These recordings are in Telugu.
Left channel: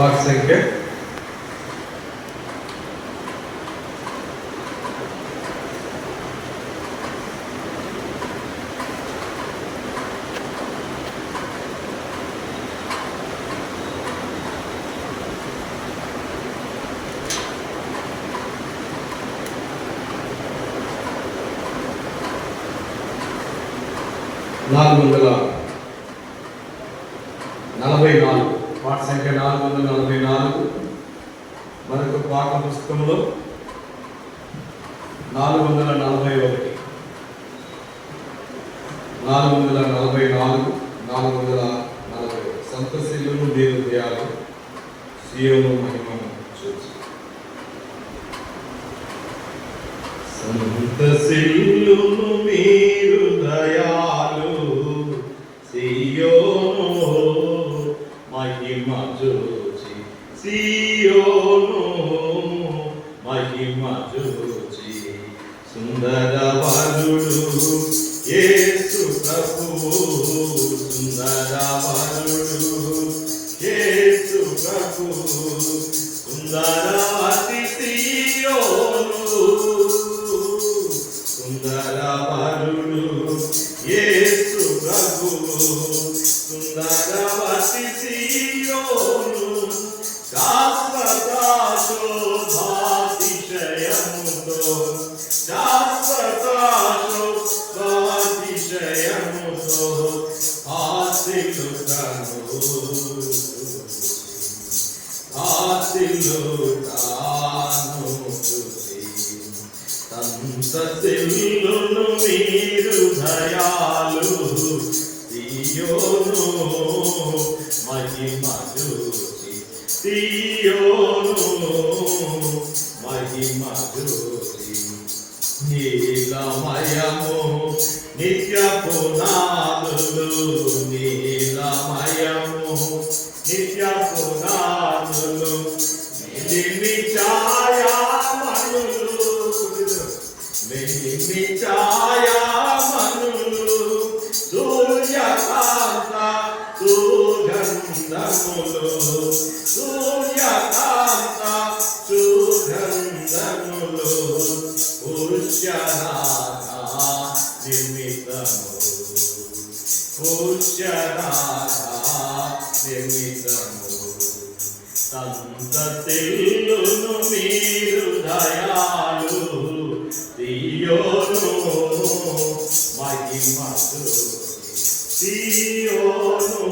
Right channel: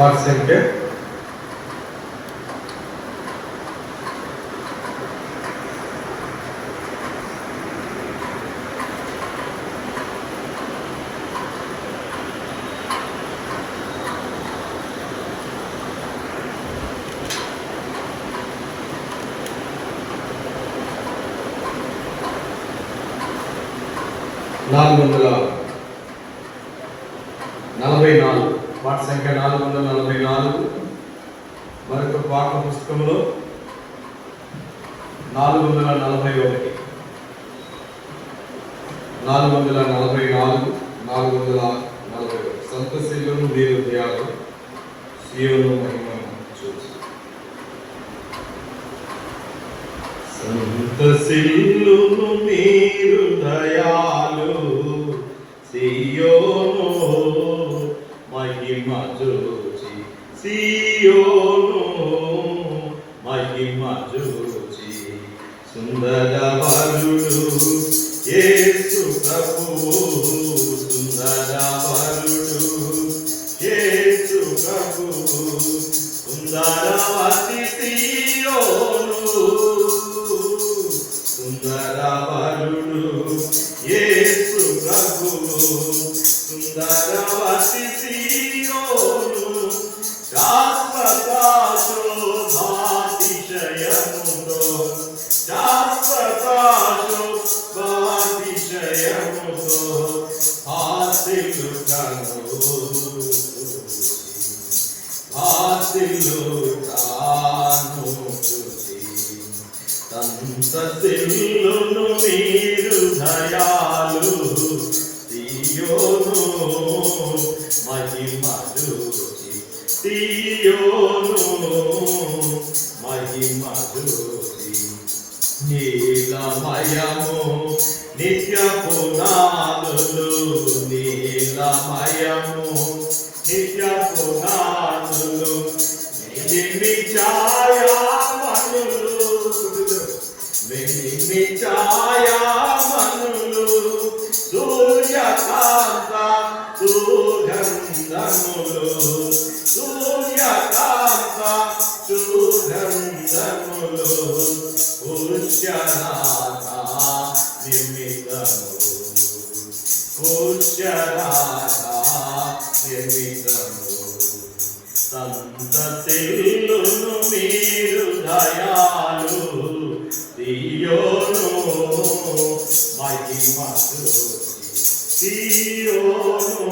వాటి సంఖ్య 444. వాటి సంఖ్య 444. మరొక పాఠ పుస్తకంలో 441, 444, 440. సంతశీలను మీరు దయాలు సీయోను మహిమను చూసి. సంతశీలును మీరు దయాలు సీయోను మహిమ చూచి, సీయోను మహిమ చూచి. సుందర వరుడు యేసు ప్రభువు, సుందర వరుడు యేసు ప్రభువు. సుందరవతి సీయోను, సుందర వరుడు యేసు ప్రభువు. సుందరవతి సీయోను శాశ్వత శోభాతిశయముతో, శాశ్వత శోభాతిశయముతో హాసిలుతాను, హాసిలుతాను. సంతశీలును మీరు దయాలు సీయోను మహిమ చూచి, సీయోను మహిమ చూచి. నీలమయము నిత్య పునాదులు, నీలమయము నిత్య పునాదులు. నిలిమి ఛాయామణులు, నిలిమి ఛాయామణులు. సూర్యకాంత సుగంధములు, సూర్యకాంత సుగంధములు. పుష్యనాథ నిమిత్తము, పుష్యనాథ నిమిత్తము. సంతశీలును మీరు దయాలు సీయోను మహిమ చూచి, సీయోను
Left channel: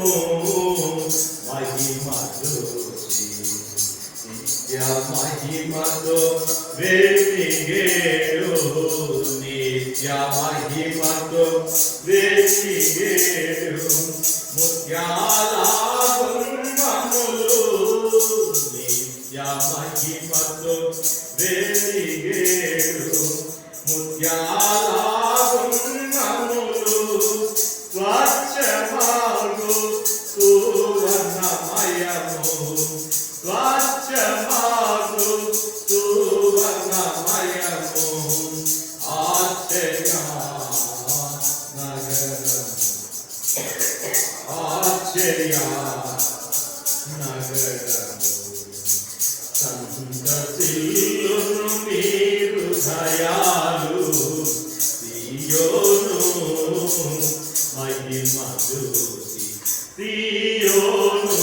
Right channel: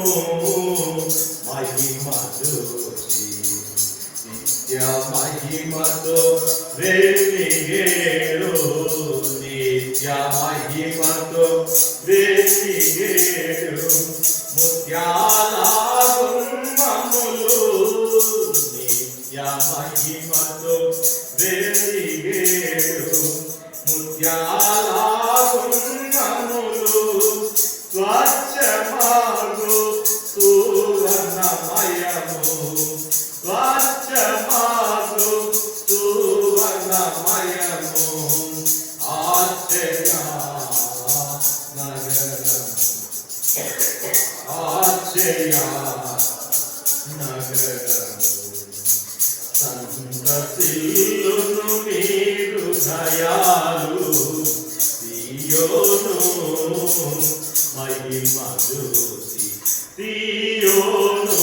మహిమ చూచి. నిత్య మహిమతో వెలిగేడు, నిత్య మహిమతో వెలిగేడు. ముత్యాల గుమ్మములు, నిత్య మహిమతో వెలిగేడు. ముత్యాల గుమ్మములు స్వచ్ఛమాగు సువర్ణమయము, స్వచ్ఛమాగు సువర్ణమయము. ఆశ్చర్య నగరం, ఆశ్చర్య నగరం. సంతశీలును మీరు దయాలు సీయోను మహిమ చూచి, సీయోను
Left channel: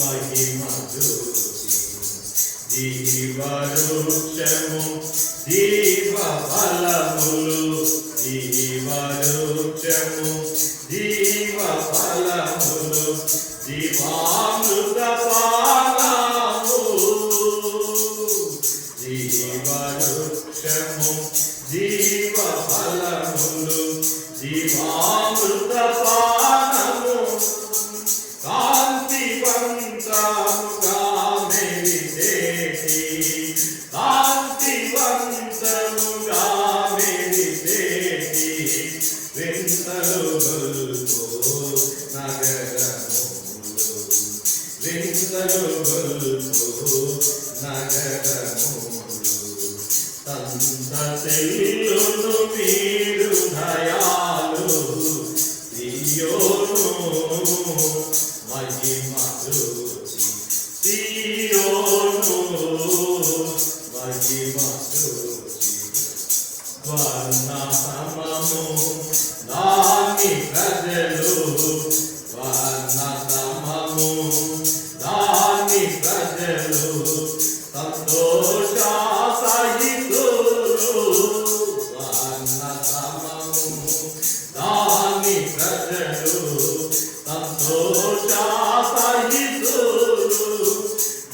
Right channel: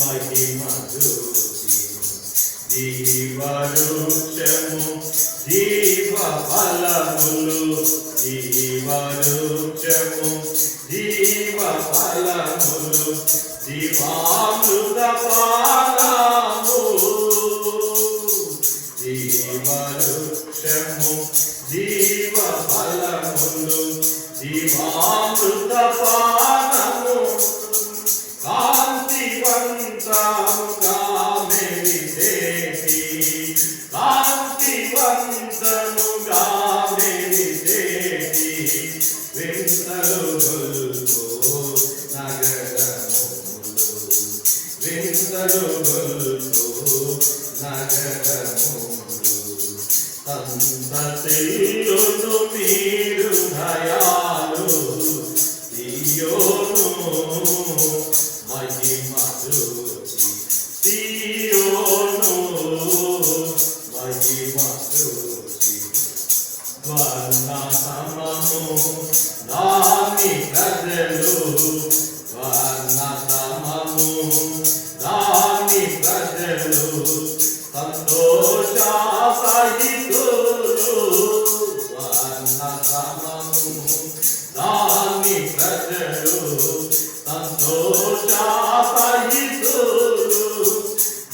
మహిమ చూచి. జీవవృక్షము జీవ ఫలములు, జీవవృక్షము జీవ ఫలములు. జీవామృత పానము, జీవవృక్షము జీవ ఫలములు. జీవామృత పానము కాంతివంతముగా మెరిసేటి, కాంతివంతముగా మెరిసేటి. వింతలు గొల్పు నగరములు, వింతలు గొల్పు నగరములు. సంతశీలును మీరు దయాలు సీయోను మహిమ చూచి, దాని ప్రజలు వర్ణతమము దాని ప్రజలు సంతోష సహితులు వర్ణతమము దాని ప్రజలు సంతోష సహితులు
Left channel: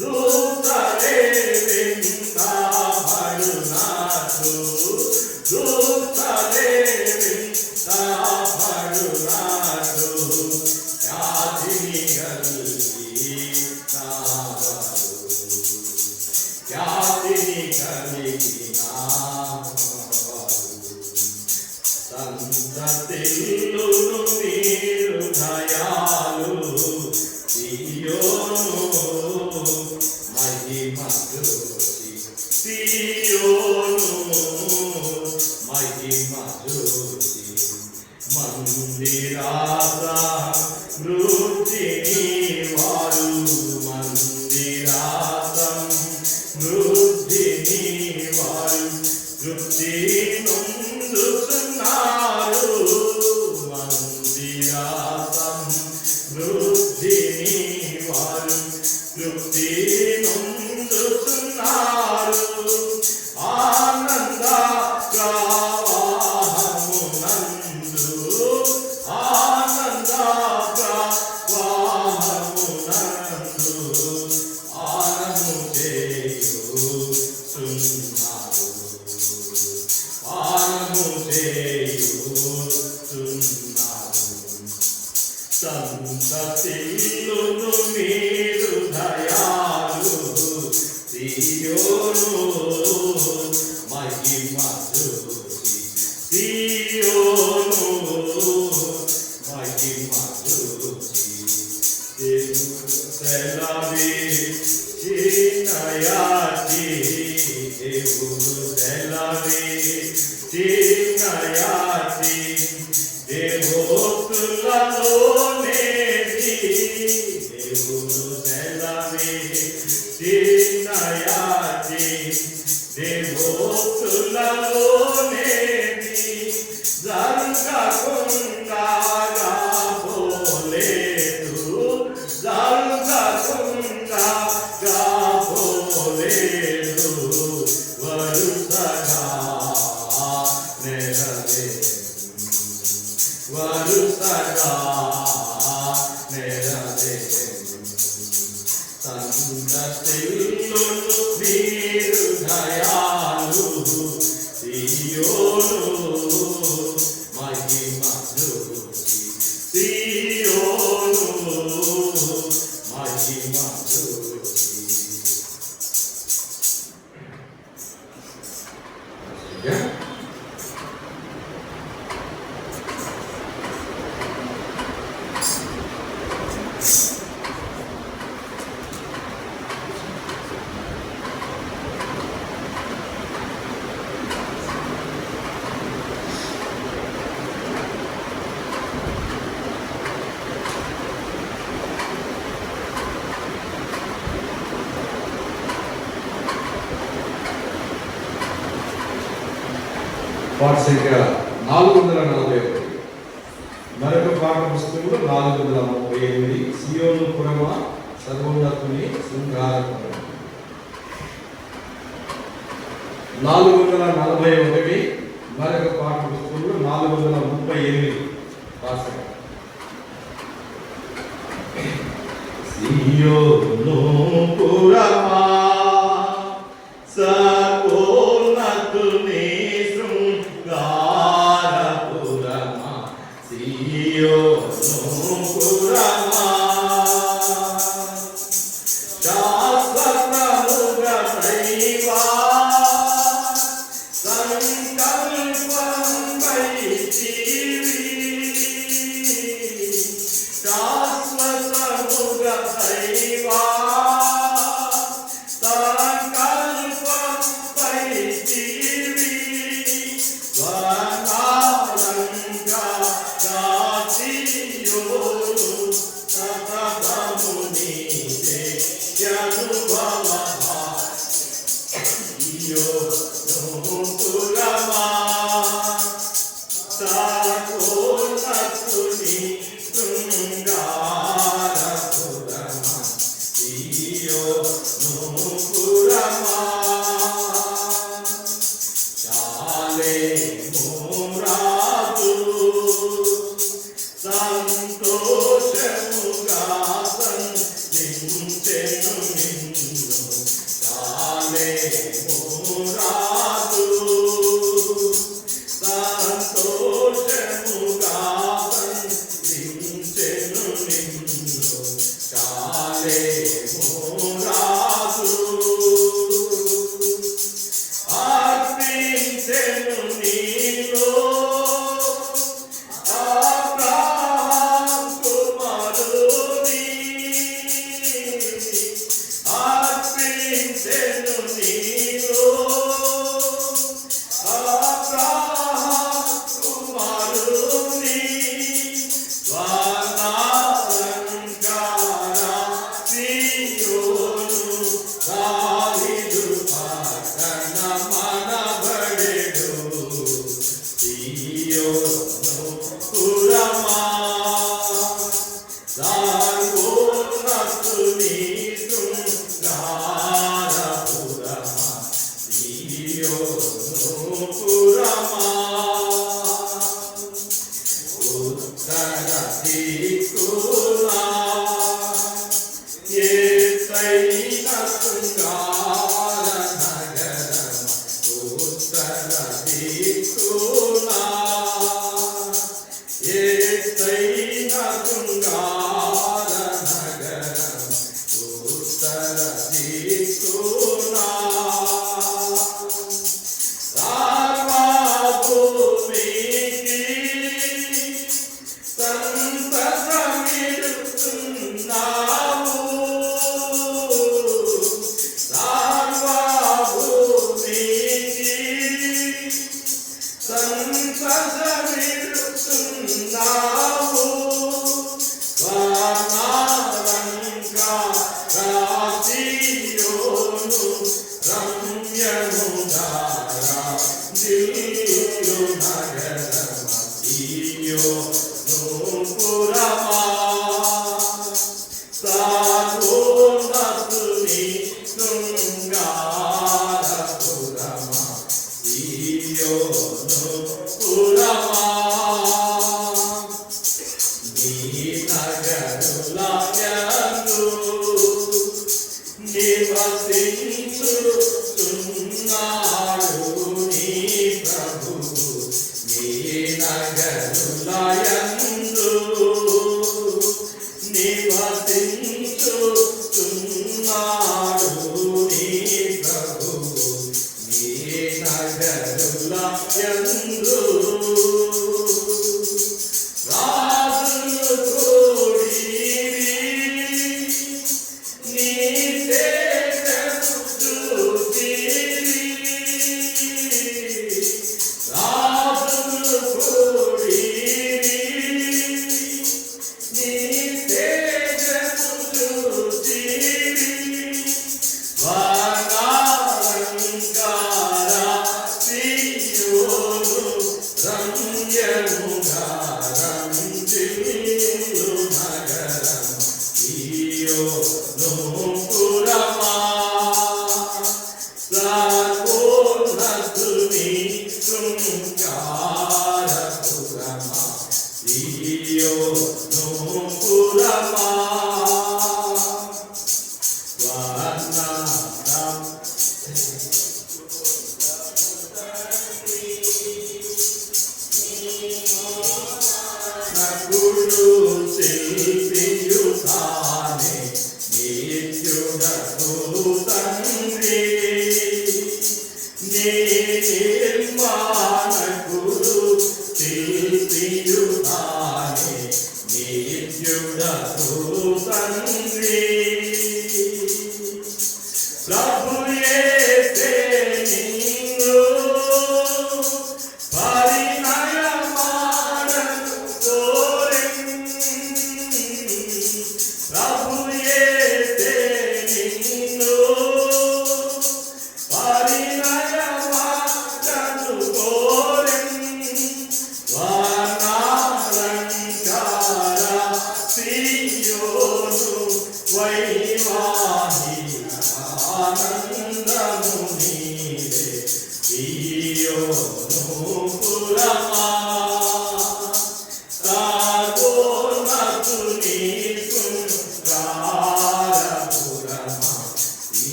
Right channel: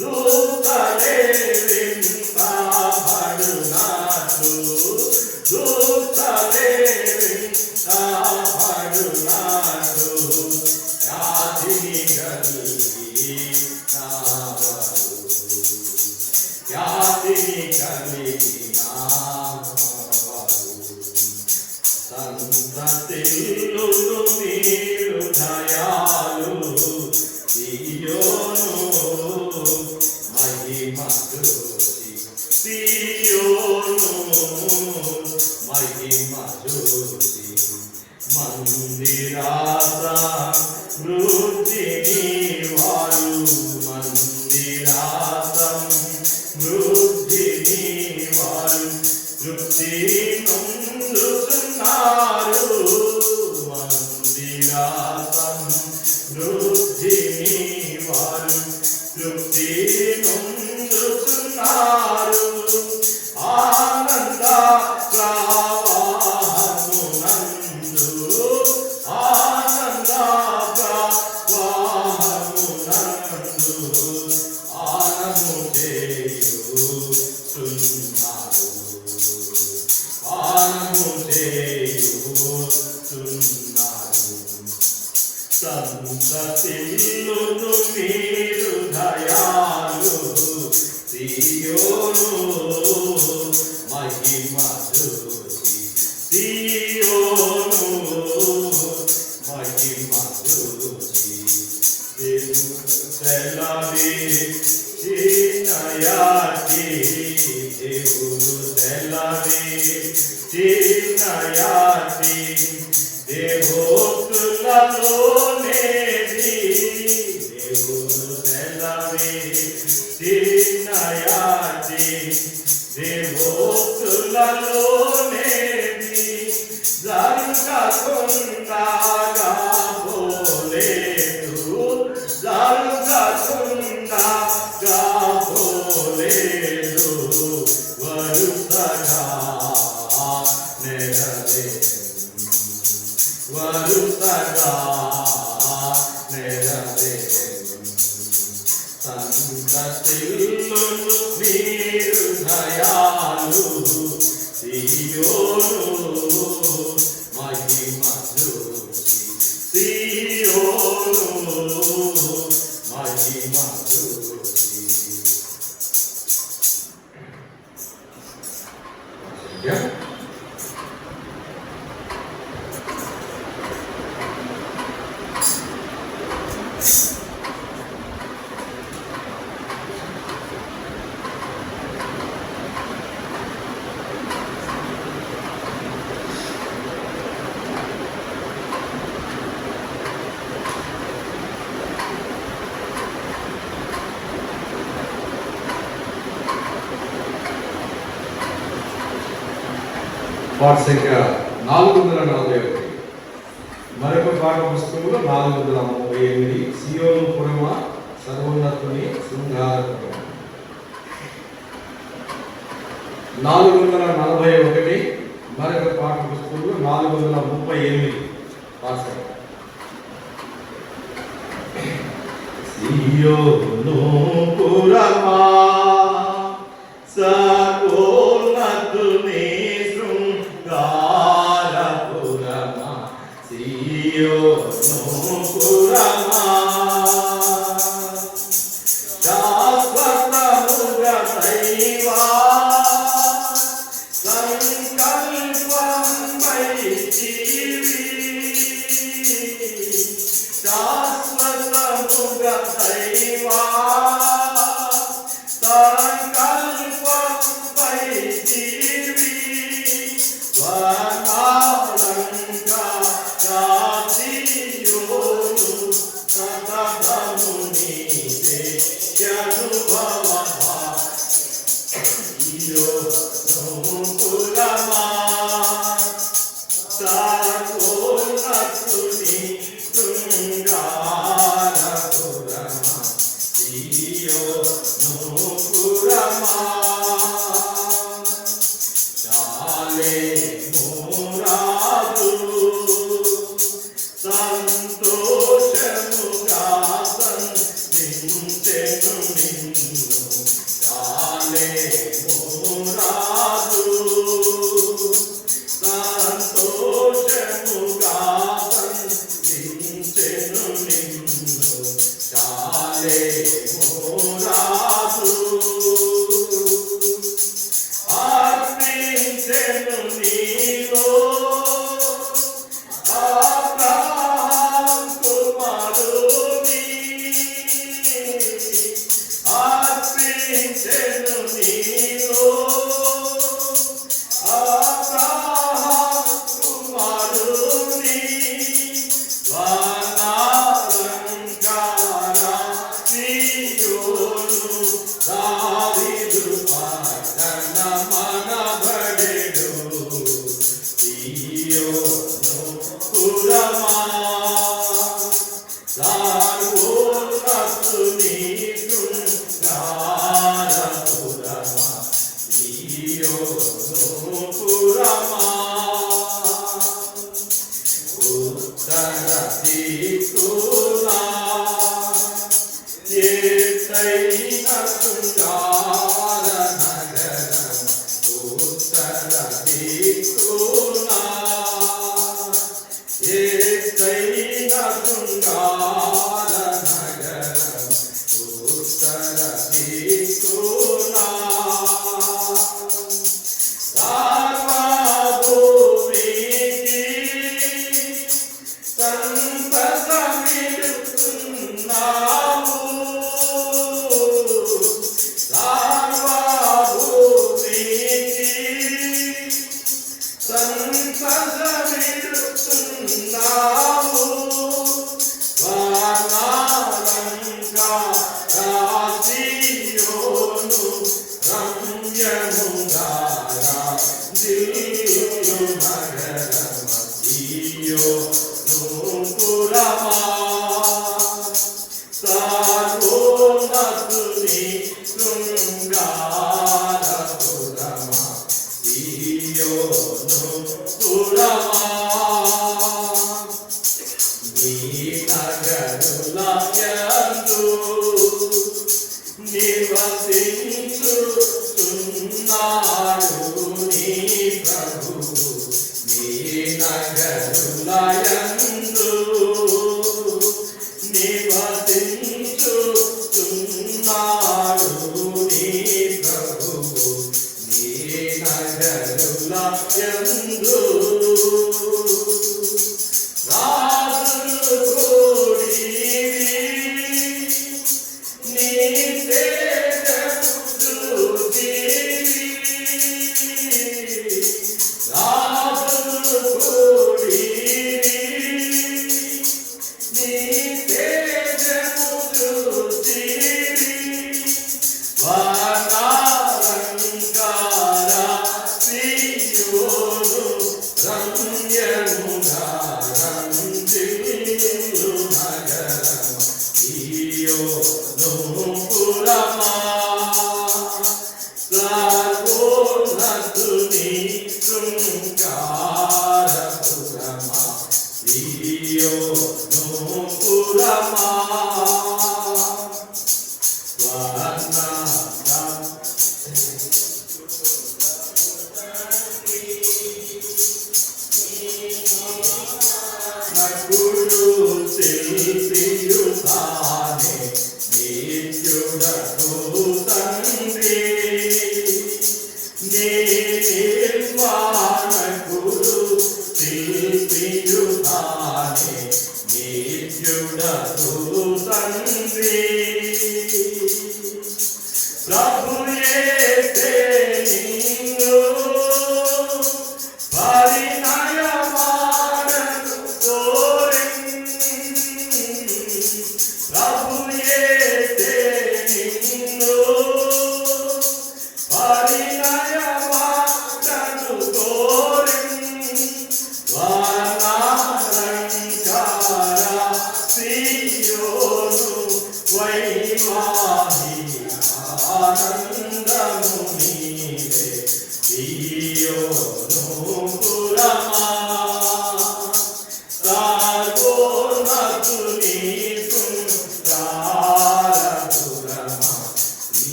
దూతలే వింతబడునాడు దూతలే వింతబడునాడు వ్యాధిని కలిగి నావాడు వ్యాధిని కలిగి నావాడు సంతతిల్లును మీరు దయాలు సియోను మహిమ జ్యోతి సియోను మహిమ జ్యోతి మందిరాస వృద్ధిని వారు మందిరాసం వృద్ధిని వారు తృప్తి నొందుతున్నారు మందిరాసం వృద్ధిని వారు తృప్తి నొందుతున్నారు ఆనంద ప్రవాహమునందు ఆనంద ప్రవాహమునందు ఆనము చేయుచున్నారు ఆనము చేయుచున్నారు సంతతిల్లును మీరు దయాలు సియోను మహిమ జ్యోతి సియోను మహిమ జ్యోతి సెలవి చిన్నయాటి దేవుడు సెలవి చిన్నయాటి దేవోక్తులలోనేది దేవుడు సెలవి చిన్నయాటి దేవోక్తులలోనేది జరగకుండా పోలేదు జరగకుండా పోలేదు వరుసగా నెరవేరు వరుసగా నెరవేరు సంతతిల్లును మీరు దయాలు సియోను మహిమ జ్యోతి సియోను మహిమ జ్యోతి పాఠ సంఖ్య 441 మరొక పాఠ పుస్తకంలో 438 సియోను పురమ సర్వోన్నతుని శృంగారపురం 441 మరొక పాఠ పుస్తకంలో 438 పాఠ సంఖ్య సియోను పురమా సర్వోన్నతుని శృంగారపురమా సియోను పురమా శాశ్వతముగా దైవా సంకల్పమై శాశ్వతముగా దైవా సంకల్పమై వనాలంగా రాసియోను సతతము నీవే అనుభవమా సియోను పురమా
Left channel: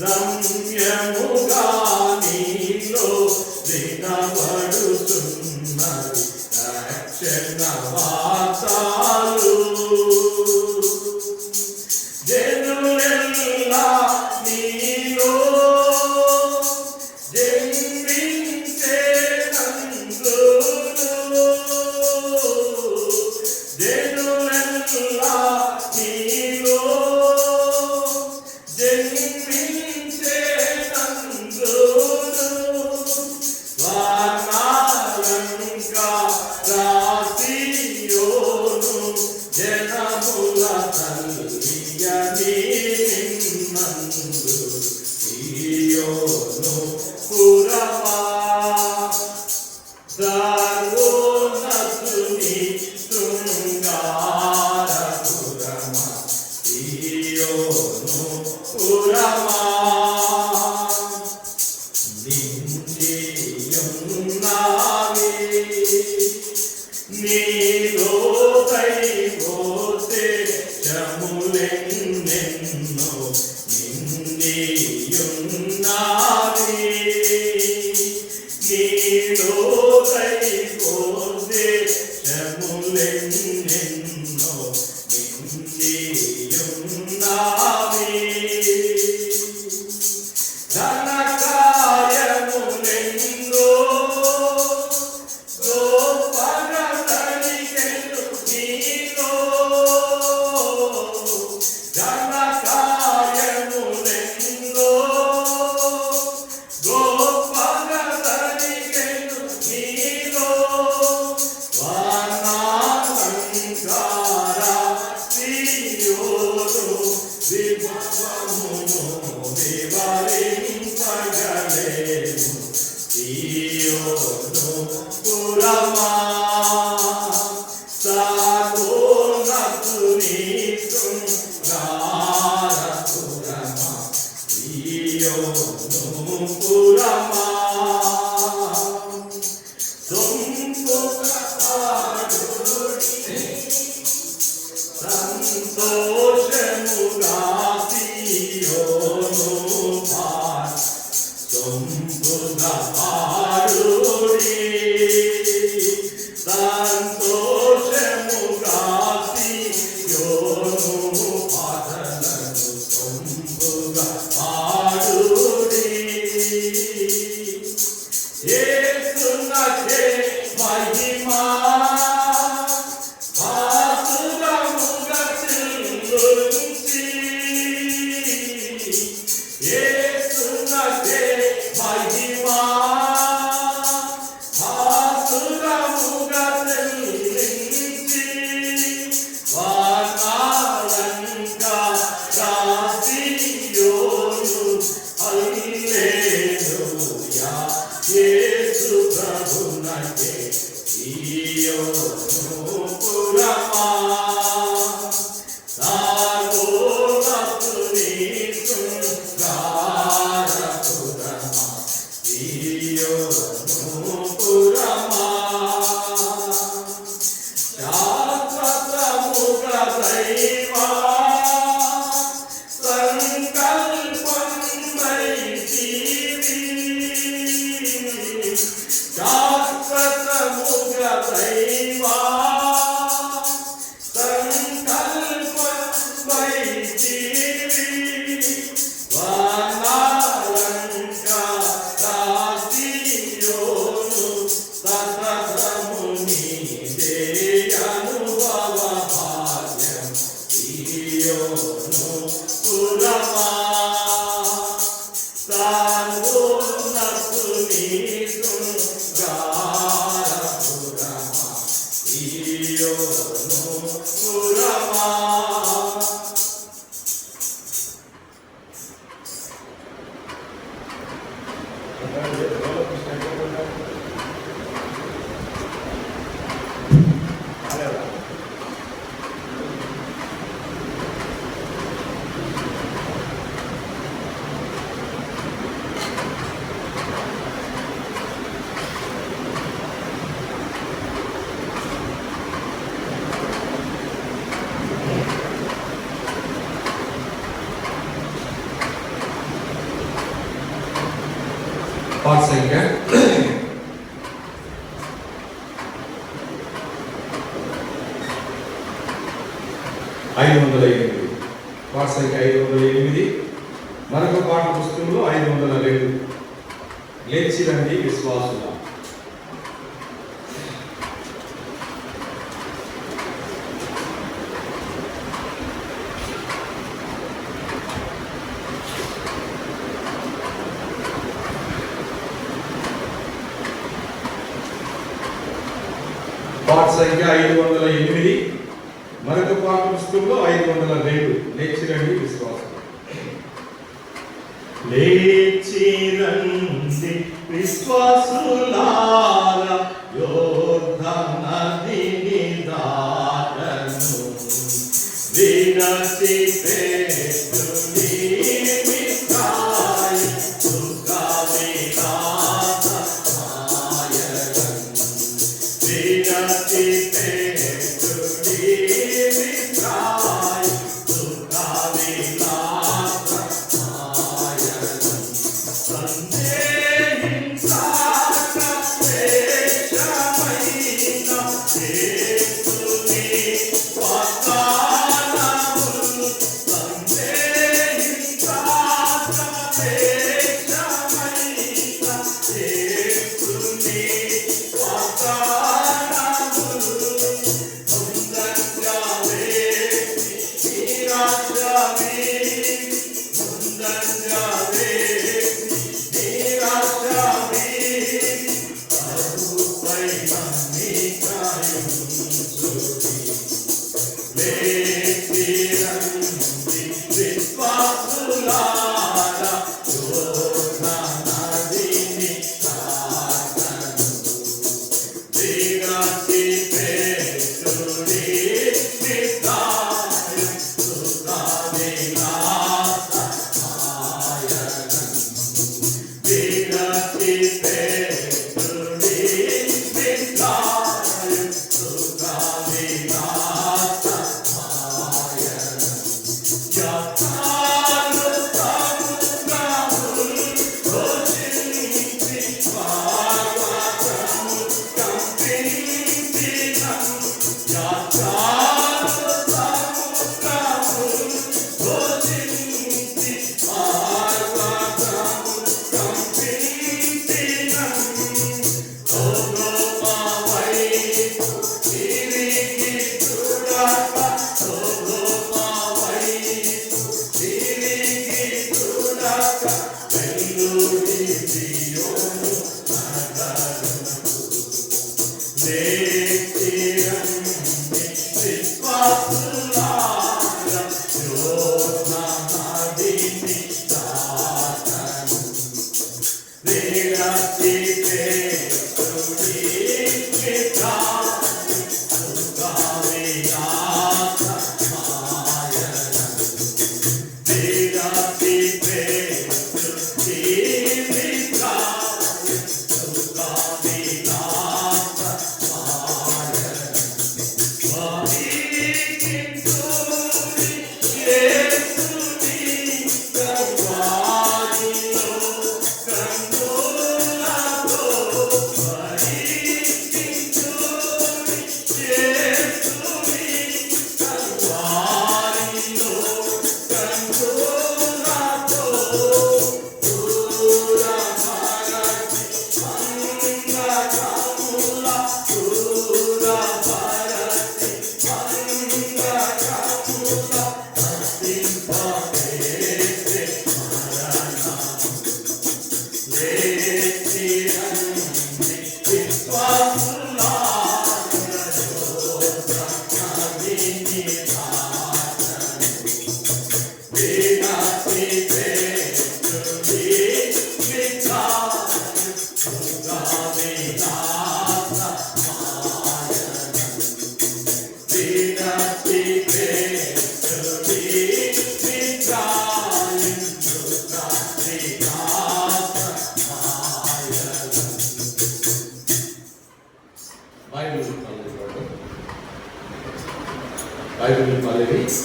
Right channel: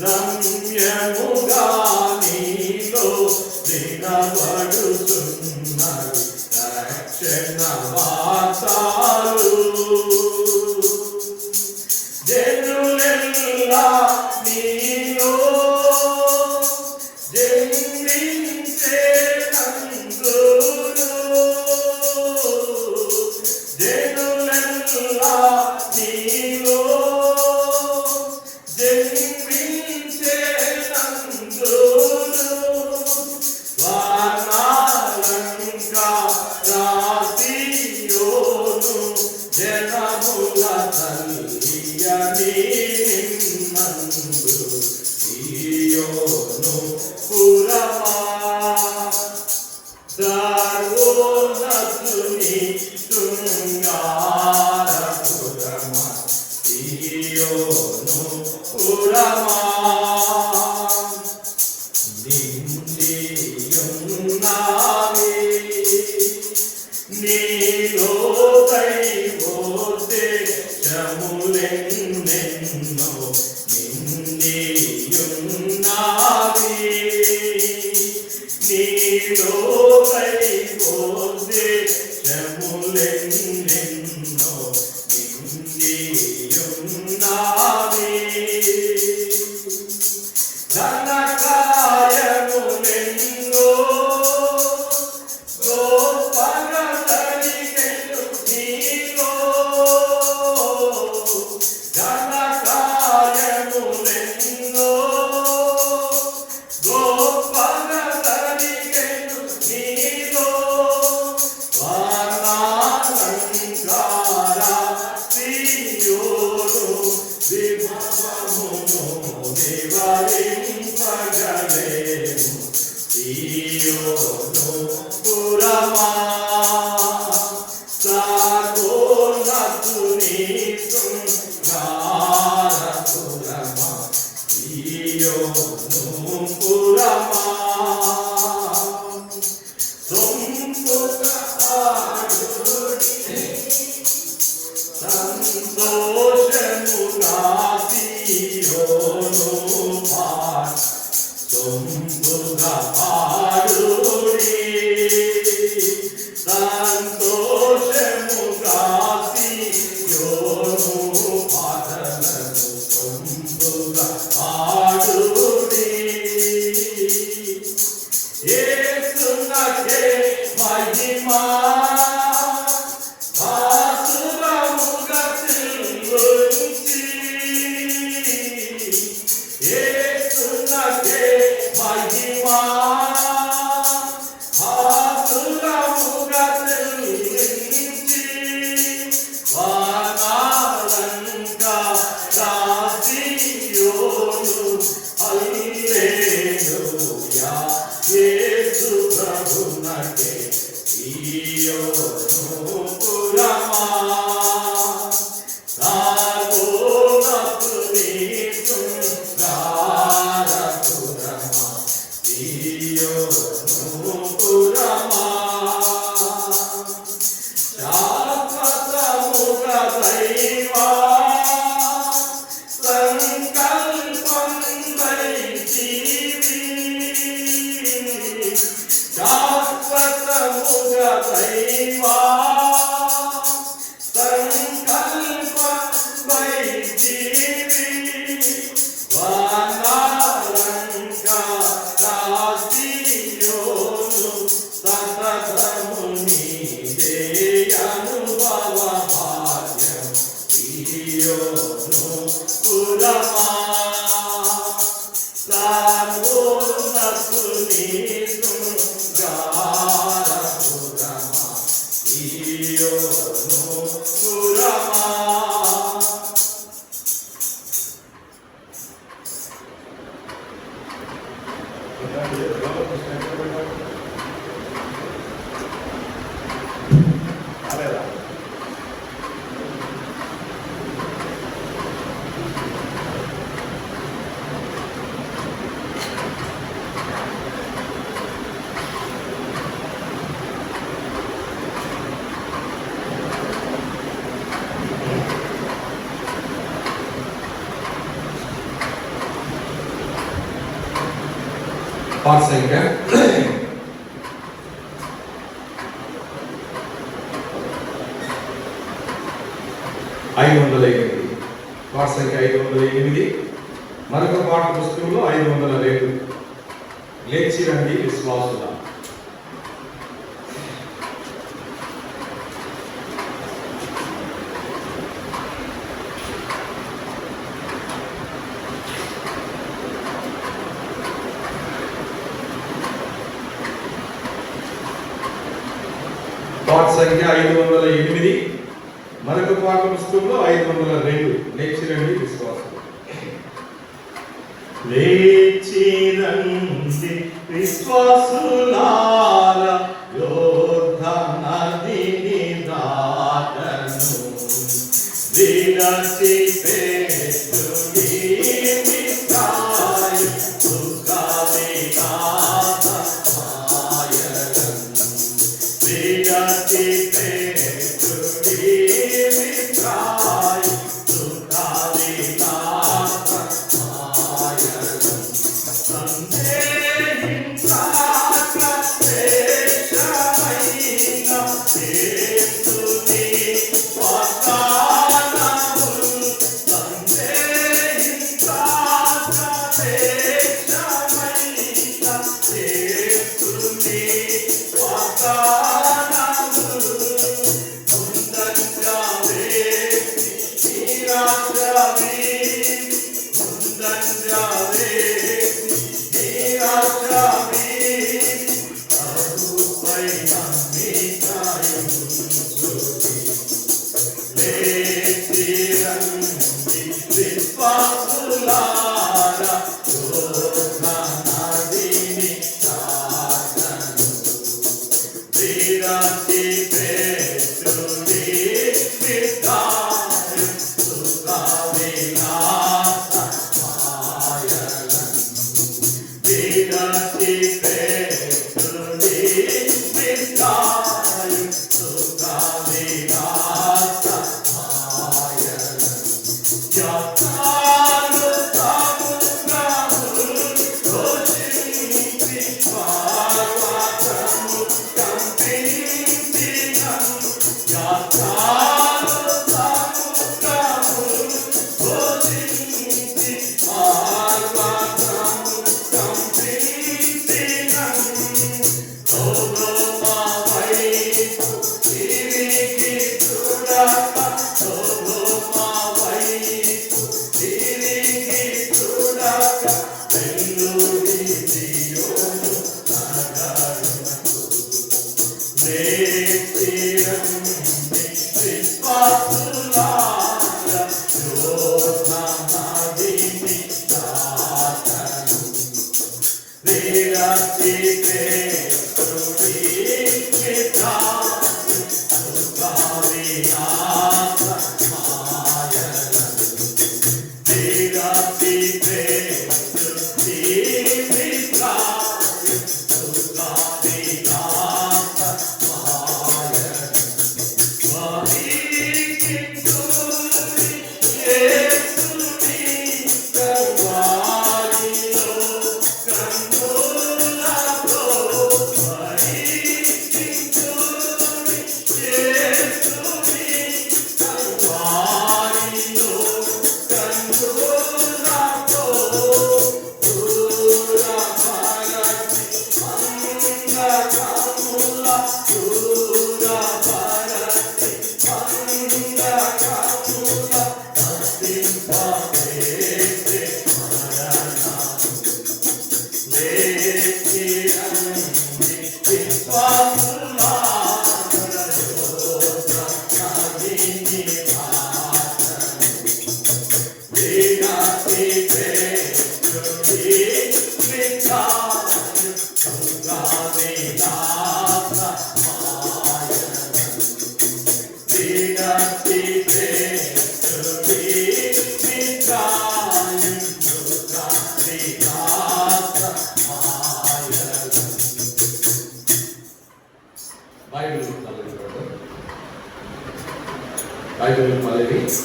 రమ్యముగా నీలో దినబడుతున్నది రక్షణ వార్తలు. జనులెల్లా నీలో జన్మించేనందులు, జనులెల్లా నీలో జన్మించేనందులు, వానాలంకారాసియోను జనముల తల్లియని నిన్నందు సియోను పురమా సర్వోన్నతుని శృంగారపురమా సియోను పురమా నిండియున్నావి నీలో దైవోతే చములెన్నెన్నో నిండియున్నావి నీలో దైవోతే చములెన్నెన్నో నిండియున్నావి ధనకాయములెన్నో గోపగా తనికెను నీలో, ధనకాయములెన్నో గోపగా తనికెను నీలో, వానాలంకారాసియోను విభవమును నివారింపగలేను సియోను పురమా సర్వోన్నతుని శృంగారపురమా సియోను పురమా సొంపుగా పాడుడి సంతోషముగా సియోను పాడు సొంపుగా పాడుడి సంతోషముగా సియోను పాదలను సొంపుగా పాడుడి యేసునకే మహిమా వాసులముగా సిల్లుంచి, యేసునకే మహిమా వాసులముగా సిల్లుంచి, వానాలంకారాసియోను హల్లెలూయా యేసు ప్రభునకే సియోను పురమా సర్వోన్నతుని శృంగారపురమా సియోను పురమా శాశ్వతముగా దైవా సంకల్పం వైచివి, శాశ్వతముగా దైవా సంకల్పం వైచివి, వానాలంకారాసియోను సతతము నీదే అనుభవ భాగ్యం సియోను పురమా సర్వోన్నతుని శృంగారపురమా సియోను పురమా. పాస్ సంఖ్య 508. పాస్ సంఖ్య 508. మరొక పాఠ పుస్తకంలో 502. లేచి రండి విశ్వాసుల. పాఠ సంఖ్య 508. మరొక పాఠ పుస్తకంలో 502. లేచి రండి విశ్వాసం. లేచి రండి విశ్వాసులారా, యోర్దాను నదిని దాటను. విరచి పెట్టుడి మిత్రాయి, సుఖవిలాస మాయలను. విరచి పెట్టుడి మిత్రాయి, సుఖవిలాస మాయలను. సందేహించక శ్రేష్టమైన యేసుని వాగ్దానములు. సందేహించక శ్రేష్టమైన యేసుని వాగ్దానములు. ముందంజావే నీరాజావే, ముందంజావే నీరాజావే, ప్రభుపై నమ్మికయుంచుడి. లేచి రండి విశ్వాసులారా, యోర్దాను నదిని దాటను. విరచి పెట్టుడి మిత్రాయి, సుఖవిలాస మాయలను. విరచి పెట్టుడి మిత్రాయి, సుఖవిలాస మాయలను. యాత్రాలు సముద్రములు రోజించి పర్వతము కంపించినను. యాత్రాలు సముద్రములు రోజించి పర్వతము కంపించినను. ఓలోపవై తిరిగి చూడక, ఓలోపవై తిరిగి చూడక, వెల్లుడి సియోను నగరునకు. లేచి రండి విశ్వాసులారా, యోర్దాను నదిని దాటను. విరచి పెట్టుడి మిత్రాయి, సుఖవిలాస మాయలను. విరచి పెట్టుడి మిత్రాయి, సుఖవిలాస మాయలను. స్వామికింతుని యేసుని కరువారిలో కన్నులతో. స్వామికింతుని యేసుని కరువారిలో కన్నులతో. దూరభరతి అంగకముల, దూరభరతి అంగకముల, నశింపజేసే మరణము. లేచి రండి విశ్వాసులారా, యోర్దాను నదిని దాటను. విరచి పెట్టుడి మిత్రాయి, 5,000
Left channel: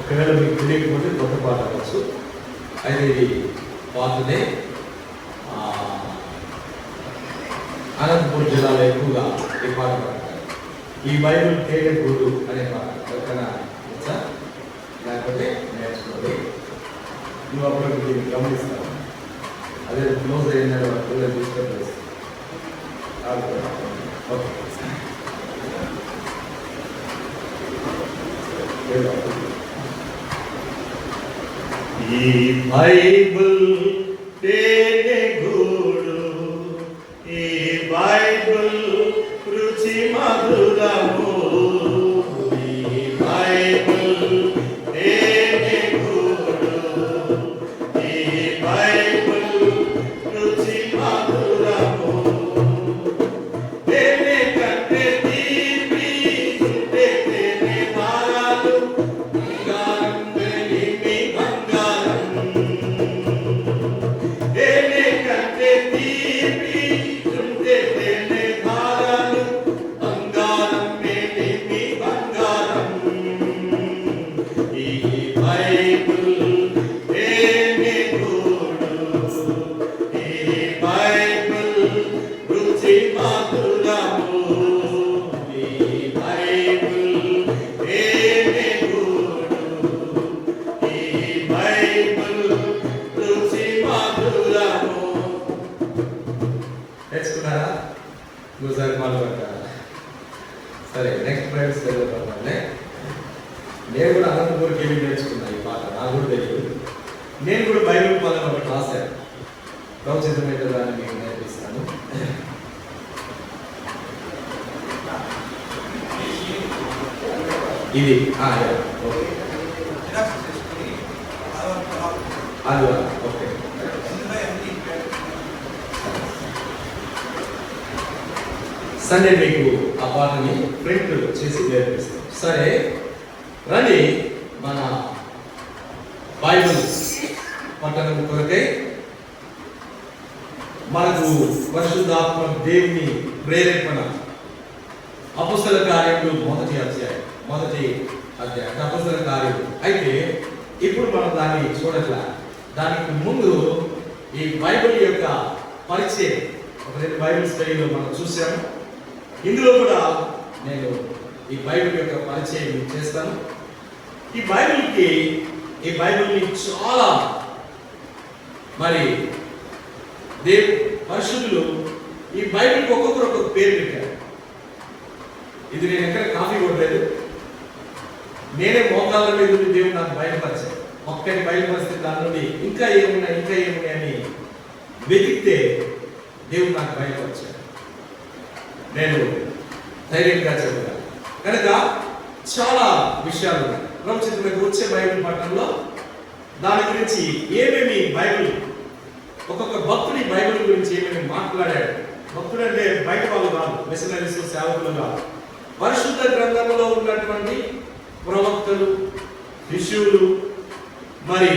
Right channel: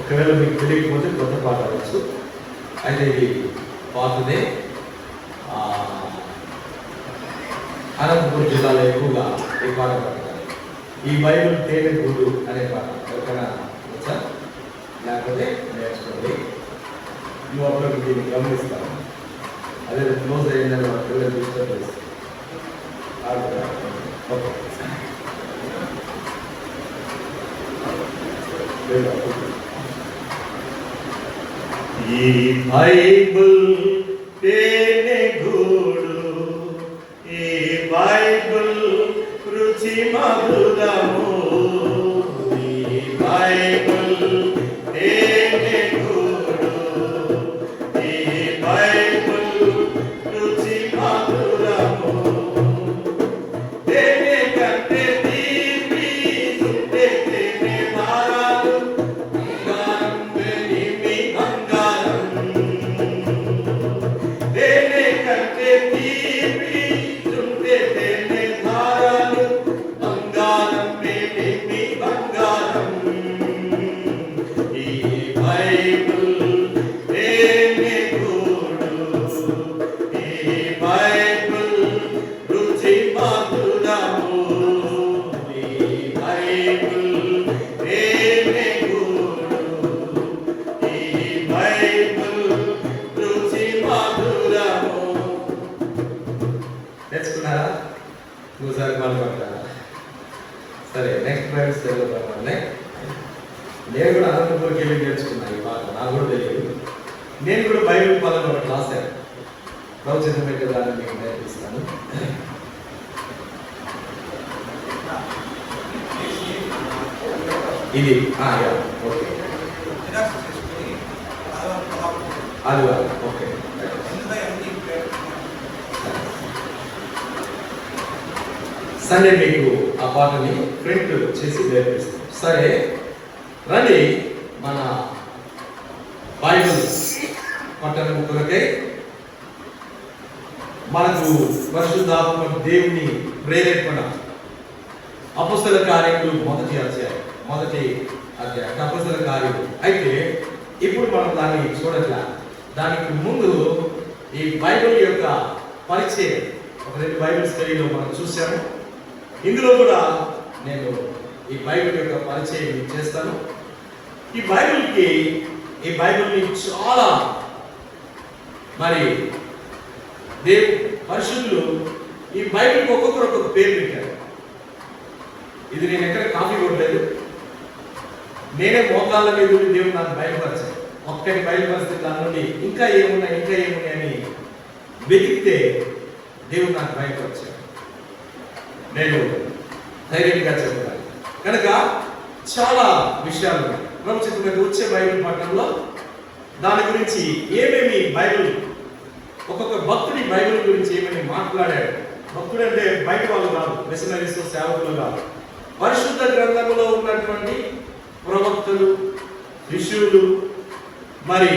ఒకవేళ మీకు తెలియకపోతే కొత్త పాట అవ్వచ్చు. అయితే ఇది పాతదే. అనంతపురం జిల్లాలో ఎక్కువగా ఈ పాట పాడతారు. ఈ బైబిల్ తేనె గూడు అనే పాట ఎవరికైనా వచ్చా? లేకపోతే నేర్చుకోండి. నువ్వు అప్పుడు దీన్ని గమనిస్తాను. అదే క్లోజ్ అయిన తీసుకొని ఈ బైబిల్ తేనె గూడు, ఈ బైబిల్ రుచి మధురము, ఈ బైబిల్ తేనె గూడు, ఈ బైబిల్ రుచి మధురము. తేనె కంటే తీపి చుట్టే తేనె మారాలు, బంగారం వెలిమి బంగారం. తేనె కంటే తీపి చుట్టే తేనె మారాలు, బంగారం వెలిమి బంగారం. ఈ బైబిల్ తేనె గూడు, ఈ బైబిల్ రుచి మధురము, ఈ బైబిల్ తేనె గూడు, ఈ బైబిల్ రుచి మధురము. నేర్చుకున్నారా? ఒకసారి మాట్లాడతారా? సరే, నెక్స్ట్ ఫ్రెండ్స్ చదువుతామండి. నేను కూడా అనంతపురంకి వెళ్ళి నేర్చుకున్నాను ఈ పాట. నాకు కూడా తెలియదు. నేను కూడా బైబిల్ పదం ఒకటి రాశాను. ప్రవచనమైన దాన్ని మీకు నేర్పిస్తాను. ఇది ఓకే, అది ఓకే. సండే మీకు ఆ పాటని ప్రింట్ చేసి నేర్పిస్తాం. సరే రండి, మన బైబిల్ పట్టణం కొరకే మనకు పరిశుద్ధాత్మ దేవుని ప్రేరేపణ అపొస్తల కార్యములు మొదటి అధ్యాయం అపొస్తల కార్యములు. అయితే ఇప్పుడు మనం దాన్ని చూడట్లా. దానికి ముందు ఈ బైబిల్ యొక్క పరిచయం ఒక 2 బైబిల్ స్టడీలో మనం చూసాము. ఇందులో కూడా నేను ఈ బైబిల్ యొక్క పరిచయం చేస్తాను. ఈ బైబిల్ని చాలా మరి పరిశుద్ధులు ఈ బైబిల్కి ఒక్కొక్కరు ఒక్కొక్క పేరు పెట్టారు. ఇది నేను ఎక్కడ కాపీ కొట్టలేదు. నేనే మోకాళ్ళ మీద దేవుడు నాకు బయలుపరిచాను. ఒక్కటి బయలుపరిస్తే దాని నుండి ఇంకా ఏమున్నాయి అని వెతికితే దేవుడు నాకు బయలుపరిచాడు. నేను ధైర్యంగా చెప్పాను. కనుక చాలా విషయాలు ప్రవచనకు వచ్చే బైబిల్ పట్టణంలో దాని గురించి ఏమేమి బైబిల్ ఒక్కొక్క భక్తుడి బైబిల్ గురించి ఏమేమి మాట్లాడాడు. భక్తుడు అంటే బయట వాళ్ళు కాదు, మిషనరీస్, సేవకులు కాదు. పరిశుద్ధ గ్రంథంలో ఉన్నటువంటి ప్రవక్తలు, శిష్యులు, మరి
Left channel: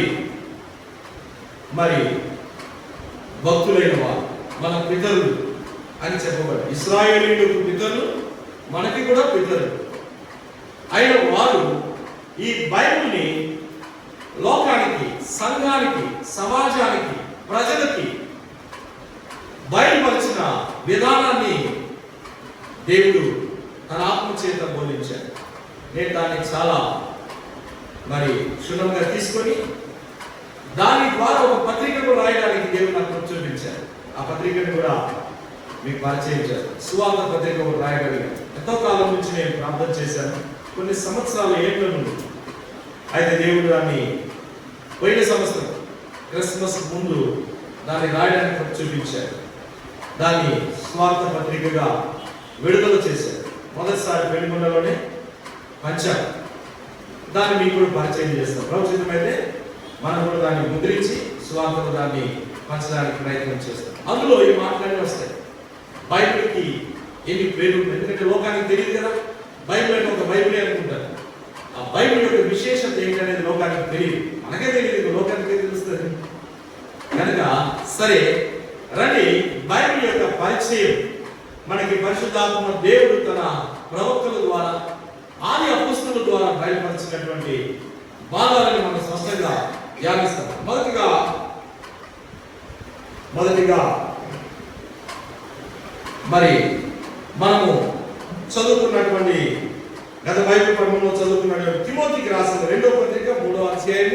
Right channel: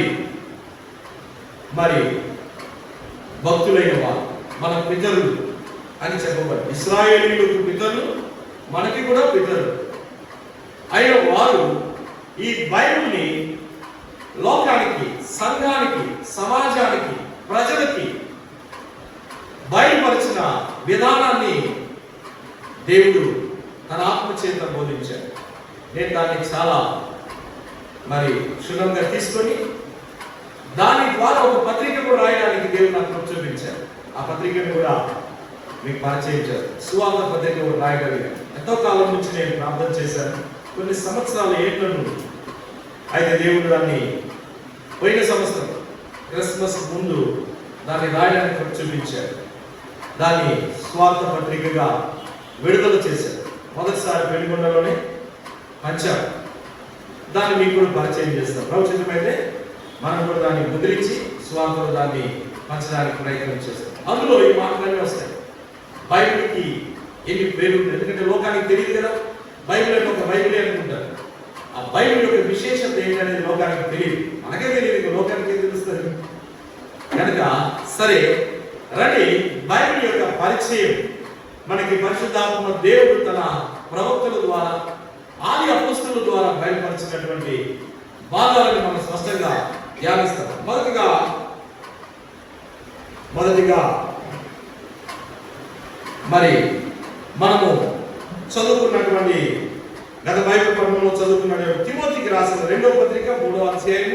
భక్తులైన వారు మన పితరులు అని చెప్పబడి, ఇశ్రాయేలీయులకు పితరులు, మనకి కూడా పితరులు అయిన వారు ఈ బైబిల్ని లోకానికి, సంఘానికి, సమాజానికి, ప్రజలకి బయలుపరిచిన విధానాన్ని దేవుడు తన ఆత్మ చేత బోధించాడు. నేను దాన్ని చాలా క్షుణ్ణంగా తీసుకొని దాని ద్వారా ఒక పత్రికను రాయడానికి దేవుడు నాకు చూపించారు. ఆ పత్రికను కూడా మీకు పరిచయం చేశారు. సువార్త పత్రిక రాయగలిగాను. ఎంతో కాలం నుంచి నేను ప్రార్థన చేశాను, కొన్ని సంవత్సరాల ఏళ్ళ నుండి. అయితే దేవుడు దాన్ని పోయిన సంవత్సరం క్రిస్మస్ ముందు దాన్ని రాయడానికి చూపించారు. దాన్ని స్వార్థ పత్రికగా విడుదల చేశారు. మొదటిసారి పెళ్లికొండలోనే పంచారు. దాన్ని మీకు కూడా పరిచయం చేస్తాం. ప్రవచనమైతే మనం కూడా దాన్ని ముద్రించి స్వార్థలో దాన్ని పంచడానికి ప్రయత్నం చేస్తాం. అందులో ఈ మాటలన్నీ వస్తాయి. బైబిల్కి ఎన్ని పేర్లు ఉంటాయి, ఎందుకంటే లోకానికి తెలియదు కదా. బైబిల్ అంటే ఒక బైబిలే అనుకుంటారు. ఆ బైబిల్ యొక్క విశేషత ఏంటనేది లోకానికి తెలియదు, మనకే తెలియదు, లోకానికే తెలుస్తుంది. కనుక సరే రండి, బైబిల్ యొక్క పరిచయం మనకి పరిశుద్ధాత్మ దేవుడు తన ప్రవక్తల ద్వారా, ఆది అపోస్తలుల ద్వారా బయలుపరిచినటువంటి భాగాలను మనం స్పష్టంగా ధ్యానిస్తాం. మొదటిగా మరి మనము చదువుకున్నటువంటి గత బైబిల్ క్రమంలో చదువుకున్నటువంటి తిమోతికి రాసిన 2వ పత్రిక 3వ అధ్యాయం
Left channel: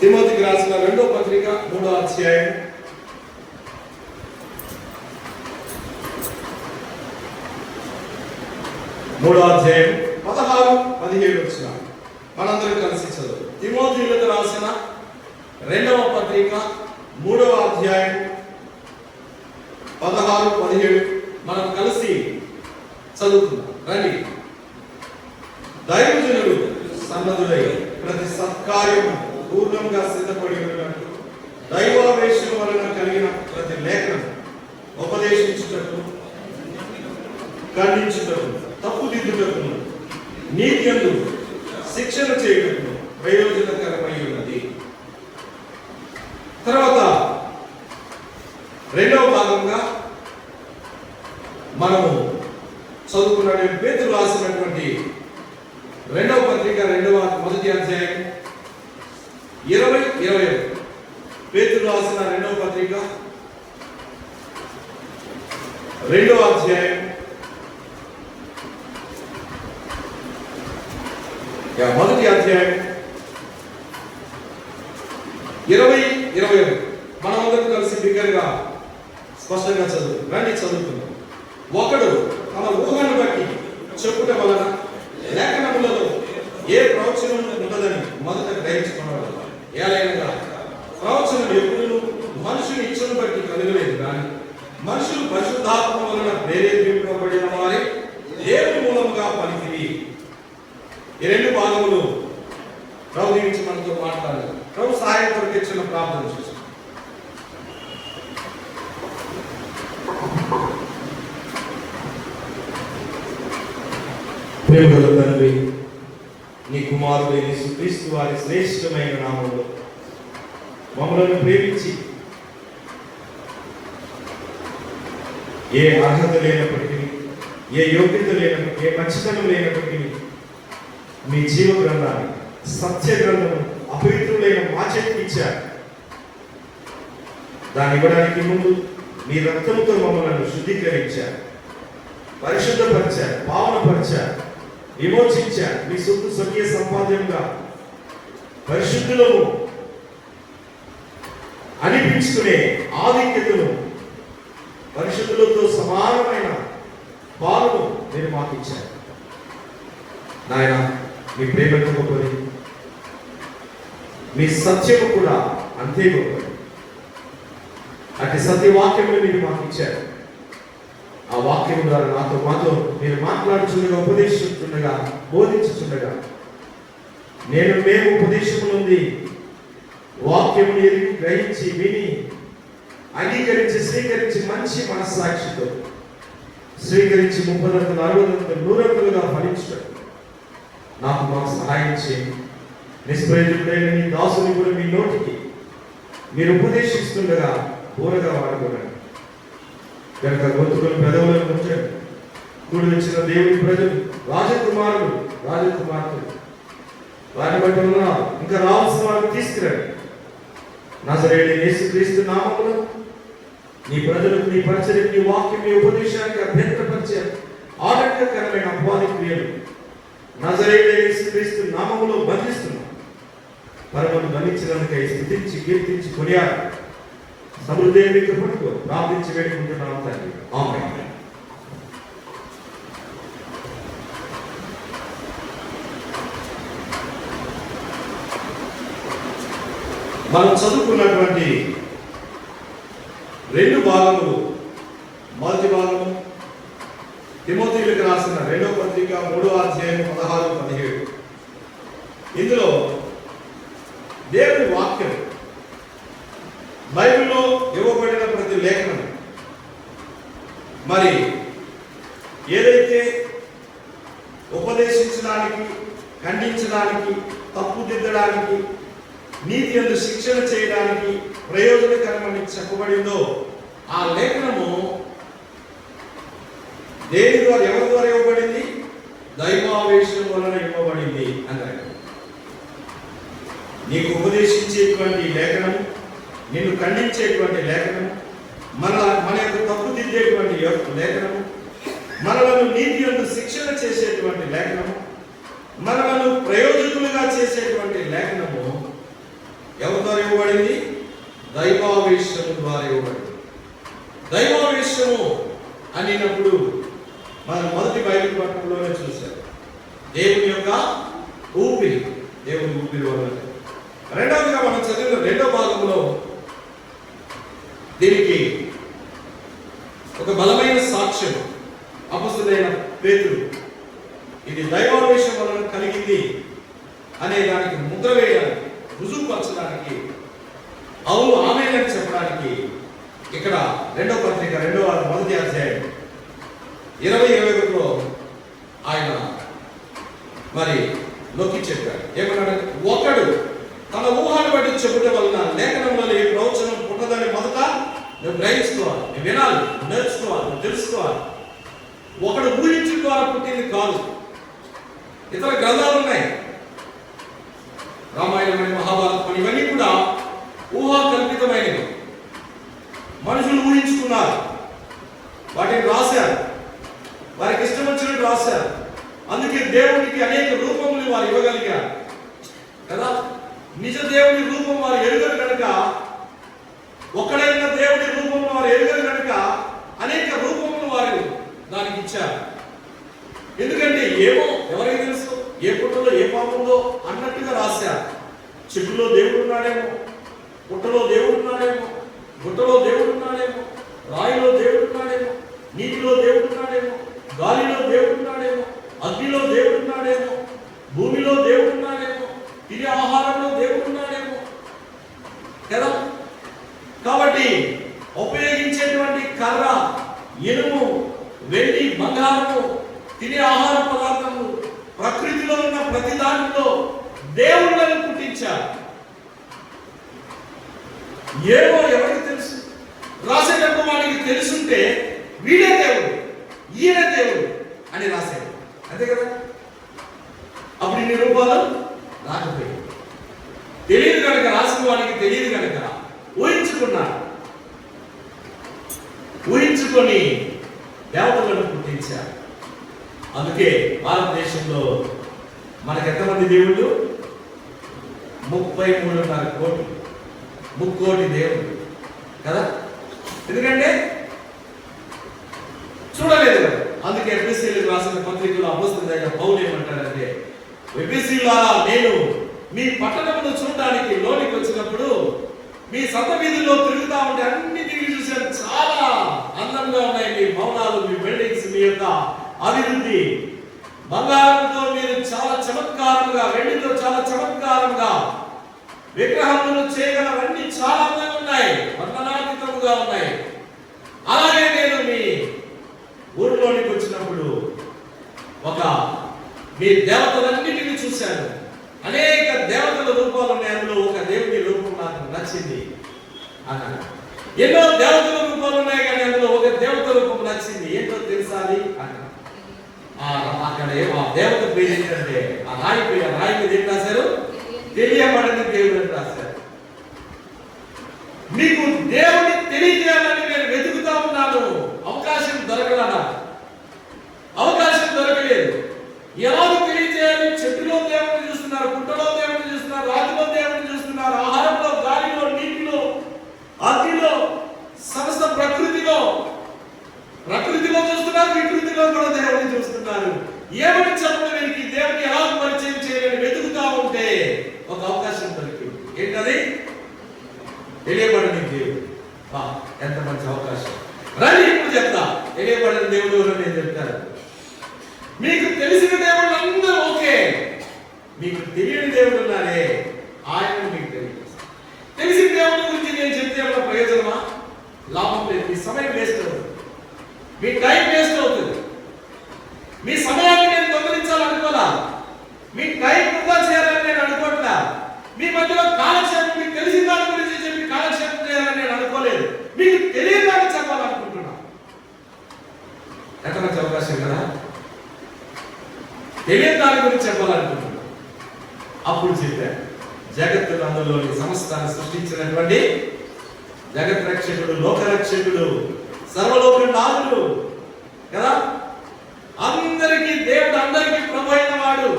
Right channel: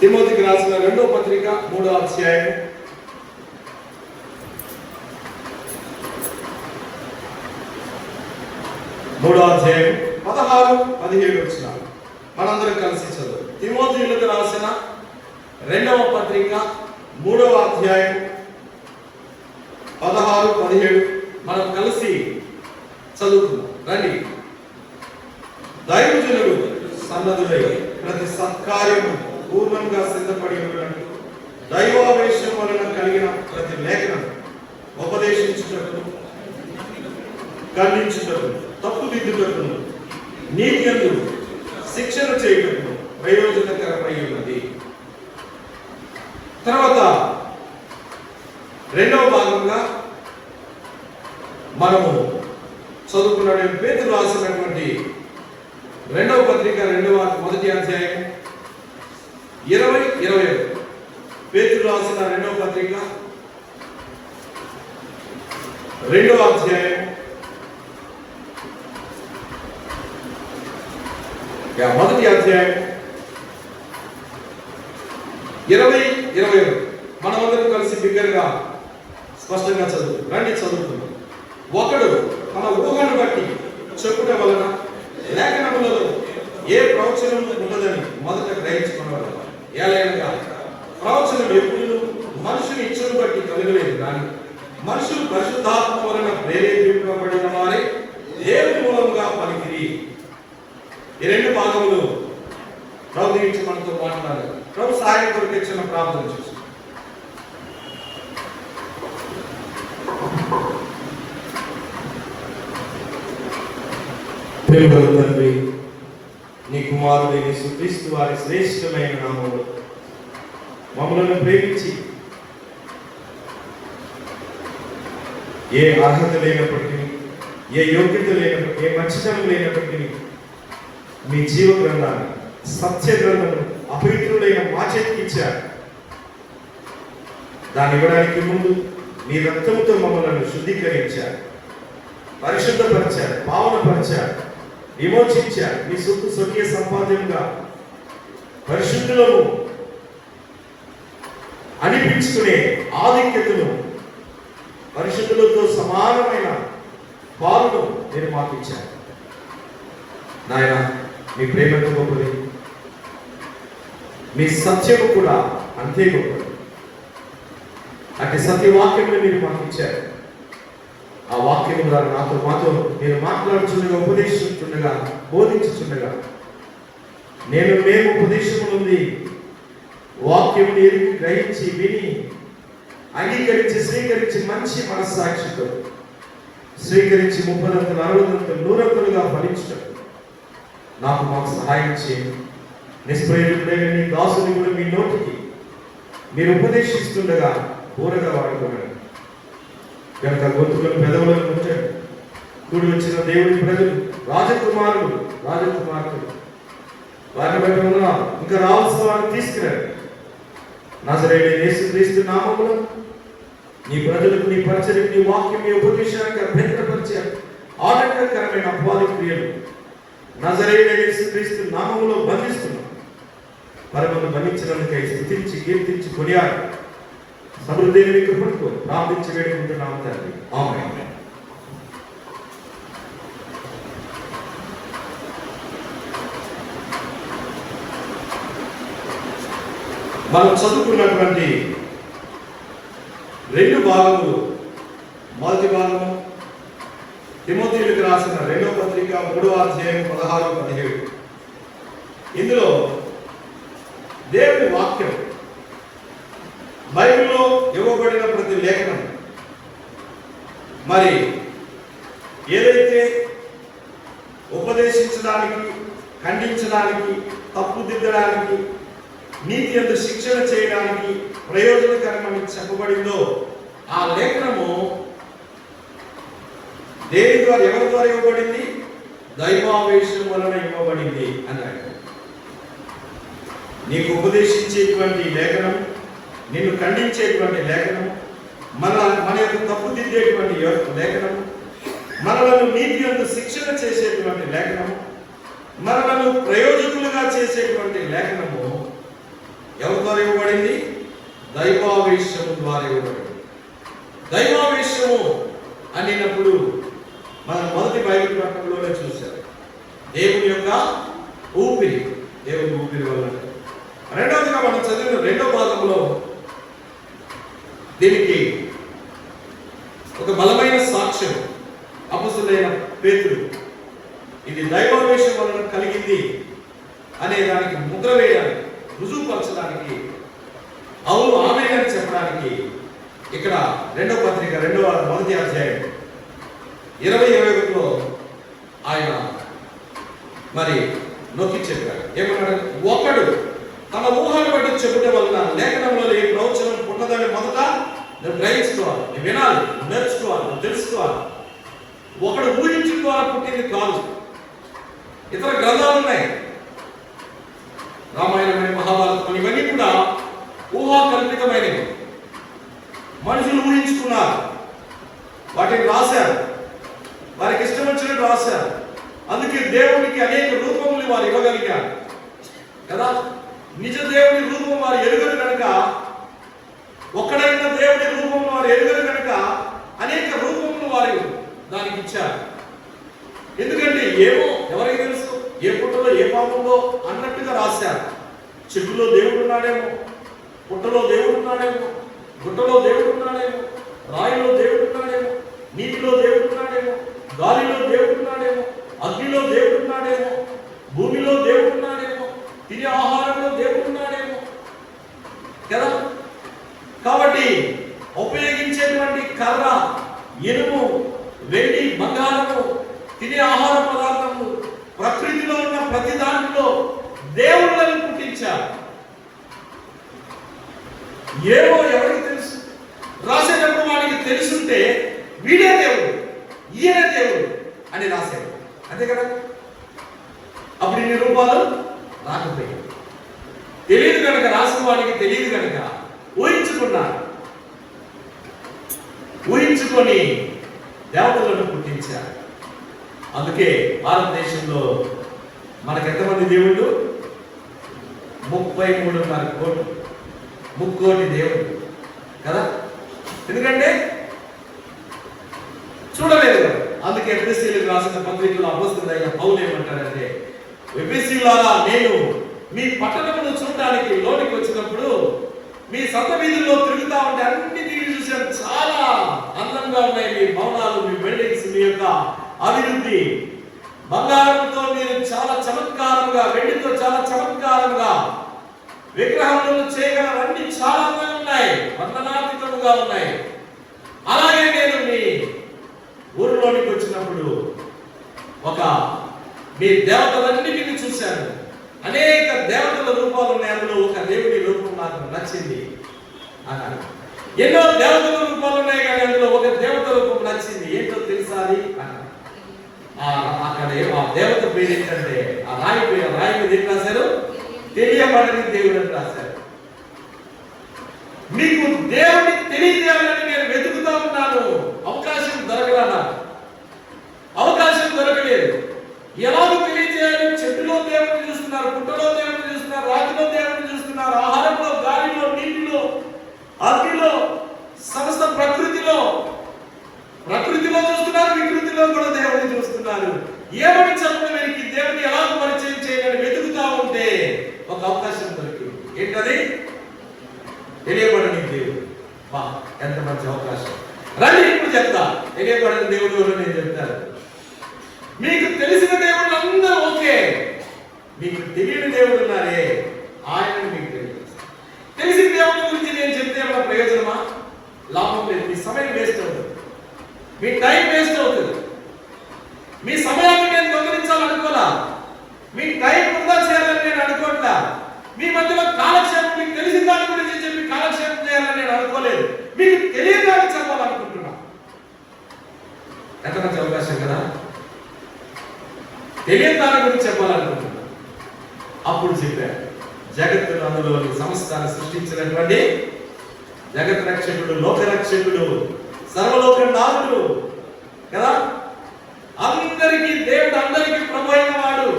తిమోతికి రాసిన 2వ పత్రిక 3వ అధ్యాయం 16-17 వచనాలు మనందరం కలిసి చదువు. తిమోతికి రాసిన 2వ పత్రిక 3వ అధ్యాయం 16-17 మనం కలిసి చదువుతున్నాం. రండి. దైవజనుడు సన్నద్ధుడై ప్రతి సత్కార్యము పూర్ణంగా సిద్ధపడి ఉన్నట్టు దైవావేశం వలన కలిగిన ప్రతి లేఖనం ఉపదేశించుటకు, ఖండించుటకు, తప్పుదిద్దుటకు, నీతి యందు శిక్షణ చేయుటకు ప్రయోజనకరమై ఉన్నది. తర్వాత రెండవ భాగంగా మనము చదువుకున్న పేతురు రాసినటువంటి 2వ పత్రిక 1వ అధ్యాయం 20-21. పేతురు రాసిన 2వ పత్రిక 2వ అధ్యాయం 20-21 మనమందరం కలిసి బిగ్గరగా స్పష్టంగా చదువు. రండి చదువుతున్నాం. ఒకడు తన ఊహను బట్టి చెప్పుట వలన లేఖనములలో ఏ ప్రవచనం ఉండదని మొదట గ్రహించుకున్నాడు. ఏలైనగా ప్రవచనం ఎప్పుడు మనుషుని ఇచ్చను బట్టి కలగలేదు, కానీ మనుషులు పరిశుద్ధాత్మ వలన ప్రేరేపింపబడిన వారే దేవుని మూలముగా పలికిరి. ఈ 2 భాగములు ప్రభు గురించి మనతో మాట్లాడాలి. ప్రభు సహాయం కొరకు ఇచ్చిన ప్రార్థన చేసి ప్రేమగల తండ్రి, నీ కుమారుడు యేసుక్రీస్తు వారి శ్రేష్టమైన నామములో మమ్మల్ని ప్రేమించి ఏ అర్హత లేనప్పటికీ, ఏ యోగ్యత లేనప్పటికీ, ఏ మంచితనం లేనప్పటికీ మీ జీవ గ్రంథాన్ని, సత్య గ్రంథము అపవిత్రులైన మా చేతికి ఇచ్చారు. దాన్ని ఇవ్వడానికి ముందు మీ రక్తముతో మమ్మల్ని శుద్ధీకరించారు, పరిశుద్ధపరిచారు, పావనపరిచారు, విమోచించారు. మీ సొత్తు స్వకీయ సంపాద్యంగా పరిశుద్ధులను అనిపించుకునే ఆధిక్యతను, పరిశుద్ధులతో సమానమైన పాలను మీరు మాకు ఇచ్చారు. నాయన, మీ ప్రేమ గొప్పది, మీ సత్యము కూడా అంతే గొప్పది. అటు సత్యవాక్యములు మీరు మాకు ఇచ్చారు. ఆ వాక్యము ద్వారా మాతో మీరు మాట్లాడుచుండగా, ఉపదేశించుండగా, బోధించుచుండగా మేము ఉపదేశం నుండి వాక్యం గ్రహించి, విని, అంగీకరించి, స్వీకరించి మంచి మనస్సాక్షితో స్వీకరించి 30 40 100 ఫలించడం మాకు సహాయం చేయండి. నిష్ప్రయోజకుడైన మీ దాసుని కూడా మీ నోటికి మీరు ఉపదేశిస్తుండగా పూరగా వాడుకోగలరు కనుక గొంతులను పెదవులను ఉంచండి. కూడి వచ్చిన దేవుని ప్రజలు, రాజకుమారులు, రాజకుమార్తెలు, వారిని బట్టి ఉన్నారు. ఇంకా రావాల్సిన వారిని తీసుకురండి. నజరేయుడైన యేసుక్రీస్తు నామములో నీ ప్రజలకు, నీ పరిచర్యకు, నీ వాక్యం, నీ ఉపదేశానికి అభ్యంతరపరిచే ఆటంకకరమైన అపవాది క్రియలు నజరేయుడైన యేసుక్రీస్తు నామములో బంధిస్తున్నాం. పరమను బంధించినందుకై స్తుతించి, కీర్తించి, కొనియాడు సమృద్ధి కృపతో ప్రార్థించి వేడుకుంటున్నాము తండ్రి. ఆమేన్. మనం చదువుకున్నటువంటి 2 భాగములు, మొదటి భాగము తిమోతికి రాసిన 2వ పత్రిక 3వ అధ్యాయం 16-17. ఇందులో దేవుని వాక్యం, బైబిల్లో ఇవ్వబడిన ప్రతి లేఖనం మరి ఏదైతే ఉపదేశించడానికి, ఖండించడానికి, తప్పుదిద్దడానికి, నీతి యందు శిక్షణ చేయడానికి ప్రయోజనకరమని చెప్పబడిందో ఆ లేఖనము దేని ద్వారా, ఎవరి ద్వారా ఇవ్వబడింది? దైవావేశం వలన ఇవ్వబడింది అన్నాడు. నీకు ఉపదేశించేటువంటి లేఖనం, నిన్ను ఖండించేటువంటి లేఖనం, మన యొక్క తప్పు దిద్దేటువంటి లేఖనం, మనలను నీతి యందు శిక్షణ చేసేటువంటి లేఖనం, మనలను ప్రయోజకులుగా చేసేటువంటి లేఖనము ఎవరి ద్వారా ఇవ్వబడింది? దైవావేశము ద్వారా ఇవ్వబడింది. దైవావేశము అనినప్పుడు మనం మొదటి బైబిల్ పట్టణంలోనే చూశారు. దేవుని యొక్క ఊపిరి, దేవుని ఊపిరి వల్ల. రెండవదిగా మనం చదివిన రెండవ భాగంలో దీనికి ఒక బలమైన సాక్ష్యం అపొస్తలుడైన పేతురు ఇది దైవావేశం వలన కలిగింది అనే దానికి ముద్ర వేయడానికి, రుజువుపరచడానికి, అవును ఆమె అని చెప్పడానికి ఇక్కడ రెండవ పత్రిక మొదటి అధ్యాయం 20-21లో ఆయన మరి నొక్కి చెప్పారు. ఏమన్నాడు? ఒకడు తన ఊహను బట్టి చెబుట వలన లేఖనంలో ఈ ప్రవచనం పుట్టదని మొదట నువ్వు గ్రహించుకోవాలి, నువ్వు వినాలి, నువ్వు నేర్చుకోవాలి, నువ్వు తెలుసుకోవాలి. ఒకడు ఊహించుకోవాలి పుట్టింది కాదు. ఇతర గ్రంథాలు ఉన్నాయి, రామాయణం, మహాభారతం, ఇవన్నీ కూడా ఊహా కల్పితమైనవి. మనుషులు ఊహించుకున్నారు, వాటిని రాశారు, వారికి ఇష్టం వచ్చినట్టు రాశారు. అందుకే దేవునికి అనేక రూపములు వారు ఇవ్వగలిగారు కదా. నిజ దేవుని రూపం వారు ఎరుగరు కనుక, ఒక్కడైన దేవుని రూపం వారు ఎరుగరు కనుక అనేక రూపములు వారు దానికి ఇచ్చారు. ఎందుకంటే ఏమో ఎవరికి తెలుసు, ఏ పుట్టలో ఏ పాపంలో అన్నట్టుగా రాశారు. చెట్టులో దేవుడు ఉన్నాడేమో, పుట్టలో దేవుడు ఉన్నాడేమో, గుట్టలో దేవుడు ఉన్నాడేమో, రాయిలో దేవుడు ఉన్నాడేమో, నీటిలో దేవుడు ఉన్నాడేమో, గాలిలో దేవుడు ఉన్నాడేమో, అగ్నిలో దేవుడు ఉన్నాడేమో, భూమిలో దేవుడు ఉన్నాడేమో, తినే ఆహారంలో దేవుడు ఉన్నాడేమో కదా. కాబట్టి ఉపయోగించేటువంటి కర్ర, ఇనుము, వెండి, బంగారము, తినే ఆహార పదార్థము, ప్రకృతిలో ఉన్న ప్రతి దాంట్లో దేవుళ్ళను పుట్టించారు. ఏమో ఎవరికి తెలుసు? రాసేటప్పుడు వాడికి తెలుసుంటే వీడే దేవుడు, ఈయన దేవుడు అని రాశాడు, అంతే కదా. అప్పుడు ఇన్ని రూపాలు రాకపోయాయి. తెలియదు కనుక, రాసిన వాడికి తెలియదు కనుక ఊహించుకున్నాడు. ఊహించుకొని దేవతలను పుట్టించారు. అందుకే భారతదేశంలో మనకు ఎంతమంది దేవుళ్ళు? 33.5 కోట్లు, 3 కోటి దేవుడు కదా. ఎందుకంటే చూడలేదు కదా. అందుకే ఎఫెసీయులకు రాసిన పత్రికలో అపొస్తలుడైన పౌలు ఏమంటాడంటే, ఎఫెసీయులారా, నేను మీ పట్టణమును చూడడానికి లోనికి వచ్చినప్పుడు మీ సంత వీధుల్లో తిరుగుతా ఉంటే అన్ని తిరిగి చూశాను. చాలా అందంగా ఉన్నాయి మీ భవనాలు, మీ బిల్డింగ్స్, మీ యొక్క అభివృద్ధి. బంగారంతో మీరు చాలా చమత్కారంగా, వెండితో చాలా చమత్కారంగా విగ్రహములను చేయగలవన్నీ చాలా అందంగా ఉన్నాయి, వర్ణనాతీతముగా ఉన్నాయి. అలాగే నేను మీ ఊరిలోనికి వచ్చినప్పుడు ఒక మీ దేవతలన్నిటిని చూశాను. అనేక దేవతల రూపాలు ఉన్నాయి, అందులో ఒక దేవుడి రూపం నాకు నచ్చింది అన్నాడు. ఎన్నో దేవతల రూపాలు ఉన్నాయి కానీ అందులో ఒక దేవత రూపం నచ్చింది. ఏంటో తెలుసా అది అన్నాడు. అక్కడ ఆ దేవత పేరు ఏంటంటే, ఆ రాయి మీద ఏం రాశారు? తెలియబడని దేవుడు అని రాశారు. మీకు దేవుని తెలియజేయాలని నేను వెతుకుతా ఉన్నాను, అవకాశం దొరకలేదు. ఎలాగో తెలియజేయాలి? చెట్టులో దేవుడిని చూస్తున్నారు, పుట్టలో దేవుడిని చూస్తున్నారు, రాతిలో దేవుడిని చూస్తున్నారు, ఆహారంలో, గాలిలో, నీటిలో, అగ్నిలో, సమస్త ప్రకృతిలో చూస్తున్నారు, వికృతిలో కూడా దేవుడిని చూస్తున్నారు. ఏమని చెప్పడానికి దేవుడిని ఎలా పరిచయం చేయాలని వెతుకుతా ఉంటే ఒక అవకాశం దొరికింది. ఏంటది? తెలియబడని దేవుడు. ఎంత మంచి అవకాశం! రండి ఇప్పుడు చెప్తా. తెలియబడని దేవుడు ఎవరు నేను చెప్తాను. మీకు తెలిసిన దేవుళ్ళు అందరూ ఓకే, మీకు తెలియని దేవుడు ఉన్నారే, ఆయన మీకు తెలియదు. తెలిసిన దేవుడి గురించి నేను చెప్తే ఏమైనా ప్రయోజనమా? లాభం లేదు. మీ సమయం వేస్ట్ అవుతుంది, మీ టైం వేస్ట్ అవుతుంది. మీ సమయాన్ని నేను దొంగిలించాలనుకోలా, మీ టైం వృధా చేయాలని నేను అనుకోవట్లా. మీ మధ్యలో కాలక్షేపం, మీకు తెలిసిన దాని గురించి చెప్పి కాలక్షేపం చేయాలని నేను అనుకోలేదు. మీకు తెలియదు అని చెప్పాలి. అవకాశం కదా, తెలియని దాని గురించి చెప్పాలనుకుంటున్నాను. అప్పుడు చెప్పారు, జగత్తు అందులోని సంస్థాన్ని సృష్టించినటువంటి జగత్ రక్షకుడు, లోకరక్షకుడు, సర్వలోక నాథుడు కదా, అందరికీ దేవుడు, అందరికీ ప్రభు అయిన వాడు,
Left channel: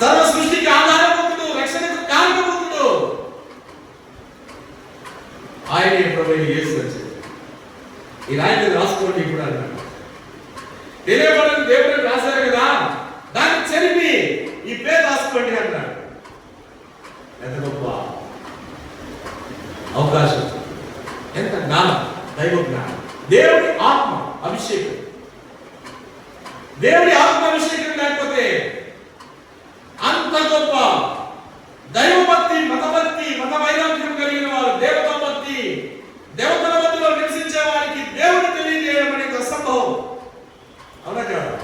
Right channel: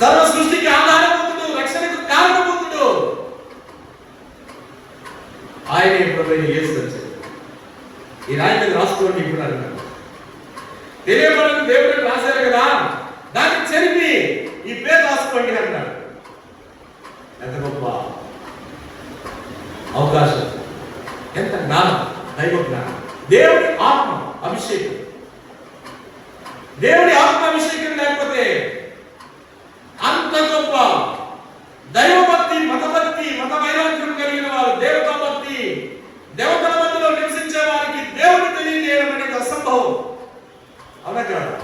సర్వ సృష్టికి ఆధారభూతుడు, రక్షణకు కారణభూతుడు ఆయనే ప్రభు అయిన యేసు వచ్చాడు. ఈ రాయి రాసుకోండి ఇప్పుడు అన్నాడు. తెలియబడిన దేవుడు రాశారు కదా, దాన్ని చెరిపి ఈ పేరు రాసుకోండి అన్నాడు. ఎంత గొప్ప అవకాశం, ఎంత జ్ఞానం, దైవ జ్ఞానం, దేవుడి ఆత్మ అభిషేకం. దేవుడి ఆత్మ అభిషేకం లేకపోతే అంత గొప్ప దైవభక్తి, మతభక్తి, మత వైరాగ్యం కలిగిన వారు, దేవతా భక్తి, దేవతల మధ్యలో నివసించే వారికి దేవుడు తెలియజేయడం అనేది అసంభవం. అవునా కదా?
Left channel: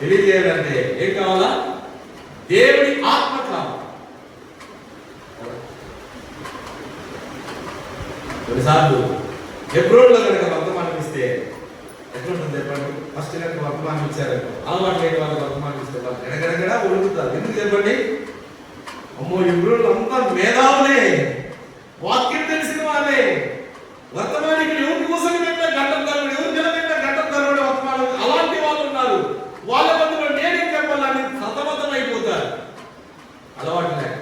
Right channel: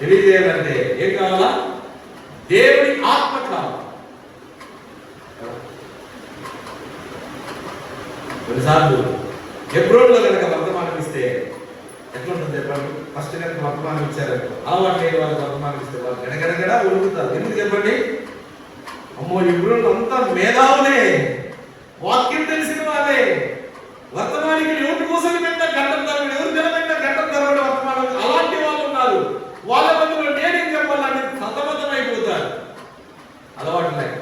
తెలియజేయాలంటే ఏం కావాలా? దేవుడి ఆత్మ కావాలి. కొన్నిసార్లు ఎబ్రోన్లో కనుక వర్తమానం ఇస్తే ఎట్లుంటుంది చెప్పండి? ఫస్ట్ కనుక వర్తమానం ఇచ్చారు, అలవాటు లేని వాళ్ళు వర్తమానం ఇస్తే వాళ్ళు గడగడగడా ఉడుకుతారు. ఎందుకు చెప్పండి? అమ్మో, ఎబ్రోన్లు అంతా మేధావులే, వాక్యం తెలిసిన వాళ్ళే, వర్తమానికి ఎవరు కూసని పెట్టిన గంటలు తరబడి, ఎవరు నిలబెట్టిన గంటలు తరబడి వర్తమానం, అలాంటి వాళ్ళు ఉన్నారు. వాళ్ళ మధ్యలో నేనేం చెప్పాలని సతమతం అయిపోతారు. అలవాటు లేక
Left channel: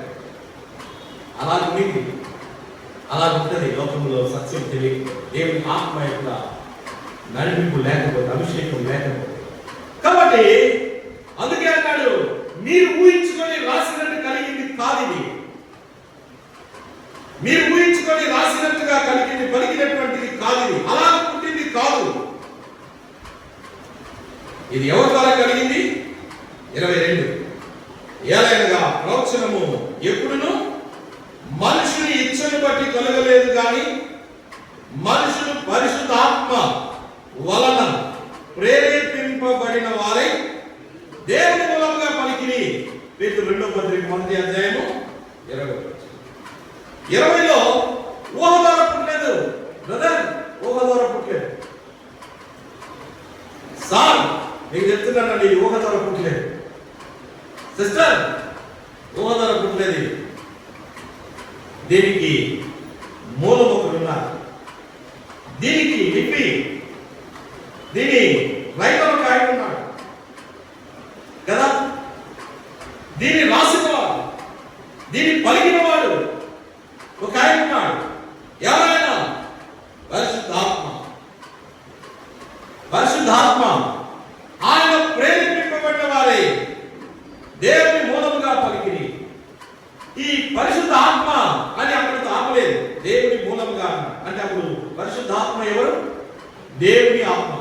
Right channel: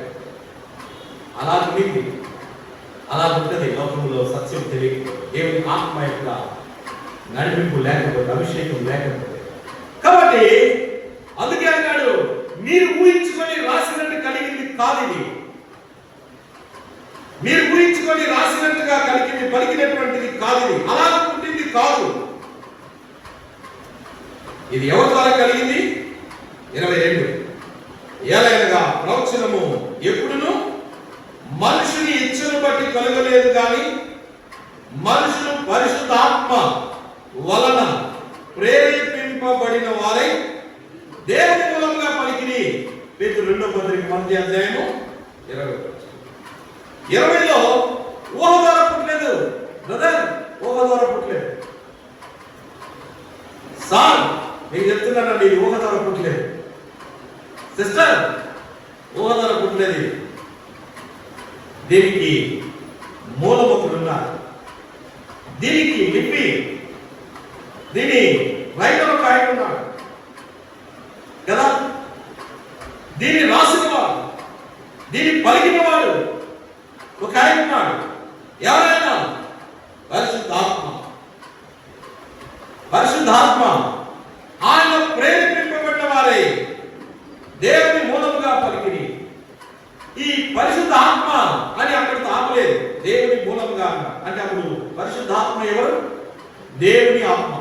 అలా ఉంది, అలా ఉంటుంది లోకంలో. సత్యం తెలియదు, దేవుని ఆత్మ యొక్క నడిపింపు లేకపోతే, అభిషేకం లేకపోతే. కాబట్టి అందుకే అన్నాడు, మీరు ఊహించుకొని రాసినట్టు కలిగింది కాదు ఇది. మీరు ఊహించుకొని రాసినట్టుగా కలిగింది, పలికినటువంటిది కాదు ఇది, అలా పుట్టింది కాదు. ఇది ఎవరి ద్వారా కలిగింది? 22 ఏలైనగా ప్రోక్షణము ఎప్పుడును మనుషుని ఇచ్చను బట్టి కలగలేదు కానీ మనుషులు పరిశుద్ధాత్మ వలన ప్రేరేపింపబడిన వారై దేవుని మూలంగా పలికిని. పేతురు 2వ పత్రిక 1వ అధ్యాయము 20లో ఊహ ద్వారా పుట్టలేదు బ్రదర్, ఊహ ద్వారా పుట్టలేదు. సార్ నేను చెప్తున్నాను, నీ ఊహ ద్వారా పుట్టలేదు. సిస్టర్, ఊహ ద్వారా పుట్టలేదు. దీనికి మూలముఖులు ఉన్నారు, దీనికి నిప్పి, దీని రైతులు ఒక ఆయన ఉన్నాడు కదా, దీన్ని రాసినవాడు, దీన్ని పలికినవాడు ఒక ఆయన ఉన్నాడు. ఎవరైనా పరిశుద్ధాత్మ. పరిశుద్ధాత్మ ఆయన ప్రేరేపింపబడిన వారే దేవుని మూలముగా పలికిని. ఈ పరిశుద్ధాత్మ అని అక్కడితో ఆపలేదు, దేవుని మూలంగా అంటే అప్పుడు పరిశుద్ధాత్మ ఎవరు? దేవుని ఆత్మ.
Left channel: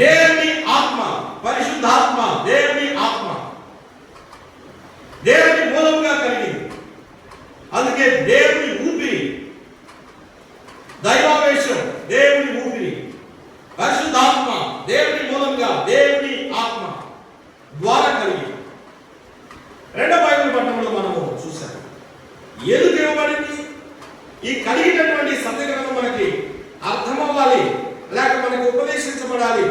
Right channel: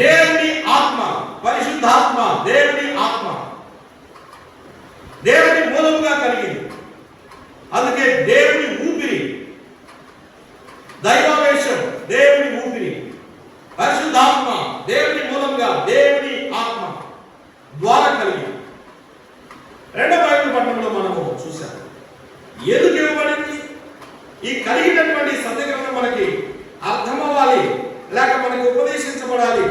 దేవుని ఆత్మ, పరిశుద్ధాత్మ, దేవుని ఆత్మ, దేవుని మూలంగా కలిగింది. అందుకే దేవుని ఊపిరి, దైవావేశం, దేవుని ఊపిరి, పరిశుద్ధాత్మ, దేవుని మూలంగా, దేవుని ఆత్మ ద్వారా కలిగింది. రెండవ బైబిల్ పట్టణంలో మనము చూసాం. ఎందుకు ఇవ్వబడింది? ఈ కలిగినటువంటి సత్యగ్రంథం మనకి అర్థం అవ్వాలి, లేక మనకు ఉపదేశించబడాలి,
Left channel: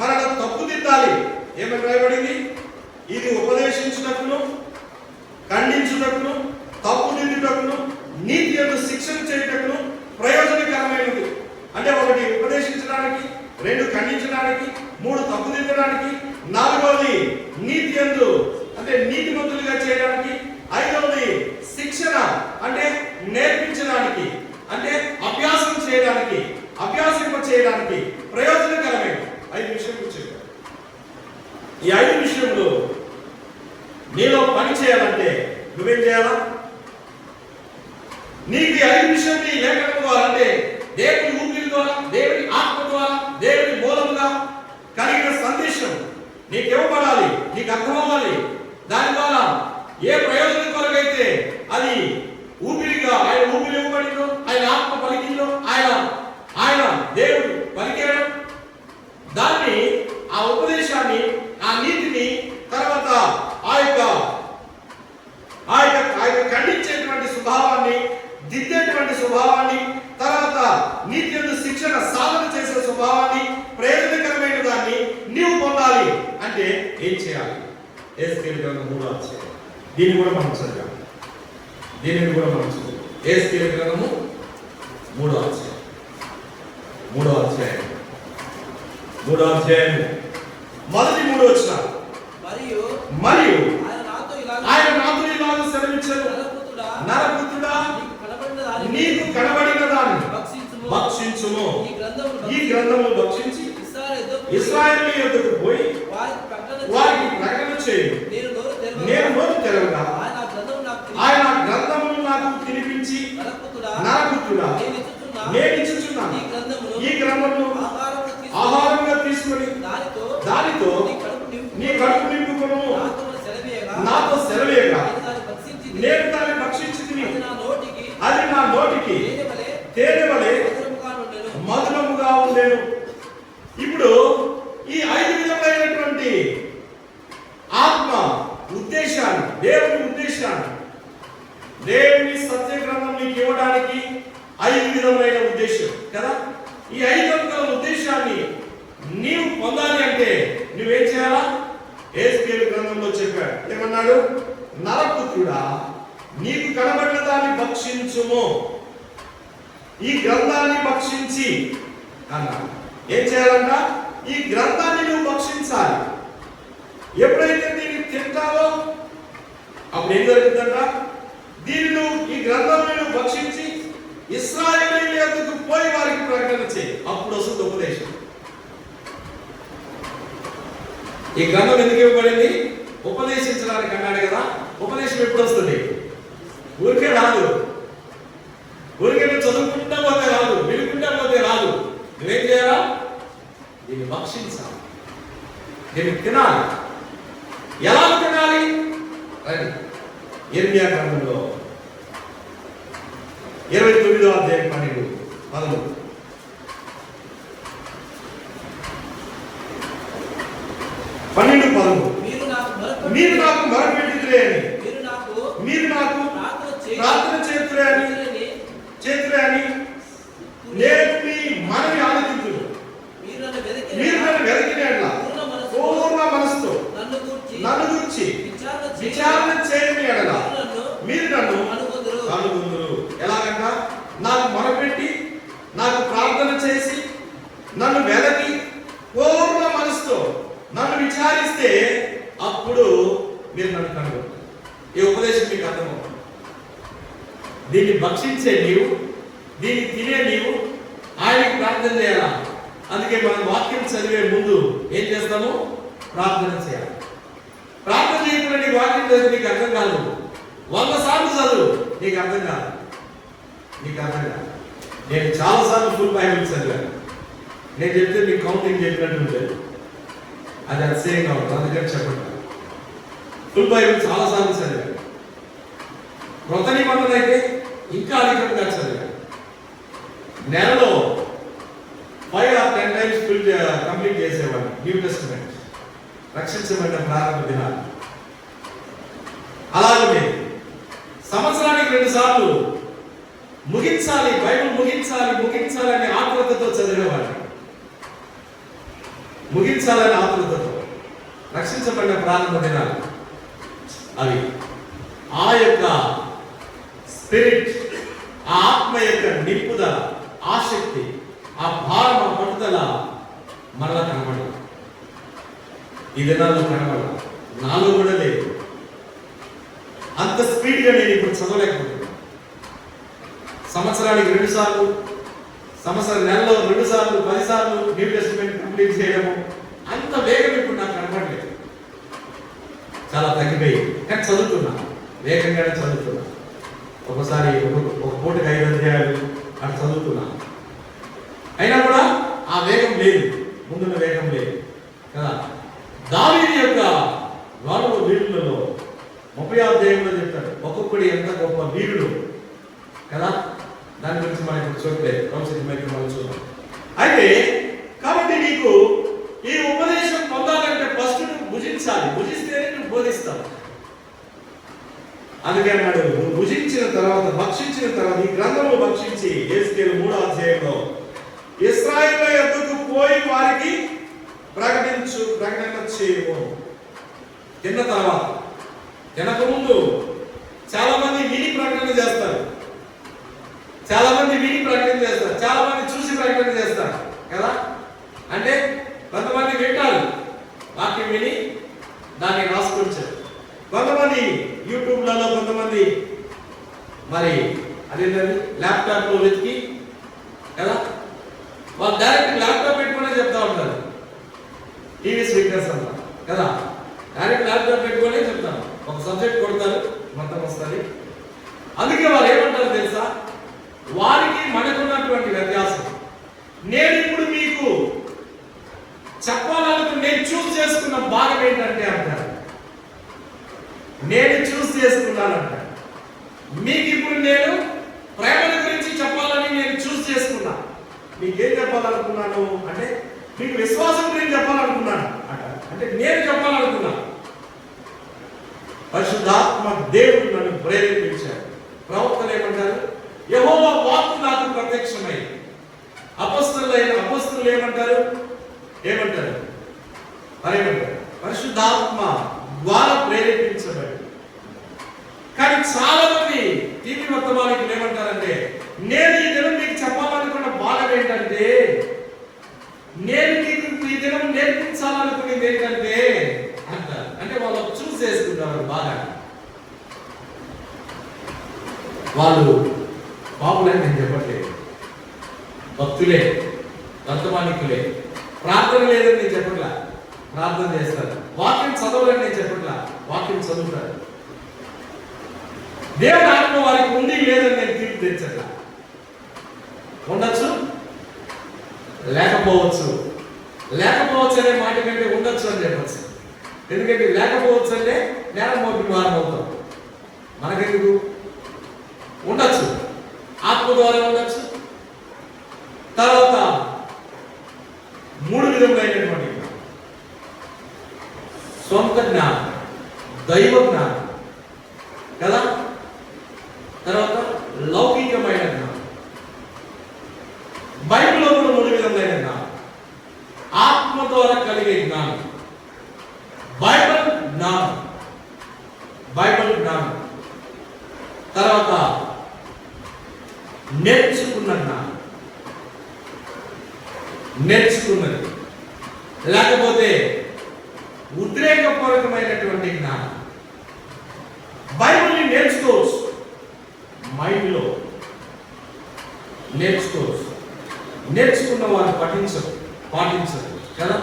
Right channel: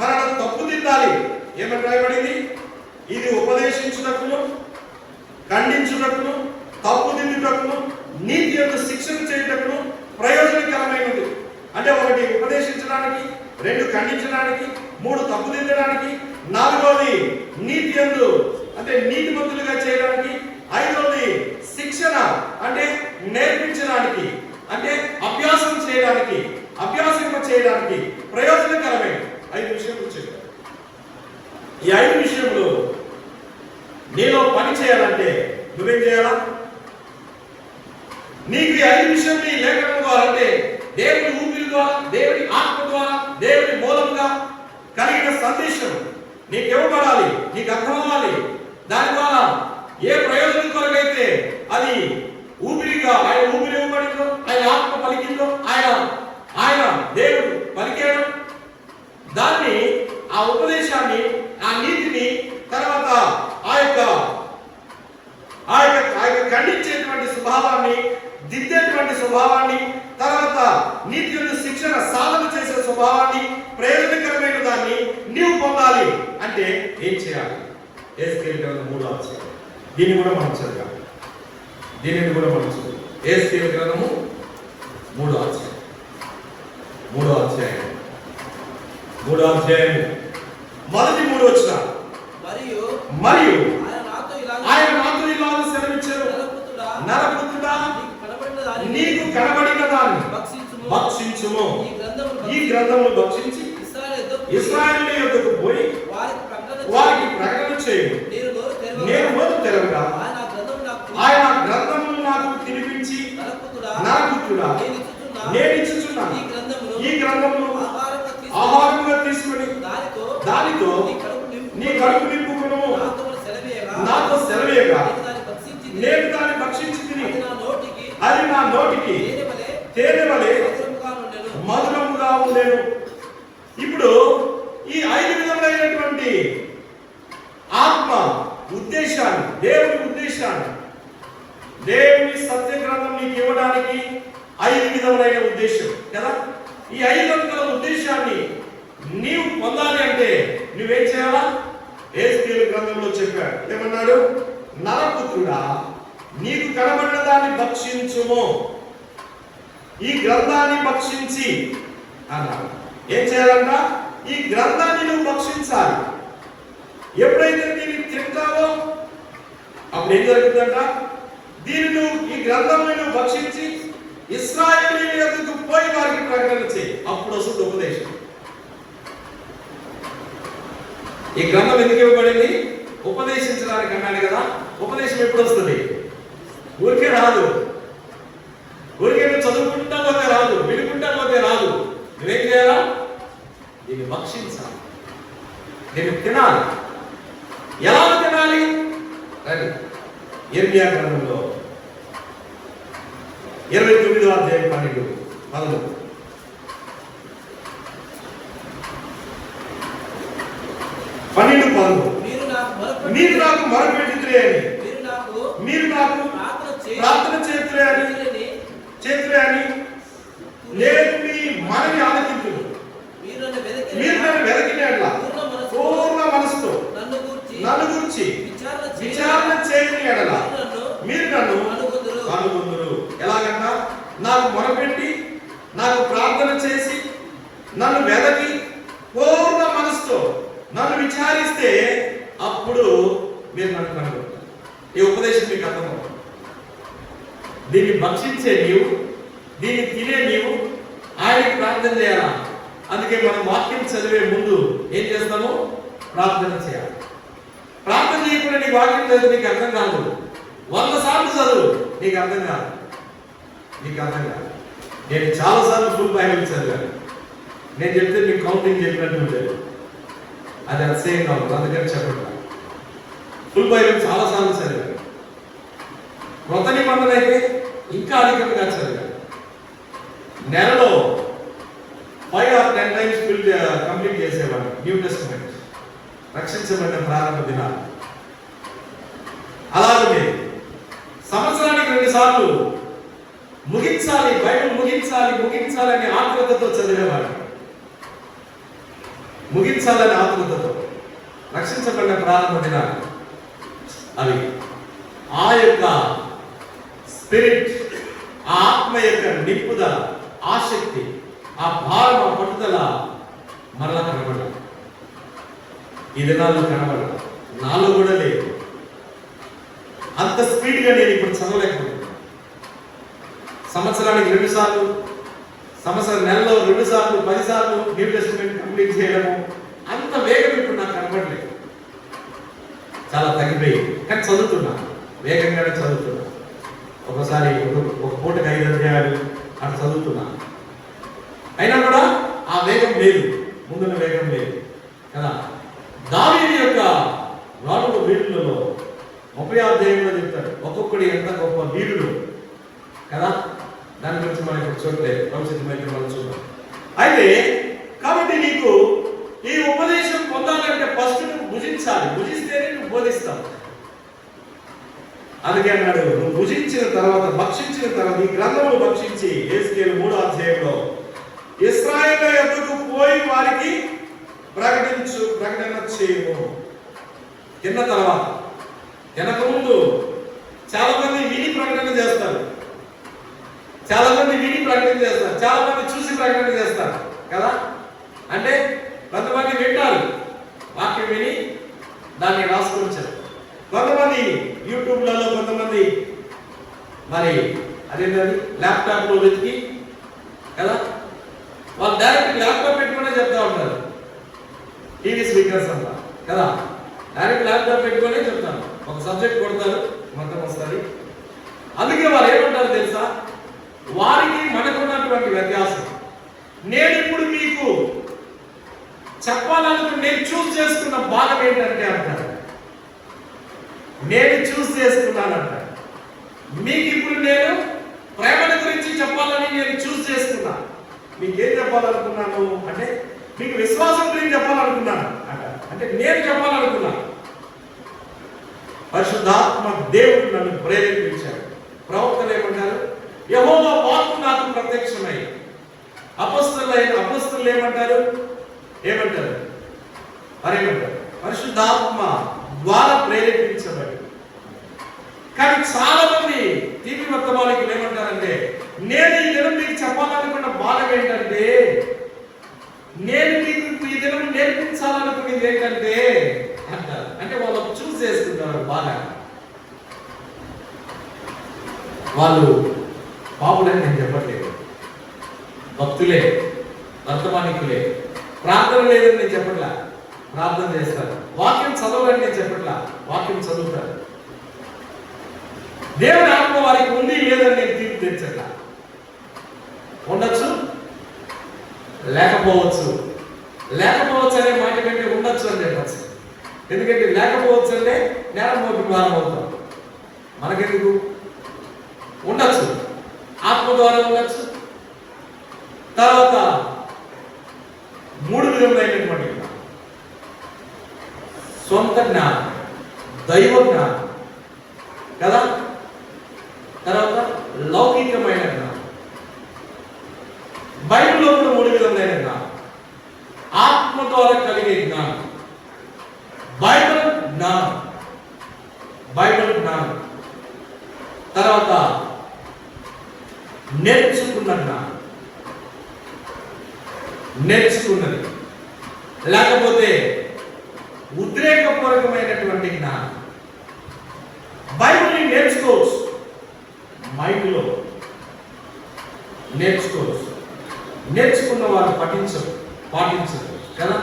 మనం తప్పుదిద్దాలి. ఏమని రాయబడింది? ఇది ఉపదేశించుటకును, ఖండించుటకును, తప్పుదిద్దుటకును, నీతి యందు శిక్షణ చేయుటకును ప్రయోజనకరమైనది. అంటే 1 ఉపదేశించడానికి, 2 ఖండించడానికి, 3 తప్పుదిద్దడానికి, 4వది నీతి యందు అంటే నీతిమంతులుగా చేయడానికి, 5వది శిక్షణ అంటే నేర్పించడానికి, అంటే అభ్యాసం చేయడానికి, అభ్యాసింప చేయడానికి ప్రయోజనకరమైన 5 విషయాలు చెప్పారు. ఈ 5 విషయంలో నీలో పని చేయాలంటే నువ్వేం చేయాలా? నీకు ఈ 5 విషయాన్ని లేఖనం ద్వారా అంటే దేవుని ఊపిరి ద్వారా, దేవుని ఆత్మ ద్వారా, దేవుని మూలంగా కలిగిన సందేశం నీకు ఇవ్వబడాలి, నీకు అర్థం అవ్వాలి. దాని ద్వారా ఏ ప్రయోజనం కొరకైతే అది ఊపిరిగా ఆయన ఊపిరి ఇవ్వబడిందో, ఆయన ఆత్మ పలికిందో, ఆయన దేవుడు పలికేయడం, దాన్ని ఆ ఉపదేశాన్ని, ఆ నీతిని తర్వాత ఆ యొక్క ఖండించేటువంటి స్వభావాన్ని దిద్దే స్వభావాన్ని, తర్వాత నీతి శిక్షణ సాధన చేసే స్వభావాన్ని, ప్రయోజనకరమైన దాన్ని నీవు పొందాలి అంటే ఏం చేయాలి? యేసుకేలు గ్రంథం 3వ అధ్యాయం. దీన్ని కూడా మనం చదివాం. దీనిని కూడా మనం చదివాం. యేసుకేలు గ్రంథము 3వ అధ్యాయం. 3వ అధ్యాయం. 3వ అధ్యాయం మొదటి 3 వచనాలు. మరియు ఆయన నాతో ఇలాగ సెలవిచ్చారు, నరపుత్రుడా, నీకు కనబడిన దాన్ని భక్షించుము. ఈ గ్రంథమును భక్షించి ఇశ్రాయేలు యొద్దకు పోయి వారికి ప్రకటన చేయి. నేను నోరు తెరవగా ఆయన గ్రంథమును నాకు తినిపించి, నరపుత్రుడా, నేను ఇచ్చుచున్నాను ఈ గ్రంథమును ఆహారంగా తీసుకుని దానితో నీ కడుపు నింపుకును. నాతో సెలవేయగా నేను దాన్ని భక్షించి తిని అది నా నోటికి తేనె వలె మధురముగా ఉండేను. ఇప్పుడు ఈ 5 విధములైనటువంటి ఆత్మ ఉద్దేశాన్ని, దేవుని ఉద్దేశాన్ని, దేవుని సత్య గ్రంథం నీకు ఇవ్వడానికి 5 విధములైన ఉద్దేశం కదా. ఈ 5 విధముల ఉద్దేశాన్ని నీవు పొందాలి అంటే నువ్వేం చేయాలా? యేసుకేలు గ్రంథంలో చెప్పాడు. ఏమన్నాడు? నరపుత్రుడా, నీకు కనబడిన దాన్ని భక్షించుము. ఈ గ్రంథాన్ని భక్షించి అన్నాడు. ఏం చేయాలంట? ఈ గ్రంథాన్ని నువ్వు భక్షించాలి. ఎప్పుడైతే దీన్ని తింటావో అప్పుడు ఏం జరుగుతుందంట? దీన్ని నువ్వు, ఈ గ్రంథాన్ని నువ్వు భక్షించి ఇశ్రాయేలీయుల యొద్దకు పోయి వారికి ప్రకటన చేయి. అప్పుడు వస్తుంది ఉపదేశం. ఈ గ్రంథం ఎందుకు ఇవ్వబడింది? ఉపదేశించడానికి అన్నాడు కదా. ఉపదేశం ఎప్పుడు వస్తుంది? ఊరికే రాదు. ఊరికే నువ్వు చదువుకుంటా పోతే రాదు, వినుకుంటా పోతే రాదు. నువ్వేం చేయాలా? దీన్ని భక్షించాలి, దీన్ని తినాలి. ఎలా తినాలి? ఇర్మియా గ్రంథంలో 29వ అధ్యాయం 12. మీరు నాకు మొరపెట్టిరే అని, మీరు నాకు ప్రార్థన చేతులే అని నేను మీ మనవి ఆలకించును. మీరు నన్ను వెతికినట్లా పూర్ణ మనసుతో నన్ను గురించి విచారణ చేయని ఎడల మీరు నన్ను కనుగొందురు. ఎలాగంట? నాకు మొరపెట్టి, నాకు ప్రార్థన చేసి, నన్ను వెదకి పూర్ణ మనసుతో నన్ను విచారిస్తే అప్పుడు మీరు నన్ను కనుగొంటారు. ఈ ఉపదేశం మీకు అర్థమవుతుంది. దీన్ని భక్షించే నీవు, దీన్ని తినే నీవు ఆయనకి ప్రార్థన చేయాలా. అందుకే మనం వాక్యం చదివే ముందు ఏం చేస్తాము? ప్రార్థన చేయాలి. ప్రార్థన చేయకుండా నీ వాక్యం చదివి నీకు అర్థం కాదు. 100 సార్లు చదువు, నీకు అర్థం కాదు. నేను చాలా సార్లు ఫుల్ బైబిల్ చదివాను. నేను చెప్తే నీకు కౌంటింగ్ చెప్పినట్టు ఉంటుంది. అది అతిశయంగా ఉంది, అందుకని చెప్పండి. ఫుల్ బైబిల్ చాలా సార్లు చదివాను. కొత్త నిబంధన అయితే ఇంకా అధికంగా చదివాను. నెలలో 5 or 10 times కంప్లీట్ చేసేవాడిని న్యూ టెస్టమెంట్, రక్షించబడిన ప్రారంభ దినాలు. అలాగే సంవత్సరానికి 2 సార్లు ముగించాలి, బైబిల్ ముగించాలి అనే ఆతృతతో చదివేవాడిని. ముగించాలని ఆతృతతో రక్షించబడిన ప్రారంభ దినాలు అవి. ఆ యొక్క స్పిరిట్, ఆ ఆత్మ యొక్క నింపుదల, ఆసక్తి, ఆ భారం, ఆ పట్టుదల మరలా కనబడదు. ఈ దినాల్లో కనబడదు, నాలో కూడా లేదు. అంత స్పీడ్గా నేను ఇప్పుడు చదవలేకపోతున్నాను. సంవత్సరానికి 2 సార్లు, నెలలో 2 సార్లు, 10 సార్లు న్యూ టెస్టమెంట్ కంప్లీట్ చేయడము, అంత వేగం ఇప్పుడు నాకు కనబడలేదు. చాలా తగ్గిపోయింది. కానీ చదువుతున్నా, వేగంగానే చదువుతున్నా. ఒకసారి ఒక పూటకి 5 అధ్యాయాలు అట్లా చదువుతున్నా. అయినా కూడా ఆ వేగం లేదు, ముందున్న వేగం లేదు కదా. దావీదు యొక్క 4 వీరులలో 30వ అధ్యాయంలో చెప్తారు ఒక్కొక్కడు ఎంత గొప్ప వీరుడు కదా. దాని గురించి మనకి చూస్తే భవిష్యత్తు మనం చూద్దాం. అయితే కాబట్టి నీకు ఈ ఉపదేశం పొందాలంటే ఫస్ట్ నువ్వు భుజించాలి. భుజిస్తేనే నువ్వు బోధిస్తావు. అందుకే అన్నాడు, నువ్వు భుజించిన తర్వాత, భక్షించిన తర్వాత, ఈ గ్రంథమును భక్షించి, యేసుకేలు 3వ అధ్యాయంలో ఇశ్రాయేలు యొద్దకు పోయి వారికి ప్రకటన చేయము. తిన్న తర్వాత, తినక ముందు చాలా మంది విని ప్రకటన చేస్తారు, చాలా మంది విని ప్రకటన చేస్తారు, చాలా మంది చూసి ప్రకటన చేస్తారు కదా. అంటే కొంతమంది వింటారు, వాక్యం విని దాన్ని రాసుకొచ్చారు, కొంతమంది యూట్యూబ్లలో, కొంతమంది మరి అదేంటది ల్యాప్టాప్ లో వెతికి కదా, వాళ్ళు డైరెక్ట్ ల్యాప్టాప్ పెట్టుకునే చెప్తా ఉంటారు. టీవీ స్పీకర్స్ అంతా కదా, డైరెక్ట్ ల్యాప్టాప్ పెట్టుకునే చెప్తాను. ఒక సబ్జెక్ట్ కొడతారు, మొత్తం వస్తుంది. అందుకే వాళ్ళు ఏమంటారు తెలుసా, వారికి మనకున్నటువంటి వ్యత్యాసం. నేను ఇప్పుడు మీకు చెప్పాలనుకుని నేను చూస్ చేసుకున్న భాగం ఏంటంటే అంటారు, నేను చూస్ చేసుకున్నానంట. మీకు ఇప్పుడు నేను ప్రేమల గురించి చెప్పాలని నేను చూస్ చేసుకున్నా. మీకేం చెప్పాలనుకున్నాను అంటే, మీకు విశ్వాసం గురించి చెప్పాలనుకున్నాను అంట. అంటే నేను చెప్పాలనుకున్నాను. పరిశుద్ధాత్మ దేవుడు నన్ను ప్రేరేపించాడు. ప్రవక్తలు ఏమంటారు, యెహోవా వాక్కు నాకు ప్రత్యక్షమై. అపొస్తలులు ఏమంటారు, మరేమంటారు, పరిశుద్ధాత్మ ద్వారా ప్రేరేపించబడి. కానీ చాలా మంది టీవీ వర్తమానికి ఏమంటారంటే, నేను ఈ దినం మీకు చెప్పాలనుకున్న భాగం ఏంటంటే, నేను మీకు ఈ దినం నేర్పించాలనుకునేది ఏంటంటే అంటారు. అంటే వాళ్ళు చూస్ చేసుకుంటారు బాగా. వాళ్ళు బాబులని నేను చెప్పట్లేదు, భక్తులే, వర్తమానికులే. ప్రార్థన లేదని నేను చెప్పట్లా, ప్రార్థన చేస్తారు. వాక్యం చదవాలని నేను చెప్పట్లా, వాక్యం చదువుతారు. దేవుని ఆత్మ వారికి ఉండి లేదని నేను తీర్పు తెచ్చట్లా. ఉండొచ్చు, లేకపోవచ్చు. లేకపోవచ్చు అనే మాట కంటే ఉండొచ్చు అని చెప్పచ్చు. ఎందుకంటే లేకపోవచ్చు అంటే నేరం మోపి అవుతాం. మనకెందుకు? ఉండొచ్చు, ఆత్మ ద్వారా ఉండొచ్చు. తర్వాత 3 విధములైనటువంటి సొంత జ్ఞానం, దైవ జ్ఞానం కదా, తర్వాత లౌకికమైన జ్ఞానం. బైబిల్లో 3 విధములైన జ్ఞానం. ఆత్మ ద్వారా కలిగే జ్ఞానం, బైబిల్ జ్ఞానం, తర్వాత నేర్చుకున్న జ్ఞానం, నేర్చుకున్నది, లేకపోతే ఉద్రేకపూర్వకమైనటువంటి జ్ఞానం. బైబిల్ని నేర్చుకోవచ్చు, మైండ్లో నేర్చుకోవచ్చు. నేర్చుకున్న వారు పాటించరు కదా.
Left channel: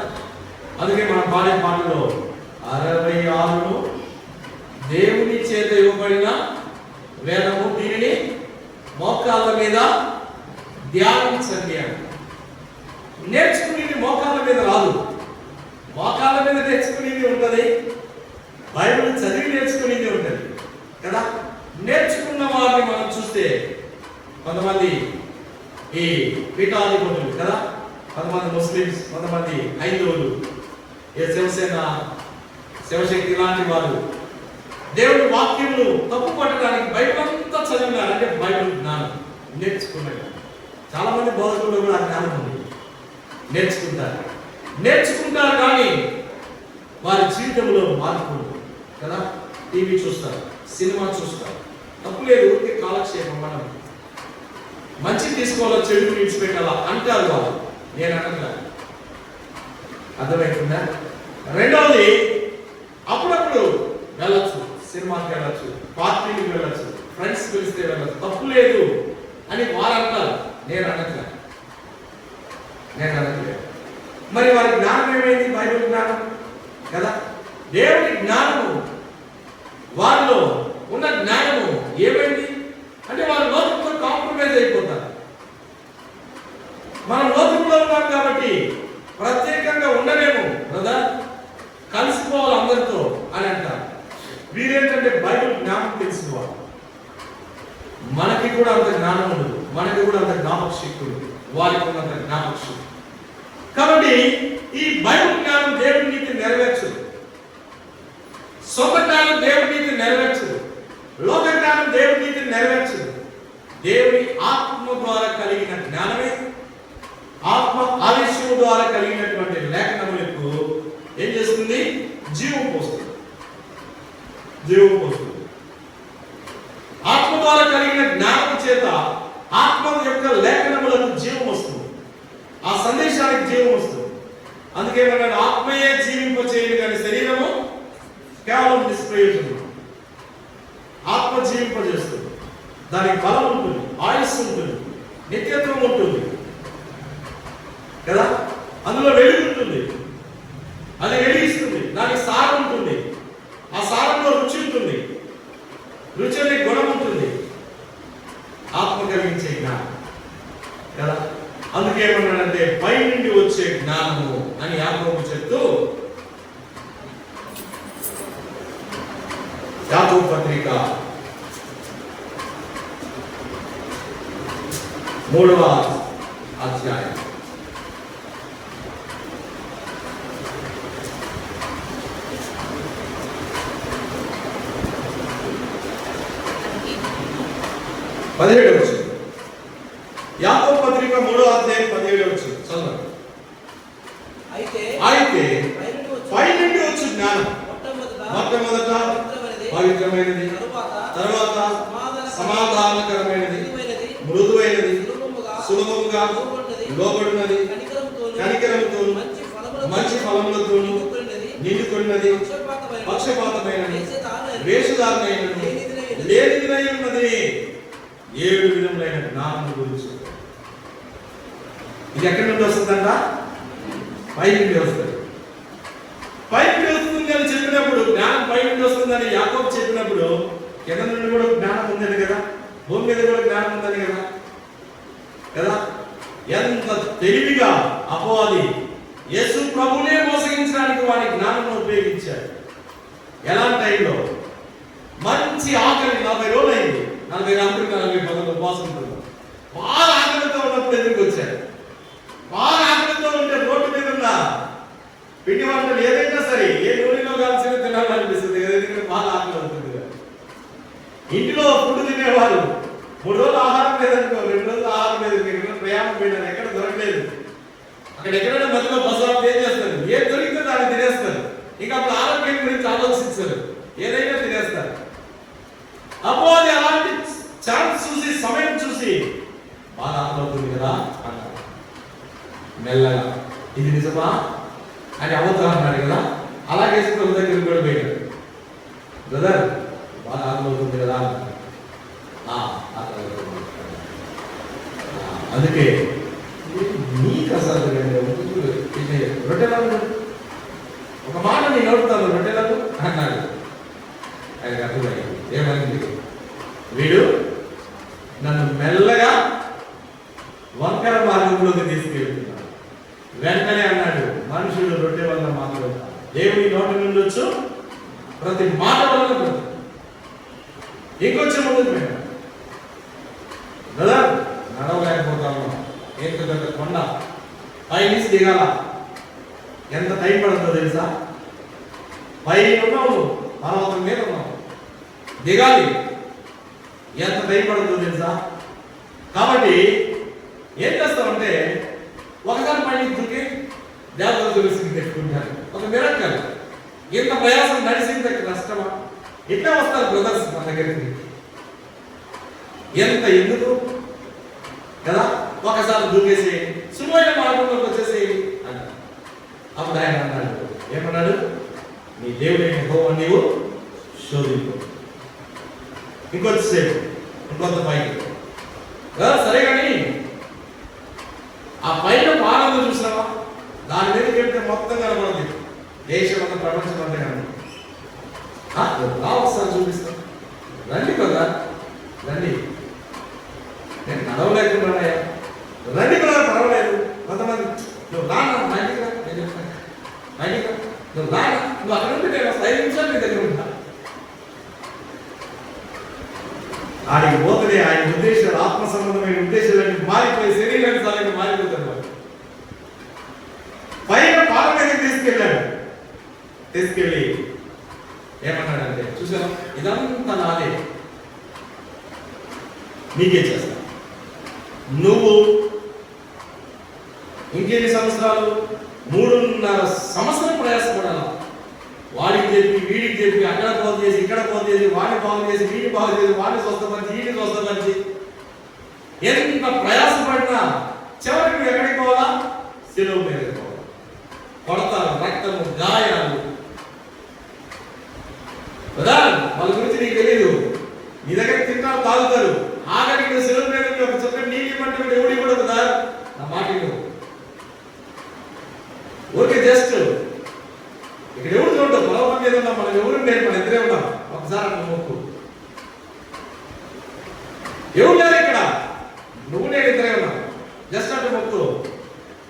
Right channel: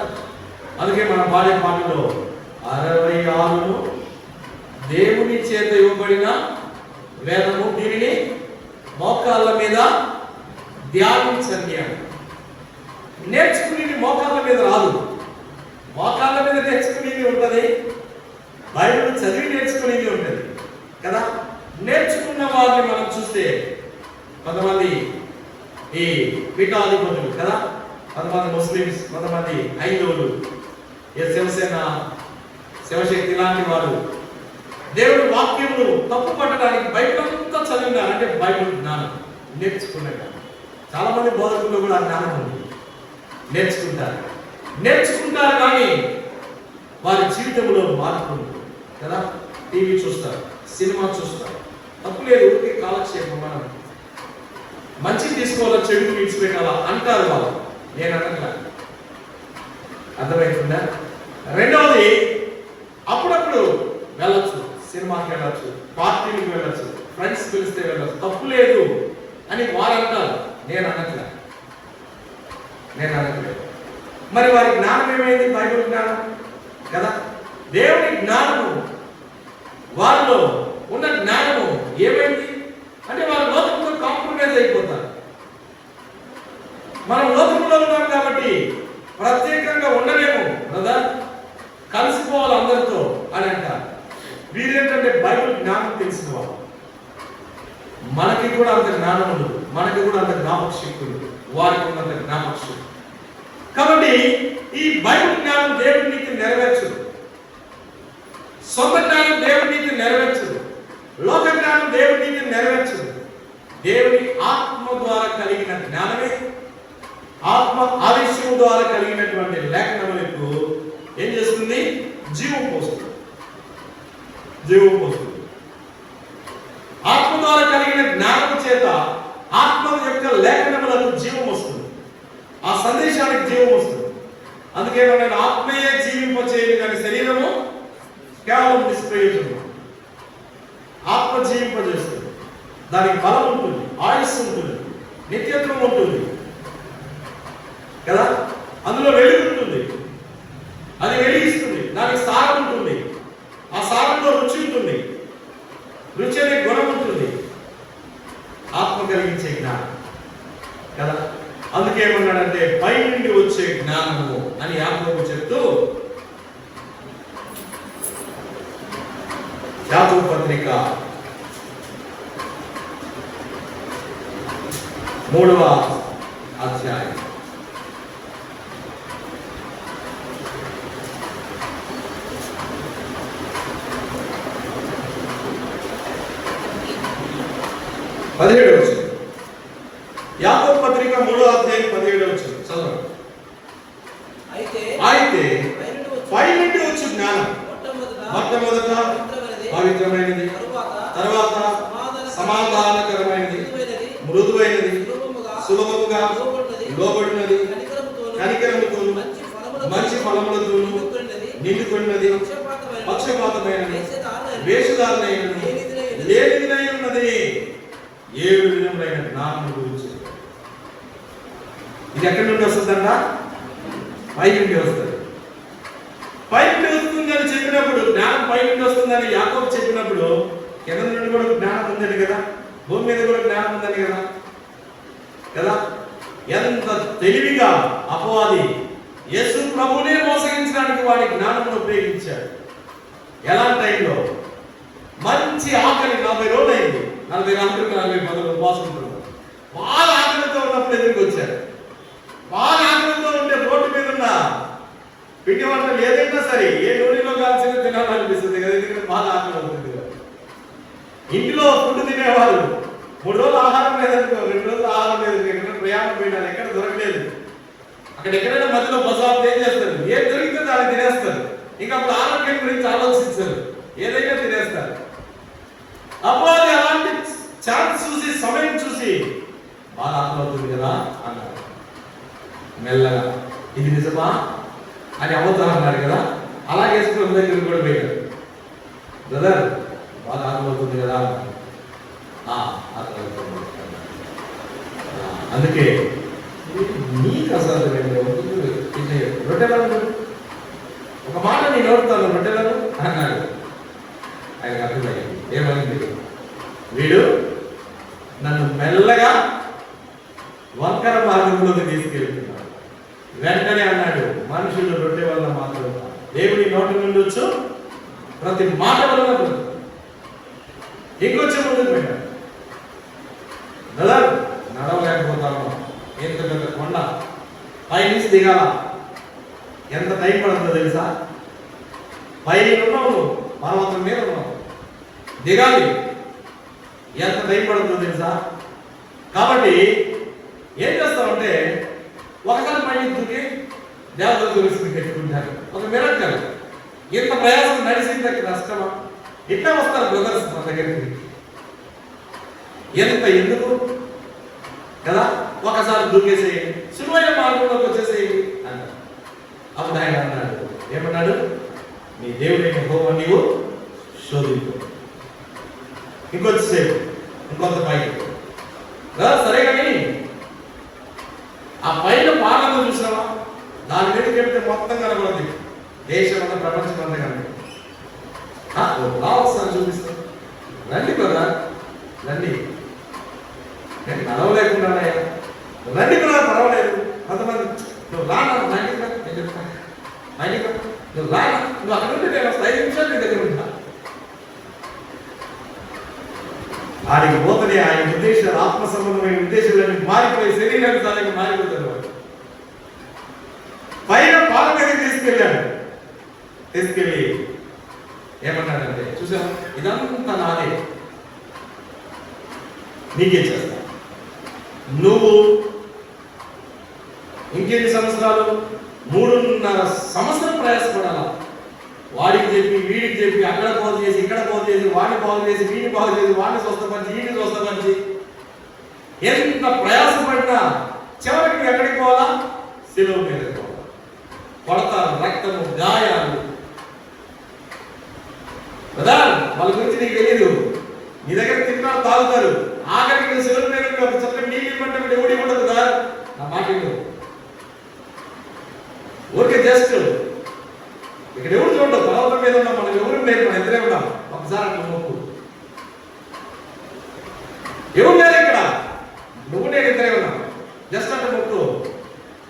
అందుకే మన పాడే పాటలో 66 దేవుని చేత ఇవ్వబడిన వేదము, దీనిని మోకాళ్ళ మీద ధ్యానించండి అని. నేర్చుకునేది మోకాళ్ళ మీద రాదు, మోకాళ్ళ మీద నేర్చుకునేది ఉంటుంది, బైబిల్ చదివి నేర్చుకునేది ఉంటుంది కదా. నేర్చుకున్న వారిని మనం చూస్తే కొంతమంది ఈ పీఠాధిపతులు కదా, కొంతమంది ముస్లిమ్స్, కొంతమంది హైందవులు, శివసేన, శివశక్తి లాంటి వారు దేవుడి వాక్యములు తప్పు పట్టడానికి బైబిల్ అంతా చదివినారు. అంటే బైబిల్ జ్ఞానం నేర్చుకున్నారు. చాలా మంది బోధకుల్లో కూడా ఆ జ్ఞానం ఉంది, నేర్చుకుంటారు కానీ వారి జీవితంలో మార్పు కదా. టీవీ చూస్తారు, సినిమా చూస్తారు, తప్పు లేదు, ఊరికే కాలక్షేపం. మనం మంచి తీసుకోవాలా, చెడు విడిచిపెట్టాలా అంటారు వాళ్ళు, నేను అనగా. అర్థమవుతుందా? రెండవది, అప్పుడప్పుడు వెళ్ళొచ్చు, సినిమాకి వెళ్ళొచ్చు, పార్టీకి వెళ్ళొచ్చు, ఫ్రెండ్స్ పిలిస్తే వెళ్ళొచ్చు, తప్పు లేదు అని వారు అంటారు. నేను అనట్లేదు. మరి వారి జ్ఞానం ఏమైంది? బైబిల్ జ్ఞానం కదా. దేవుని జ్ఞానము, వారిలో ఉన్న జ్ఞానము ఏమైంది అంటే వారు లోకంతో కాంప్రమైజ్ అయిపోతారు. మనం లోకంలో ఉన్నాం కాబట్టి ప్రత్యేకంగా ఉండలేము కదా, కలిసిపోవాలి అందరితో అని అంటారు. వీరేంటంటే బైబిల్ జ్ఞానం తెలుసుకోవాలి. మనకి కూడా అంత జ్ఞానం ఉండదు, మనకి కూడా అంత జ్ఞాపక శక్తి ఉంది, వారికి ఉన్నంత జ్ఞాపక శక్తి. కాబట్టి ఈ బైబిల్ జ్ఞానం దేవుడి నీతి నెరవేర్చదు, సొంత జ్ఞానం దేవుడి నీతి నెరవేర్చదు. లోక జీవం వస్తుంది. ఆత్మ ద్వారా కలిగిన జ్ఞానము చేత ఆత్మ యొక్క లేఖనములకు జీవం వస్తుంది. ఆ సందేశానికి జీవం వస్తుంది. అందుకే నేను ఆత్మయే జీవింపచేయని కానీ శరీరము కేవలం నిష్ప్రయోజనం. ఆత్మ జీవింపజేస్తుంది. దానికి బలం ఉంటుంది, ఆయుస్సు ఉంటుంది, నిత్యత్వం ఉంటుంది కదా. అందులో వెలుగు ఉంటుంది, అది వెలిగిస్తుంది. దానికి సారం ఉంటుంది, ఆ సారంలో రుచి ఉంటుంది, రుచి అనే గుణం ఉంటుంది. ఆత్మ కలిగించే జ్ఞానం కదా. అందుకే ఏమన్నాడంటే పై నుండి వచ్చే జ్ఞానము అని యాకోబు చెప్తూ యాకోబు పత్రిక 3వ అధ్యాయం 17వ వచనం. యాకోబు పత్రిక 3వ అధ్యాయం 17వ వచనం చదవండి. అయితే పై నుండి వచ్చే జ్ఞానం మొట్టమొదట పవిత్రమైనది, తర్వాత సమాధానకరమైనది, మృదువైనది, సులభముగా లోబడినది, కనికరముతో మంచి ఫలములతో నిండుకొన్నది, పక్షపాతమైనది, వేషధారణమైనది, లేనిదై ఉన్నది. 7 విధములైన జ్ఞానం గురించి. ఇది ఎక్కడి నుండి వస్తుందంట? పై నుండి వస్తుంది. పై నుండి వస్తుందని చెప్పినప్పుడు, జ్ఞానం పై నుండి వస్తుందని యాకోబు చెప్పినప్పుడు కింద నుండి కూడా జ్ఞానం ఉందని కదా, భూమి మీద కూడా జ్ఞానం ఉందని కదా కదా. ఎంత తెలివిగా అపవాది యేసు ప్రభువునే మోసగించడానికి వాడి జ్ఞానం ఉపయోగించాడు. ఎలాంటి టైంలో? మంచి ఆకలి 40 రోజులు అయింది, 40 రాత్రులు 40 పగలు ఉపవాసం ఉంటున్నాడు. బాగా ఆకలితో ఉన్నప్పుడు ఎదురుకు వచ్చాడు. బాగా ఆకలితో ఉంటే రోడ్డు మీద ఉన్న పిండి వంటలు ఏదైనా సరే ఏ నూనెలో కాల్సిన తినాలనిపిస్తుంది కదా, ఎందుకంటే బాగా ఆకలి అవుతుంది కదా. ఇంటిలో ఫుడ్ తినేవాళ్ళు 3 రోజులు ఆహారం లేదనుకో, 2 రోజులు ఆహారం లేదు, ఎక్కడ ప్రయాణం పోయినారు, ఎక్కడ దొరకలేదు, అక్కడ ఎక్కడైనా మధ్యలో బస్సు ఏం చేస్తారు, ఏం దొరికితే దాన్ని తినేస్తారు. ఇంకా అప్పుడు ఆరోగ్యం గురించి ఆలోచించారు, ఏదైనా తినేస్తారు. అప్పుడు అలాంటి ఛాన్స్ చూసి, సమయం చూసి బాగా ఆకలి అవుతుంది కదా అన్నారు. మెల్లగా ఇది నిజమా అని అవతారన్నారు కదా, అలాగే ప్రభు దగ్గరికి కూడా పోయాడు. బ్రదర్ బాగా ఆకలి అవుతుంది కదా, అందుకే నీకు అసలు రొట్టెలను ఒక మాట నేను నడుపుతాను, రొట్టెలను అన్నాడు. ఆయన అర్థమైంది ఏమైంది, వీడు నన్ను మెల్లగా వంకర మార్గంలోకి తీసుకెళ్తున్నాడు. వెంటనే అన్నాడు, మనుషులు రొట్టె వల్ల మాత్రం, దేవుడి నోటి నుండి వచ్చు ప్రతి మాట వల్ల. ఇంకొచ్చే ముందుకు పోయాడు. బ్రదర్ నడవలేకపోతాను, ఎంత కొండ పై నుంచి దిగాల, ఎంత టైం పడుతుందో తెలుసా? పై ఉన్నావు, పర్వతం మీద ఉన్నావు, దిగాలి, ఎంత టైం పడుతుందో తెలుసా? కాబట్టి ఏం చేస్తామంటే ఒకసారి పైకి దిగి దేవతల గురించి పెట్టుకుంటారు. ఒక మిరక్కలు ఇంత ప్రయాసం నడిచింది కష్టమా? ఇట్లా వస్తారు బ్రదర్స్ మన దగ్గరికి. ఎంత ఎందుకు కదా, ఒకసారి దూకేసేయండి, సులువైన మార్గంలోకి వచ్చేసేయండి అన్నాడు. అప్పుడు ఆయన అన్నాడు, ఏమన్నాడు? నీ దేవుడైన యెహోవా నీవు శోధించు. ఇంకొంతసేపు, ఇంకొంత పైకి సరే. కానీ ఆ పైన భాగంలో చూసినామా, దాని మీద చెప్తే మొత్తం కనబడదు, దేశం అంతా, ప్రపంచం అంతా కనబడి. ఒకసారి చూపిస్తాను, రండి కదా, రండి. నేను నడవలేకుండా రండి కదా, పర్వాలేదు. కొంతమంది నువ్వు రానా బయటికి, నువ్వు రానా, నువ్వు అక్కడ ఉంటే నేను 5 నిమిషాలు నీ దగ్గర ఉంటా. ఆయనకి పోతనే ఆయన ఉద్దేశాలు, ఆత్మ సంబంధమైన ఉద్దేశాలన్నీ మారిపోయి శరీరానికి సాధంగా మారిపోతున్నారు. పైన పాల మీదకి తీసుకెళ్ళి ఏమన్నాడంటే, చూసాం ఇదంతా నాదే, నీకే చేస్తా. నువ్వు ఇంకెన్ని సంవత్సరాలు, 3.5 సంవత్సరం ప్రయాసపడాలా. వాడికి చెప్పి, వీడికి చెప్పి, అక్కడ పోతే చేసి, ఇక్కడ బాగు చేసి, వాడిని బాగు చేసి, వీడిని బాగు చేసి, వాడిని స్వస్థపరిచి, వీడిని స్వస్థపరిచి ఎంత ప్రయాసపడినా చివరికి ఎక్కడికి పోవాలా? శిలువ మీద పోవాలి. కొడతారు, రక్తము, గాయాలు కదా. వాళ్ళ గురించి నీకు తెలియదు. నీ దగ్గర తింటారు, తాగుతారు, ఆఖరికి నువ్వు శిలువ మీద ఒక చెప్పి నీకు ఇవ్వమంటే ఎవడి కూడా కదా. నా మాట ఊరికే జస్ట్ ఇక్కడ ఎవరు చూడవు, పర్వతం మీద ఉన్నాం, మనం ఎవరు లేదు, మనం ఇద్దరే ఉన్నాం. ఒకసారి అట్లా మొక్కు. ఎవరు లేరు ఇక్కడ, నువ్వు నేను ఇద్దరే ఉన్నాం. జస్ట్ అట్లా మొక్కు,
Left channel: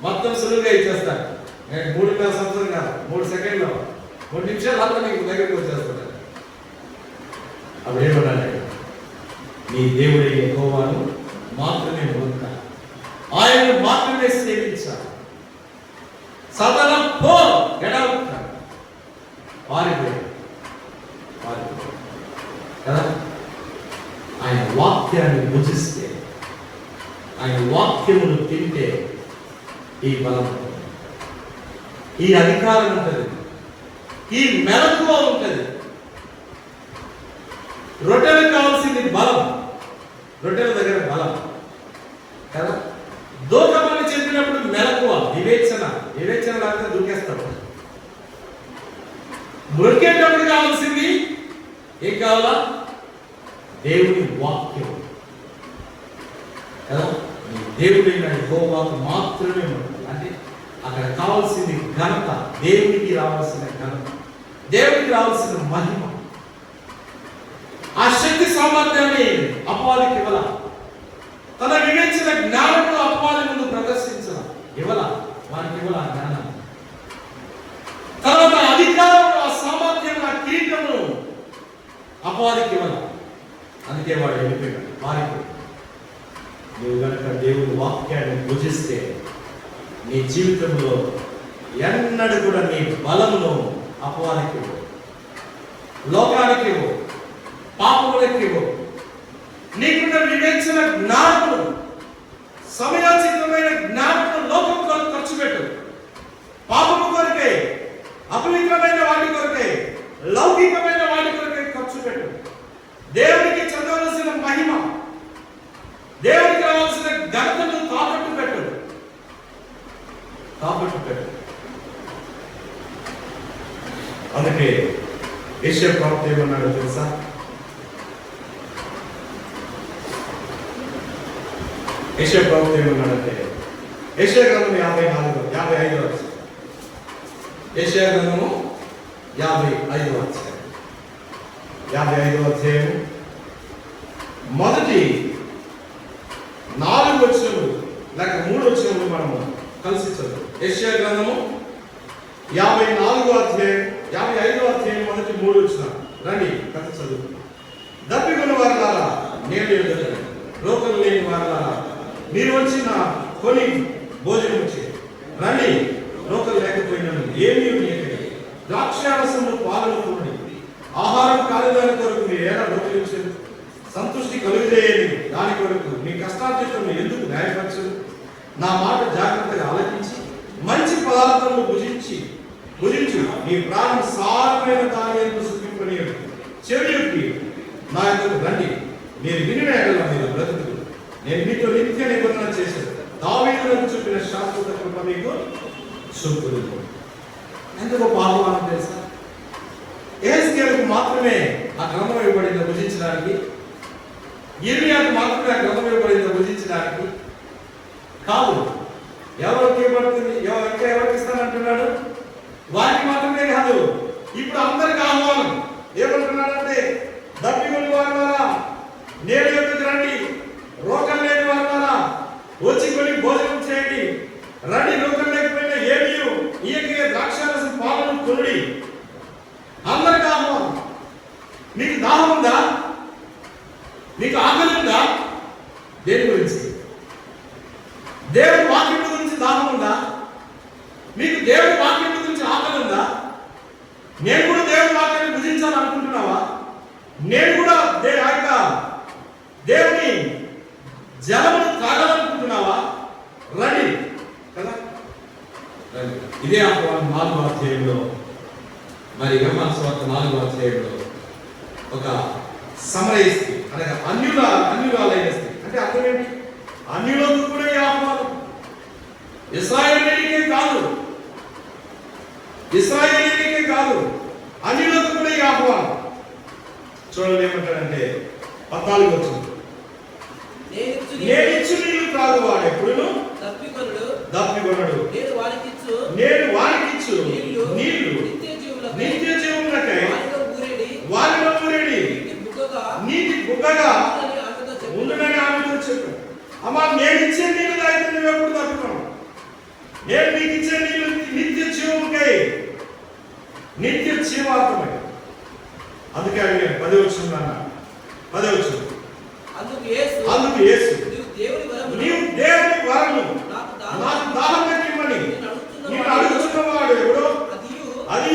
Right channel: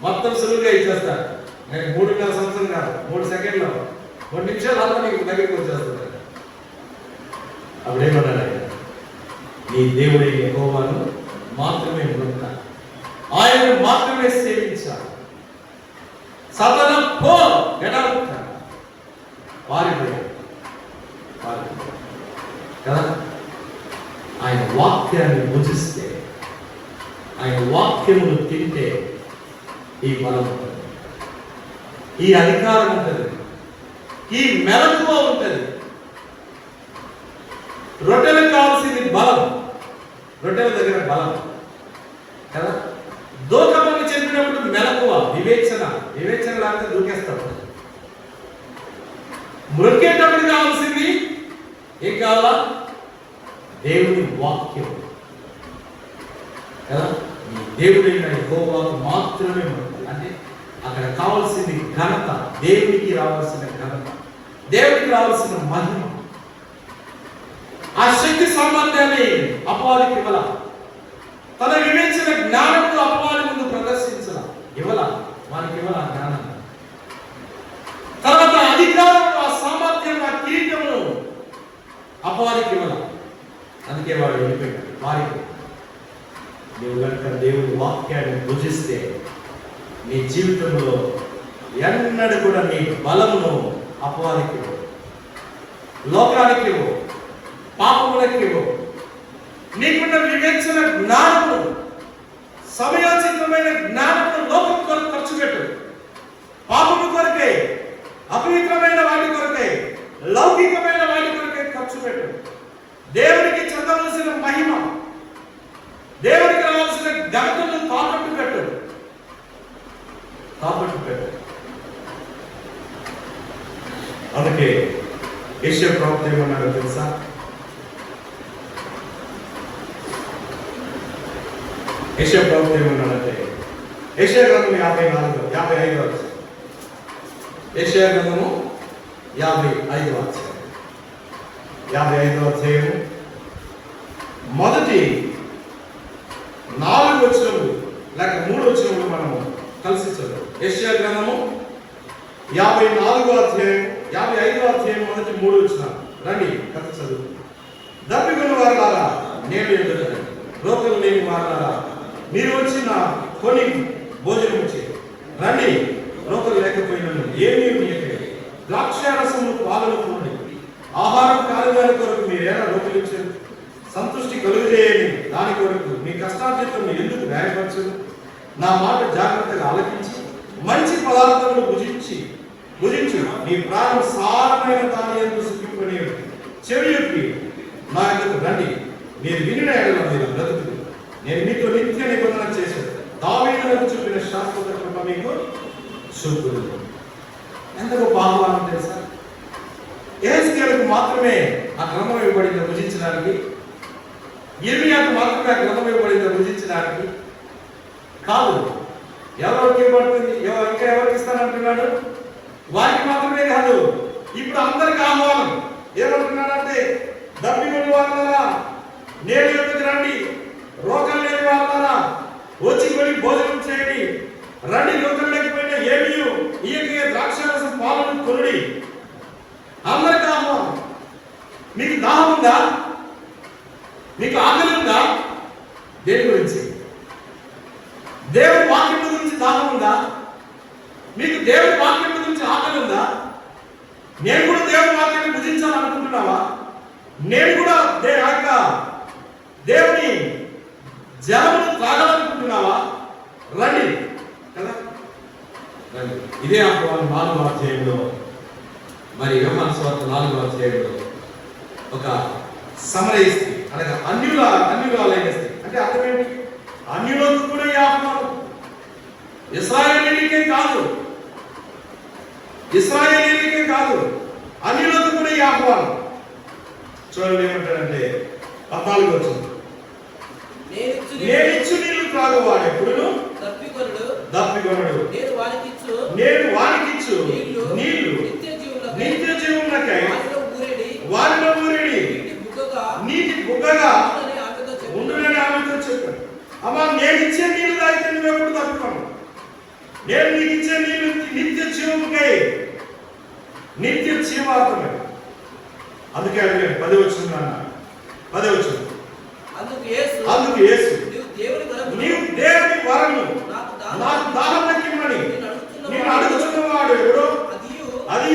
మొత్తం సులువుగా ఇచ్చేస్తాను. నేను 3.5 సంవత్సరం కాదు, 3 సెకండ్లు, 2 నిమిషాలు అంతా నీకు దగ్గరికి వచ్చేస్తాను. అప్పుడేమన్నా నీ దేవుడి యెహోవాను మాత్రమే మొక్క, ఆయన మాత్రమే సేవించాలి. సదనం పో ఎడవుక పారిపోయాడు కదా. ఆయన వాక్యాన్ని భుజిస్తే, ఆయన వాక్యమును తింటే ఈ బలం ఉంటుంది, ఈ అధికారం ఉంటుంది, ఈ మెలకువ ఉంటుంది. రొట్టెలకు కావాల్సింది బలం, రొట్టెల దగ్గర బలం కదా. దూకమని చెప్పినప్పుడు మెలకువ, వివేచన లేకపోతే దూకేస్తాడు. దొరికేటప్పుడు కావాల్సింది ఏం కావాలా? దేవుని వాక్యం కదా. ఈ దేవుడైన యెహోవాకు మాత్రమే ఉంటుంది. అంటే అక్కడ కావాల్సింది ఘనత, దేవునికి రావాల్సిన ఘనత, దేవునికి రావాల్సిన మహిమ. ఆ శక్తి సామర్థ్యాన్ని అపవాదికి ఇవ్వాల. తన వివేచన జ్ఞానంతో అపవాది ముందు ప్రదర్శించాల, ఇవ్వాల, వారికి ఇవ్వాల జ్ఞానం. తర్వాత అధికారం, ఆ సామర్థ్యం, ఆ కిరీటమును అపవాదికి ఇవ్వాల. అందుకే వాడు వెళ్ళిపోయాడు, పారిపోయాడు. నువ్వు కనుక దేవుని వాక్యాన్ని భుజిస్తే నీ జీవితంలో ఎన్నడూ కూడా నీ బలమును అపవాదికి ఇవ్వు, లోకానికి ఇవ్వు, పాపములకు ఇవ్వు. నీకున్న వివేచన జ్ఞానము, సమయోచితమైన జ్ఞానము లోకం కొరకు ఖర్చు పెట్టు. పాపము కొరకే, అపవిత్రమైన వాటి కొరకే, లౌకికమైన వాటి కొరకే ఖర్చు పెట్టు. దేవునికి చెందవలసిన మహిమ, దేవునికి రావాల్సిన ఘనతను తాకట్టు పెట్టు. అందుకే యెషయా ప్రవక్త ఏమన్నాడో తెలుసా? యెషయా ప్రవక్త ఏమన్నాడంటే, యెషయా గ్రంథం 55 యెషయా గ్రంథము 55 అధ్యాయం మొదటి 4 వచనములు లేక 3 వచనములు మనం కలిసి చదువు. యెషయా గ్రంథము 55 అధ్యాయం మొదటి 3 వచనాలు రండి కలిసి చదువు. దప్పిగొన్న వారలారా నేను ఎదుగుతాను, రోకలు లేని వారలారా మీరు వచ్చి నా కొని భోజనం చేయండి. రండి, రోకలు లేకపోయినా ఏమీ మీయకండి, ద్రాక్షారసము పాలను కూడండి. ఆహారం కాలవేళ కొరకు మీరు ఎలా రోకలించారు? సంతృష్టి కలుగుదేయని దాని కొరకు మీ కష్టార్జితం ఎందుకు న్యాయపరచు? నా మాట జాగ్రత్తగా ఆలకించి మంచి పదార్థములు భుజించు. నీ ప్రాణం సారమైన దాని ఎందుకు సుఖింపని చెవియొప్పి నా ఎందుకు రండి. నేను వినిన ఎడల మీరు బ్రతుకు. నేను మీతో నిత్య నిబంధన చేశాను. దావీదునకు చూపిన శాశ్వత కృప మీకు చూపును. ఎంత గొప్ప ఆహ్వానం తెలుసా? యెహెజ్కేలుకు మాత్రమే ఆ క్రమం ఇవ్వబడింది భుజించడానికి, యిర్మీయాకు మాత్రమే ఆ క్రమం ఇవ్వబడింది భుజించడానికి కాదు. ఎవరికి ఇవ్వబడుతుంది? ఇంకా ఎవరికి ఇస్తానంటున్నాడు? వారికి మాత్రమే కాదు, ఇప్పుడు అందరికి ఆహ్వానం. ఏమంటున్నాడంటే, దప్పిగొన్న వారలారా నేడు ఎదుగు రండి, రోకలు లేని వారలారా వచ్చి కొని భోజనం చేయండి. రండి, రోకలు లేకపోయినా ఏమీ ఈయకే ద్రాక్షరసం పాలను కొనుడి. అందరికి ఆహ్వానం. మీకు దాహం ఉందా? మీకు ఆకలి ఉందా? దేని గురించి? దేవుడి వాక్యం గురించి దాహం ఉందా? మీకు దేవుడి వాక్యం గురించి ఆకలి ఉందా? నేను కూడా దేవుడి వాక్యాన్ని భుజించాలనుకుంటున్నావా? నేను కూడా దేవుని జలమును త్రాగాలనుకుంటున్నావా? రండి కదా. ఇదే ఆహ్వానం 4వ అధ్యాయంలో, మరి యోహాను సువార్త 4వ అధ్యాయంలో ఒక సమరయ స్త్రీ అనగా అన్యురాలైన స్త్రీ అంటే అర్థం ఏంటి? అన్యులకు కూడా ఈ ఆహ్వానం, ఇశ్రాయేలీయులకే కాదు అన్యులకు కూడా ఈ ఆహ్వానం. చూడండి ఏమంటాడంటే 14 వచ్చింది, నేనిచ్చు నీళ్లు త్రాగువాడు ఎప్పుడును దప్పికొనడు, నేను వానికిచ్చు నీళ్లు నిత్య జీవమునకై వారిలో ఊరేడి నీటి బుగ్గగా ఉండునని ఆమెతో చెప్పాడు. అమ్మా, నేను ఇచ్చే నీళ్లు తాగితే నువ్వు ఎప్పుడు తప్పుకోను. నేను నీకు ఇచ్చే నీళ్లు నిత్య జీవముకై, నిత్య జీవాత్మకై. అందుకే అడిగాను 10 వచ్చింది. అందుకు యేసు నీవు దేవుని వరము నాకు దాహం తగ్గిమ్మని నేను అడుగుతున్నవాడు ఎవడో అది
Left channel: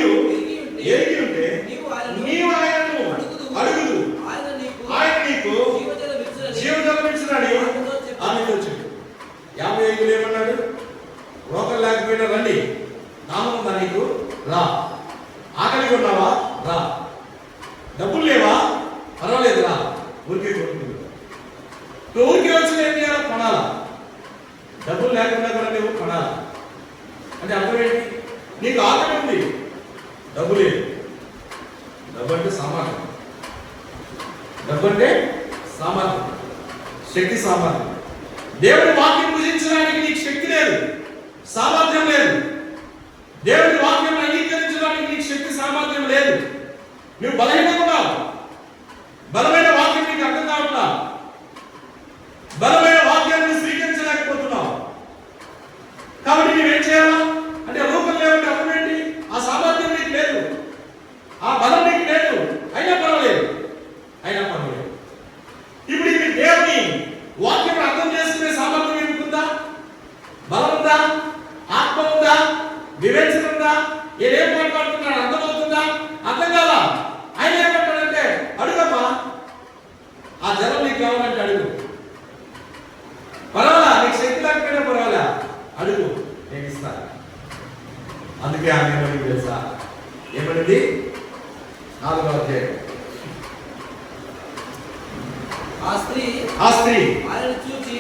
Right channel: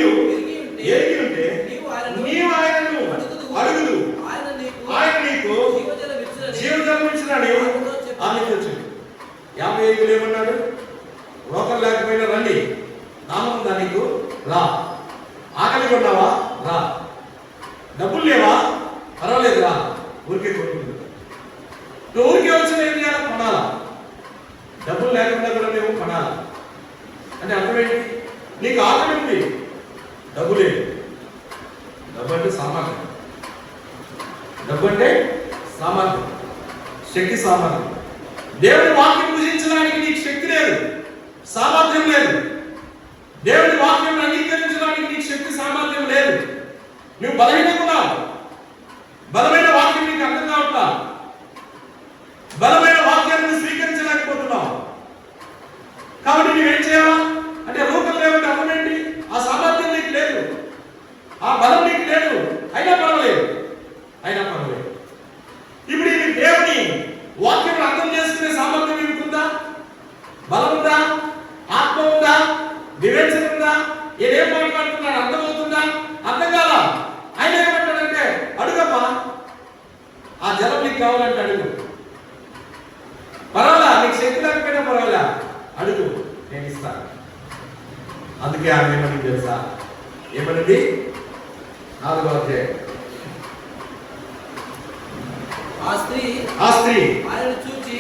ఎరిగి ఉంటే నీవు ఆయనను అడుగుదు, ఆయన నీకు జీవజలం ఇచ్చినాడు. ఆమెతో చెప్పు 55 ఏమన్నాడు? రోగం లేకపోయినా రండి, దాహం ఉందా నీకు రా, ఆకలి ఉన్నావా రా, డబ్బులు లేవా పర్వాలేదు రా, ఊరికే కొనుక్కుంటా. ఊరికే వచ్చిన ఏం చేయాలి? కొనాలా. డబ్బులు లేకుండా కూడా నువ్వు కొనాలా అంటే అర్థం ఏంటి? నీకు ఆకలి ఉంది, డబ్బు లేదు. డబ్బు అంటే సామాన్యం, శక్తి సామాన్యం. దేవుడి వాక్యం పూజించడానికి నీకు శక్తి లేదు, సామర్థ్యం లేదు. దేవుడి వాక్యం అంగీకరించడానికి నీకు శక్తి సామర్థ్యం లేదు. నువ్వు బలహీనకున్నావు, బలమైన వాక్యం నీకు అర్థం కావట్లా, బలమైన వాక్యాన్ని స్వీకరించలేకపోతున్నావు. కాబట్టి నువ్వేం చేయాలా అంటే రూపం లేవంటే అర్థం ఏంటి? ఆ సామర్థ్యం నీకు లేదు, ఆ బలం నీకు లేదు. అయినా పర్వాలేదు. ఇప్పుడు ఇది దేవుని వాక్యం అర్థం చేసుకునే సామర్థ్యం నీకు ఉందా? బలం ఉందా? ఆత్మ ఉందా? వివేచన ఉందా? ఏం మాట్లాడుతున్నాడు అర్థమవుతుందా? అర్థం కాదా? ఆయన ఏమంటాడంటే అడుగమ్మా, ఆ జలం నీకు కావాలంటే అడుగు, పర్వాలా, నీకు శక్తి లేకపోయినా పర్వాలా అడుగు, నేను ఇస్తాను. అందుకే ఆమె ఏమని తెలుసా? ఏమన్నది? 4వ అధ్యాయం. ఆ స్త్రీ ఆయనను చూచి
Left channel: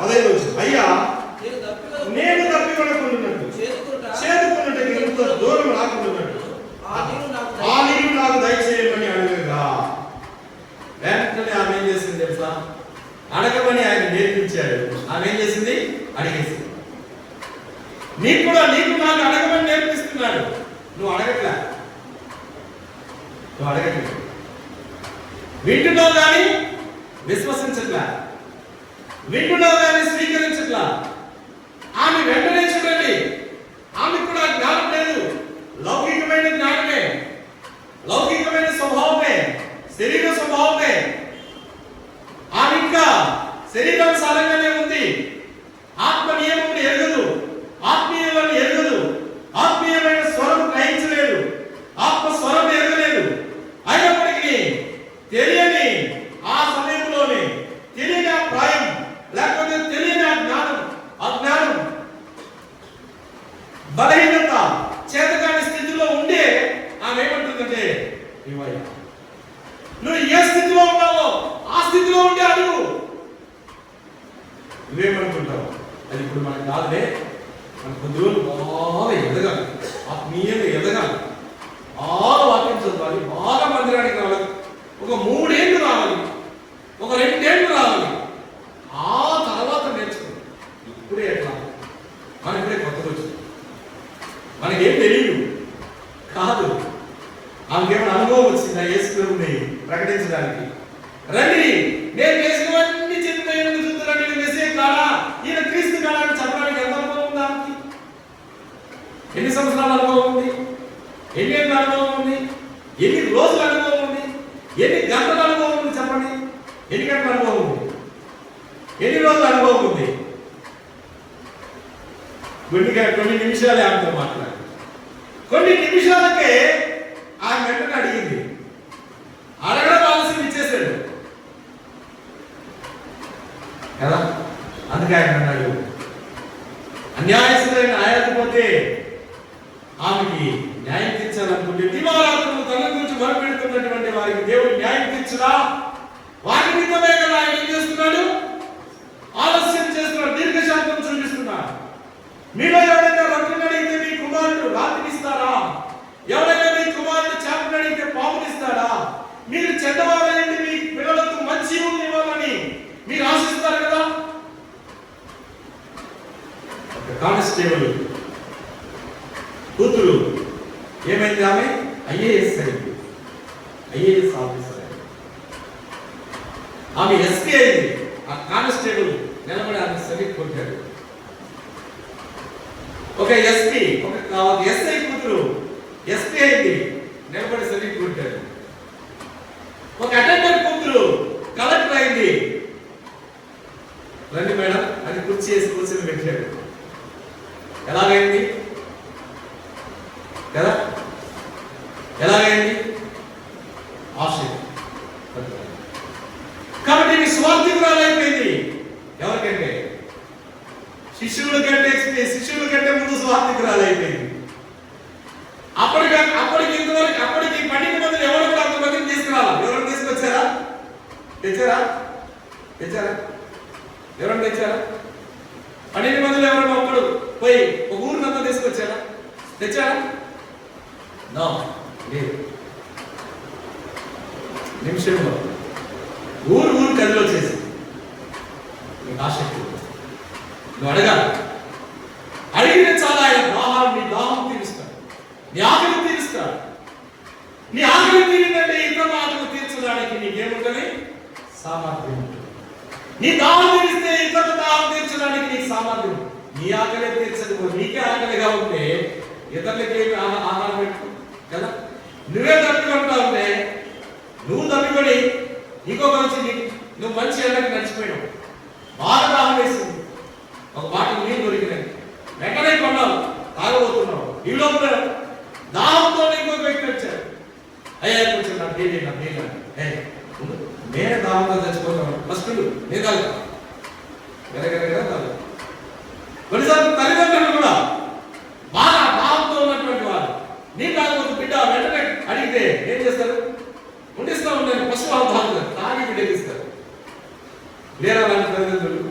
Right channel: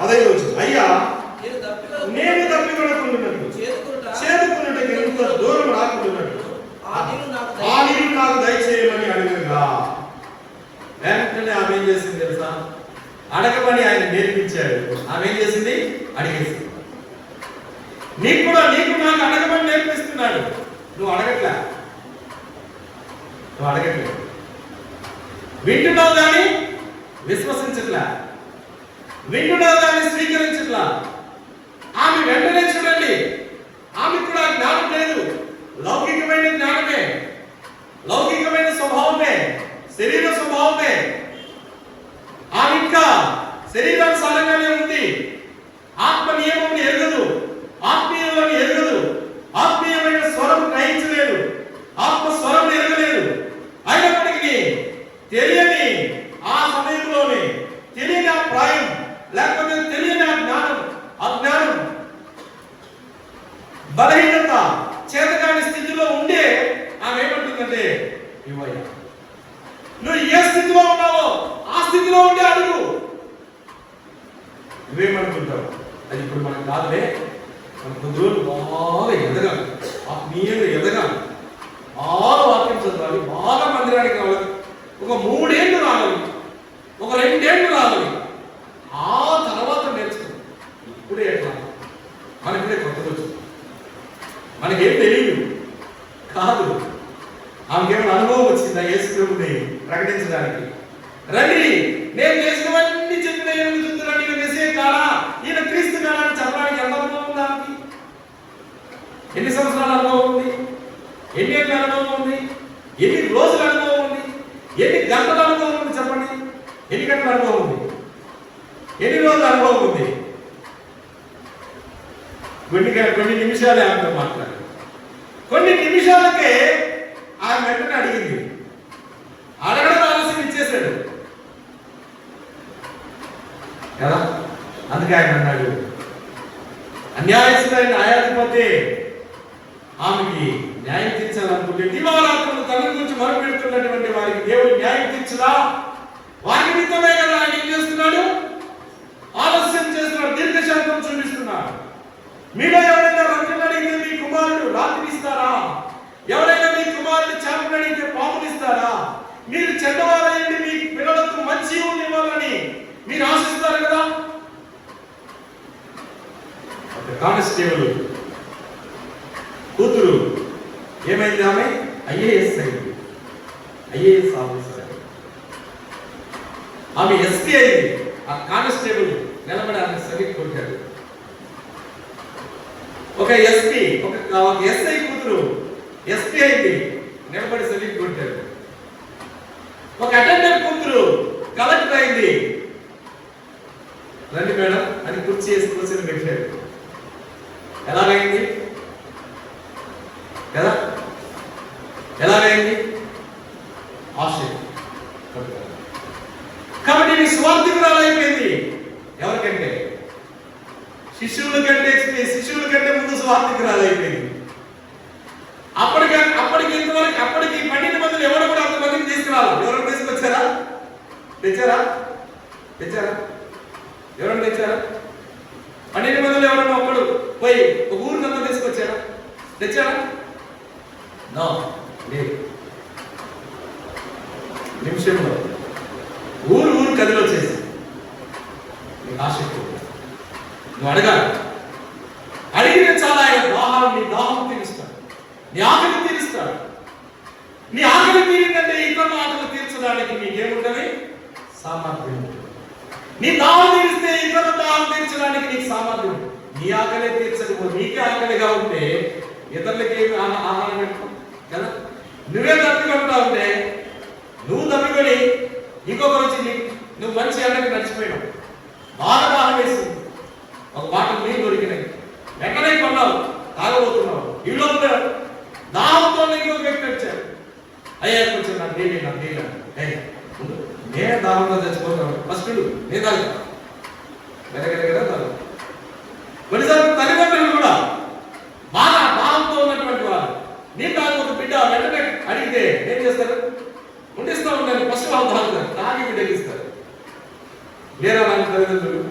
15 వచ్చింది, అయ్యా నేను తప్పికొనకుండునట్టు చేదుకున్నట్టు ఎంత దూరం రాకుండునట్టు ఆ నీరు నాకు దయచేయమని అడుగుగా. వెంటనే ఆమె ఏం చేసింది తెలుసా? అడగమని ఆయన నేర్పించాడు. ఆమె ఏం చేసింది? అడిగేసింది. నీకు నాకు అడగమని నేర్పిస్తున్నాడు, నువ్వు అడగట్లా. వింటున్నావు కానీ విశ్వసించట్లా, వింటున్నావు కానీ స్వీకరించట్లా. ఆమె వెంటనే చూడండి, ఆమె కూడా జ్ఞానం లేదు, లౌకికమైన జ్ఞానమే, లౌకికమైన స్వభావమే, శరీర స్వభావమే. ఆమె ఇంకా శరీరానుసారంగానే ఉంది, ఆత్మ నియమం ఎరగదు, ఆత్మీయులను ఎరగదు, ఆత్మీయమైన స్వరం గ్రహించలేదు, ఆత్మ స్వరం ఎరగలేదు. అయినప్పటికీ తెలియని ఆ సమయంలోనే తెలియని ఆ ప్రాయం లేకపోతే తెలియని ఆ జ్ఞానం, అజ్ఞానం, బలహీనత, చేతకాని స్థితిలో ఉండే ఆమె ఏమంటుందంటే ఇవ్వయ్యా, నువ్వు ఏ స్థితిలో ఉన్నావో ఆ స్థితిలో ఉండే అడుగు. నువ్వేమనుకుంటావు? అది ఇప్పుడు మనకు కాదులే, మన కొద్దిగా బాగా ఎదగాలి, ఆత్మీయంగా ఎదగాలి, బాగా వాక్యం చదవాలి, బాగా మందిరానికి రావాలి, ఒక 3 ఏళ్ళు రావాలి, ఒక 2 ఏళ్ళు రావాలి, ఆ తర్వాత నేర్చుకో. ఇప్పుడే ఎట్లా? మనకిప్పుడే కొత్త రోజు, మనకేం తెలియదు కాదు. ఆమెకేమైనా అనుభవం వచ్చిందా యేసు ప్రభుని ప్రకటించడానికి? రండి, నేను చేసినవన్నీ చెప్పిన చూస్తున్నాను, ఈయన మెస్సీయే కాదా, ఈయన క్రీస్తు కాదా అని చెప్పడానికి ఎంత అనుభవం ఉందా? ఎన్ని సంవత్సరాల అనుభవం ఉంది? ఎన్ని ఏళ్ళ అనుభవం ఉంది? ఎన్ని రోజుల అనుభవం ఉంది? ఎన్ని గంటల అనుభవం ఉంది? చెప్పండి. ఎన్ని గంటల అనుభవం ఉంది? ఎన్ని రోజుల అనుభవం ఉంది? కొన్ని నిమిషాలే ఆమెతో మాట్లాడు. కొన్ని నిమిషాలకే ఆమె వెంటనే అడిగింది, అడగడం ఆలస్యం ఇచ్చేసాడు కదా. అందుకే ఆయన అన్నాడు, అన్యాయస్తులైన న్యాయాధిపతి ఆమె ఆమెకి న్యాయం తీర్చాలనుకుంటే దివారాత్రులు తన గురించి మొరపెడుతున్నటువంటి వారికి దేవుడు న్యాయం తీర్చురా. వారి నిమిత్తమే కదా ఆయన ఏం చేస్తున్నాడు? ఆలస్యం చేస్తున్నాడు, దీర్ఘశాంతం చూపిస్తున్నాడు. మీలో ఎవరైనా రొట్టెలు అడిగితే మీ కుమారుడు రాత్రి ఇస్తారా? ఎవరైనా మీ కుమారుడు చేపలు అడిగితే పాములు ఇస్తారా? మీరు చెడ్డవాళ్ళని మీ పిల్లలకు మంచి ఇవ్వాలని మీరు ఆశిస్తారు కదా. కానిస్టేబుల్ కూతురు ఏమైంది? ఆమె ఐఏఎస్ అయింది, ఐఏఎస్ ఆఫీసర్ అయింది. ఆమె ఎస్పీ అయింది. ఆ కానిస్టేబుల్ నిలబడి ఆమె సరిగ్గా కొట్టాడు. ఒక ఎస్పీ ఒక ఎస్ఐ కూతురు ఎస్పీ అయింది, నిలబడి సరిగ్గా కొట్టాడు. ఒక అటెండర్ కూతురు కలెక్టర్ అయింది, రండి మేడం అని కుర్చీ వేసి కూర్చొని పెట్టాడు. ఎలాగైంది కదా? ఎలాగైంది? ఆశ్చర్యం. కాబట్టి నీ స్వార్థికురాలు అయిపోయింది. ఎవరికంటే? శిష్యుల కంటే ముందు స్వార్థికురాలు అయిపోయింది. అప్పటికి ఇంతవరకు అప్పటికి 12 మందిని ఎవరు కూడా అంతమందిని తీసుకురాలి. ఎవరు తీసుకొచ్చారా? తెచ్చారా? ఎవరైనా తెచ్చారా? 12 మందిలో ఎవరైనా అప్పుడు పోయి ఒక ఊరినంతా తీసుకొచ్చారా? తెచ్చారా? నో, లేదు. నిమిషంలో ఊరు కదిలో చేసి ఆసక్తి నువ్వు అడగాలి. అడిగిన చాలా ఆయన నీ దాహం తీరుస్తాడు, నీ ఆకలి తీరుస్తాడు. నీ ఆకలి తీరిందంటే ఇతరుల ఆకలి తీర్చడానికి నీకేముంటుంది? సామర్థ్యం. నీ దాహం తీరిస్తే ఇతరుల దాహం తీర్చడానికి నీకు సామర్థ్యం. నీ ఆకలి తీర్చకపోతే నీకే ఆకలిగా ఉంటే ఇతరులకి ఆహారం పెట్టు కదా. నువ్వే తప్పికొంటా ఉంటే నువ్వు తప్పికొని ఇంకొక వచ్చి నువ్వు మంచి ఎండకు నడిచిపోయావు, బాగా దాహం వేసింది, ఒక బాటలు నీళ్ళు దొరికినాయి, వెంటనే కొన్నావు, తాగబోతున్నావు. ఈ లోపల దాహంతో ఇంకొక వ్యక్తి వచ్చాడు. అయ్యా కొంచెం నాకు నీళ్ళు నేను దాహంతో తెచ్చిపోతాను, ఫస్ట్ నేను తాగుతా వెరగరగా తాగు. కొన్నిసార్లు తల్లిదండ్రులు కూడా బాగా దాహంతో ఉన్నటువంటి వారు నీ తాగు బిడ్డ వెంటనే అడిగితే ఏం చేస్తారు? ఉండిస్తా ఉంటారు, ఫస్ట్ వాళ్ళు తాగుతారు, తాగి బిడ్డగిస్తారు. లేరా లాంటి తల్లిదండ్రులు?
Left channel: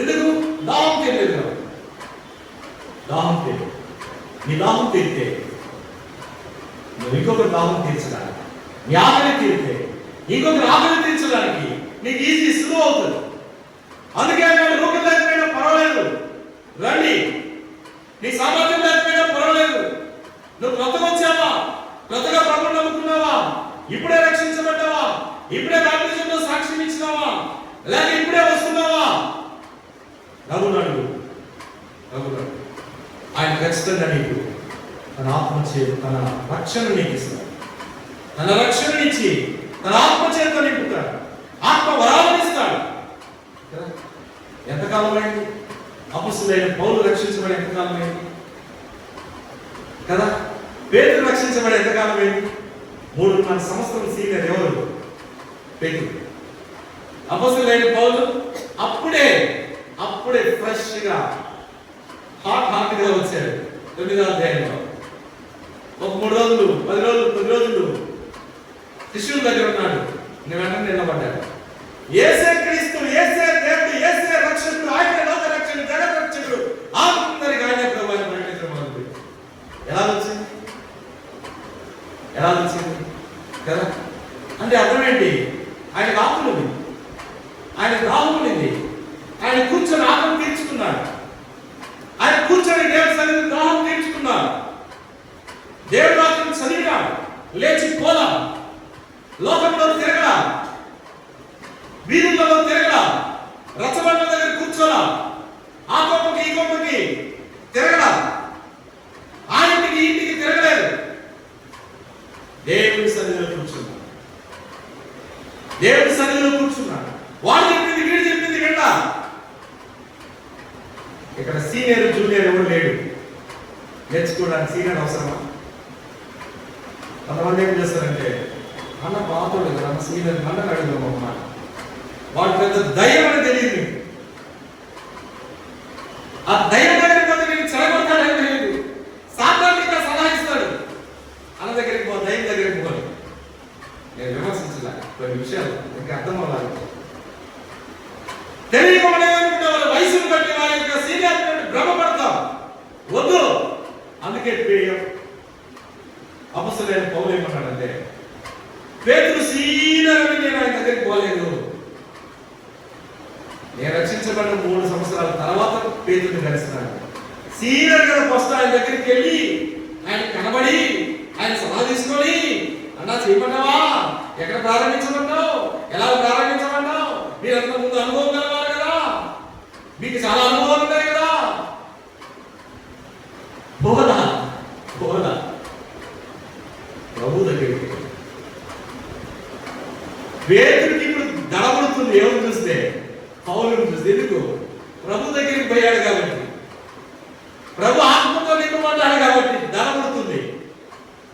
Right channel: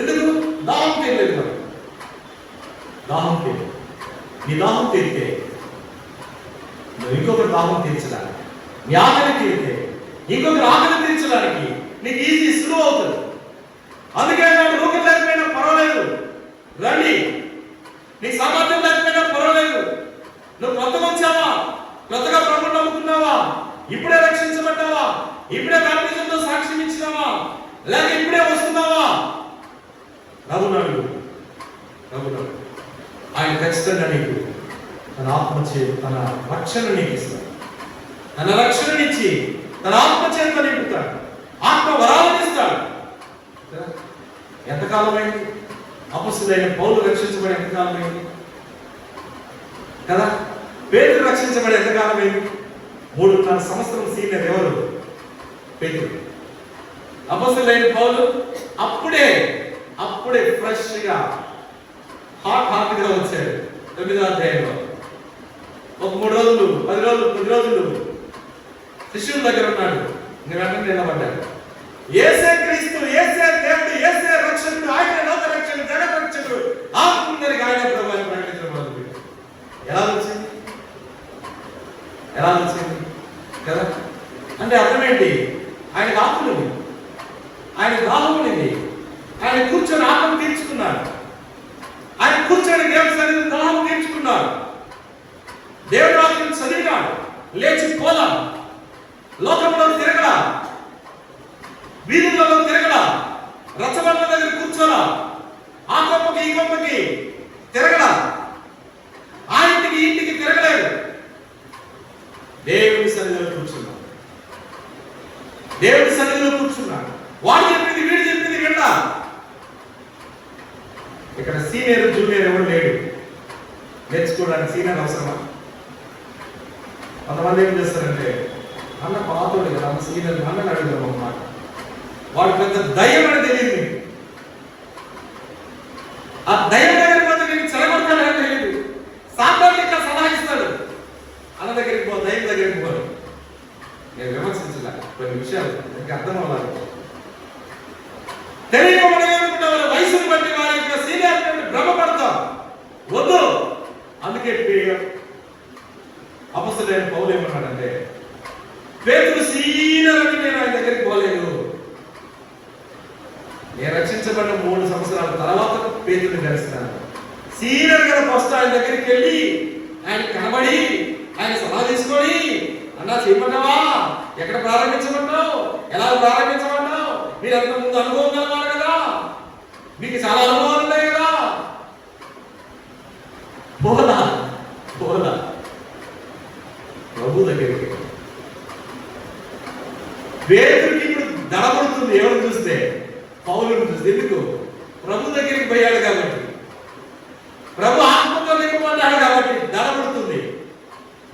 ఎందుకు? దాహం తీరలేదు కదా. దాహం తీరు. నీ దాహం తీరితే నువ్వు ఇంకొకటి దాహం తీర్చడానికి, నీ ఆకలి తీరితే ఇంకొకటి ఆకలి తీర్చడానికి నీకు ఈజీ సులువు అవుతుంది. అందుకే వాడు రూపం లేకపోయినా పర్వాలేదు, రండి. నీ సామర్థ్యం లేకపోయినా పర్వాలేదు. నువ్వు కొత్తగా వచ్చావా, కొత్తగా ప్రభువు నమ్ముకున్నావా, ఇప్పుడే రక్షించబడ్డావా, ఇప్పుడే బాప్తిజంతో సాక్ష్యం ఇచ్చినావా, లేక ఇప్పుడే వస్తున్నావా, నవ్వునాడు. ఆయన ఖచ్చితంగా నీకు తన ఆత్మచే తన రక్షణ నీకు ఇస్తాడు. తన రక్షణ ఇచ్చి తన ఆత్మచేత నింపుతాడు, ఆత్మ వరాలను ఇస్తాడు. ఎంతకాలమైంది అపొస్తలుడైన పౌలు రక్షించబడి? ఎంతకాలమైంది కదా. పేతురు రక్షించబడి ఎంతకాలమైంది? 3.5 సంవత్సరం సీనియర్ ఎవరు? పేతురు. అపొస్తలుడైన పౌలు అప్పుడే ఫ్రెష్ గా హాట్ గా వచ్చాడు. 9వ అధ్యాయంలో ఒక 3 రోజులు 10 రోజులు శిష్యుల దగ్గర ఉన్నాడు. నేను వెంటనే నిలబడ్డాడు. యేసే క్రీస్తు, యేసే దేవుడు, యేసే రక్షకుడు, ఆయన లోక రక్షకుడు, జగత్ రక్షకుడు, అందరికి ఆయన ప్రభువుని ప్రకటించడం మొదలుపెట్టాడు. ఎలా వచ్చింది కదా. అంటే అర్థం ఏంటి? ఆయన ఆకులు, ఆయన దాహమునిది, ఆయన కూర్చొని ఆకలి తీర్చుకున్నాడు. ఆయన కూర్చొని దేవుడి సన్నిధిలో దాహం తీర్చుకున్నాడు. దేవుడు ఆత్మను చదివినాడు, లేచి పోలా, లోకంలో తిరగడా, వీధులలో తిరగడా, రచ్చబండ దగ్గర కూర్చోలా, ఆ గొప్పకి ఈ గొప్పకి తిరగడా, ఆ ఇంటికి తిరగలేదు. దేవుడి సన్నిధిలో కూర్చున్నాడు. వాడు చెప్పింది వీడు చెప్పింది వింటా. ఇక్కడ సీనియర్ జూనియర్ ఎవరు లేడు. నేర్చుకోవడానికి సీనియర్ అవసరమా? కొంతమంది ఏం చేస్తారంటే, అన్న పాతోడు కదా, అన్న సీనియర్ నన్ను అడిగారు అన్నమాట. వాడు పెద్ద దయ్యం అని తెలియదు. ఆ దయ్యం దగ్గర నీకు చెరగొడతాడని తెలియదు. సాధారణ విషయాలు మీకు అర్థం అవ్వాలి. తెలియకుండా వారి వయసును బట్టి వారి యొక్క సీనియారిటీ భ్రమపడతాం వద్దు. అందుకే అపొస్తలుడైన పౌలు ఏమన్నాడంటే, పేతురు సీనియర్ అని నేను ఆయన దగ్గరికి పోలేదు. నేను రక్షించబడిన 3 సంవత్సరాల తర్వాత పేతురుని కలిసినాను. సీనియర్ గారు ఫస్ట్ ఆయన దగ్గరికి వెళ్ళి ఆయన కనబడి ఆయన సలహా తీసుకొని, అన్నా చేయమన్నావా, ఎక్కడ ప్రారంభించమన్నావు, ఎలా ప్రారంభించమన్నావు, మీరు అంత ముందు అనుభవం కలవాలి కదా, మీకు చాలా అనుభవాలు ఉన్నాయి కదా. పోదా ప్రభు దగ్గరికి పేతురుకి ఇప్పుడు దడబడుతుంది. ఎవరు చూస్తే? పౌలుని చూస్తే. ఎందుకు? ప్రభు దగ్గరికి పోయాడు కాబట్టి, ప్రభు ఆత్మతో నింపబడ్డాడు కాబట్టి దడబడుతుంది.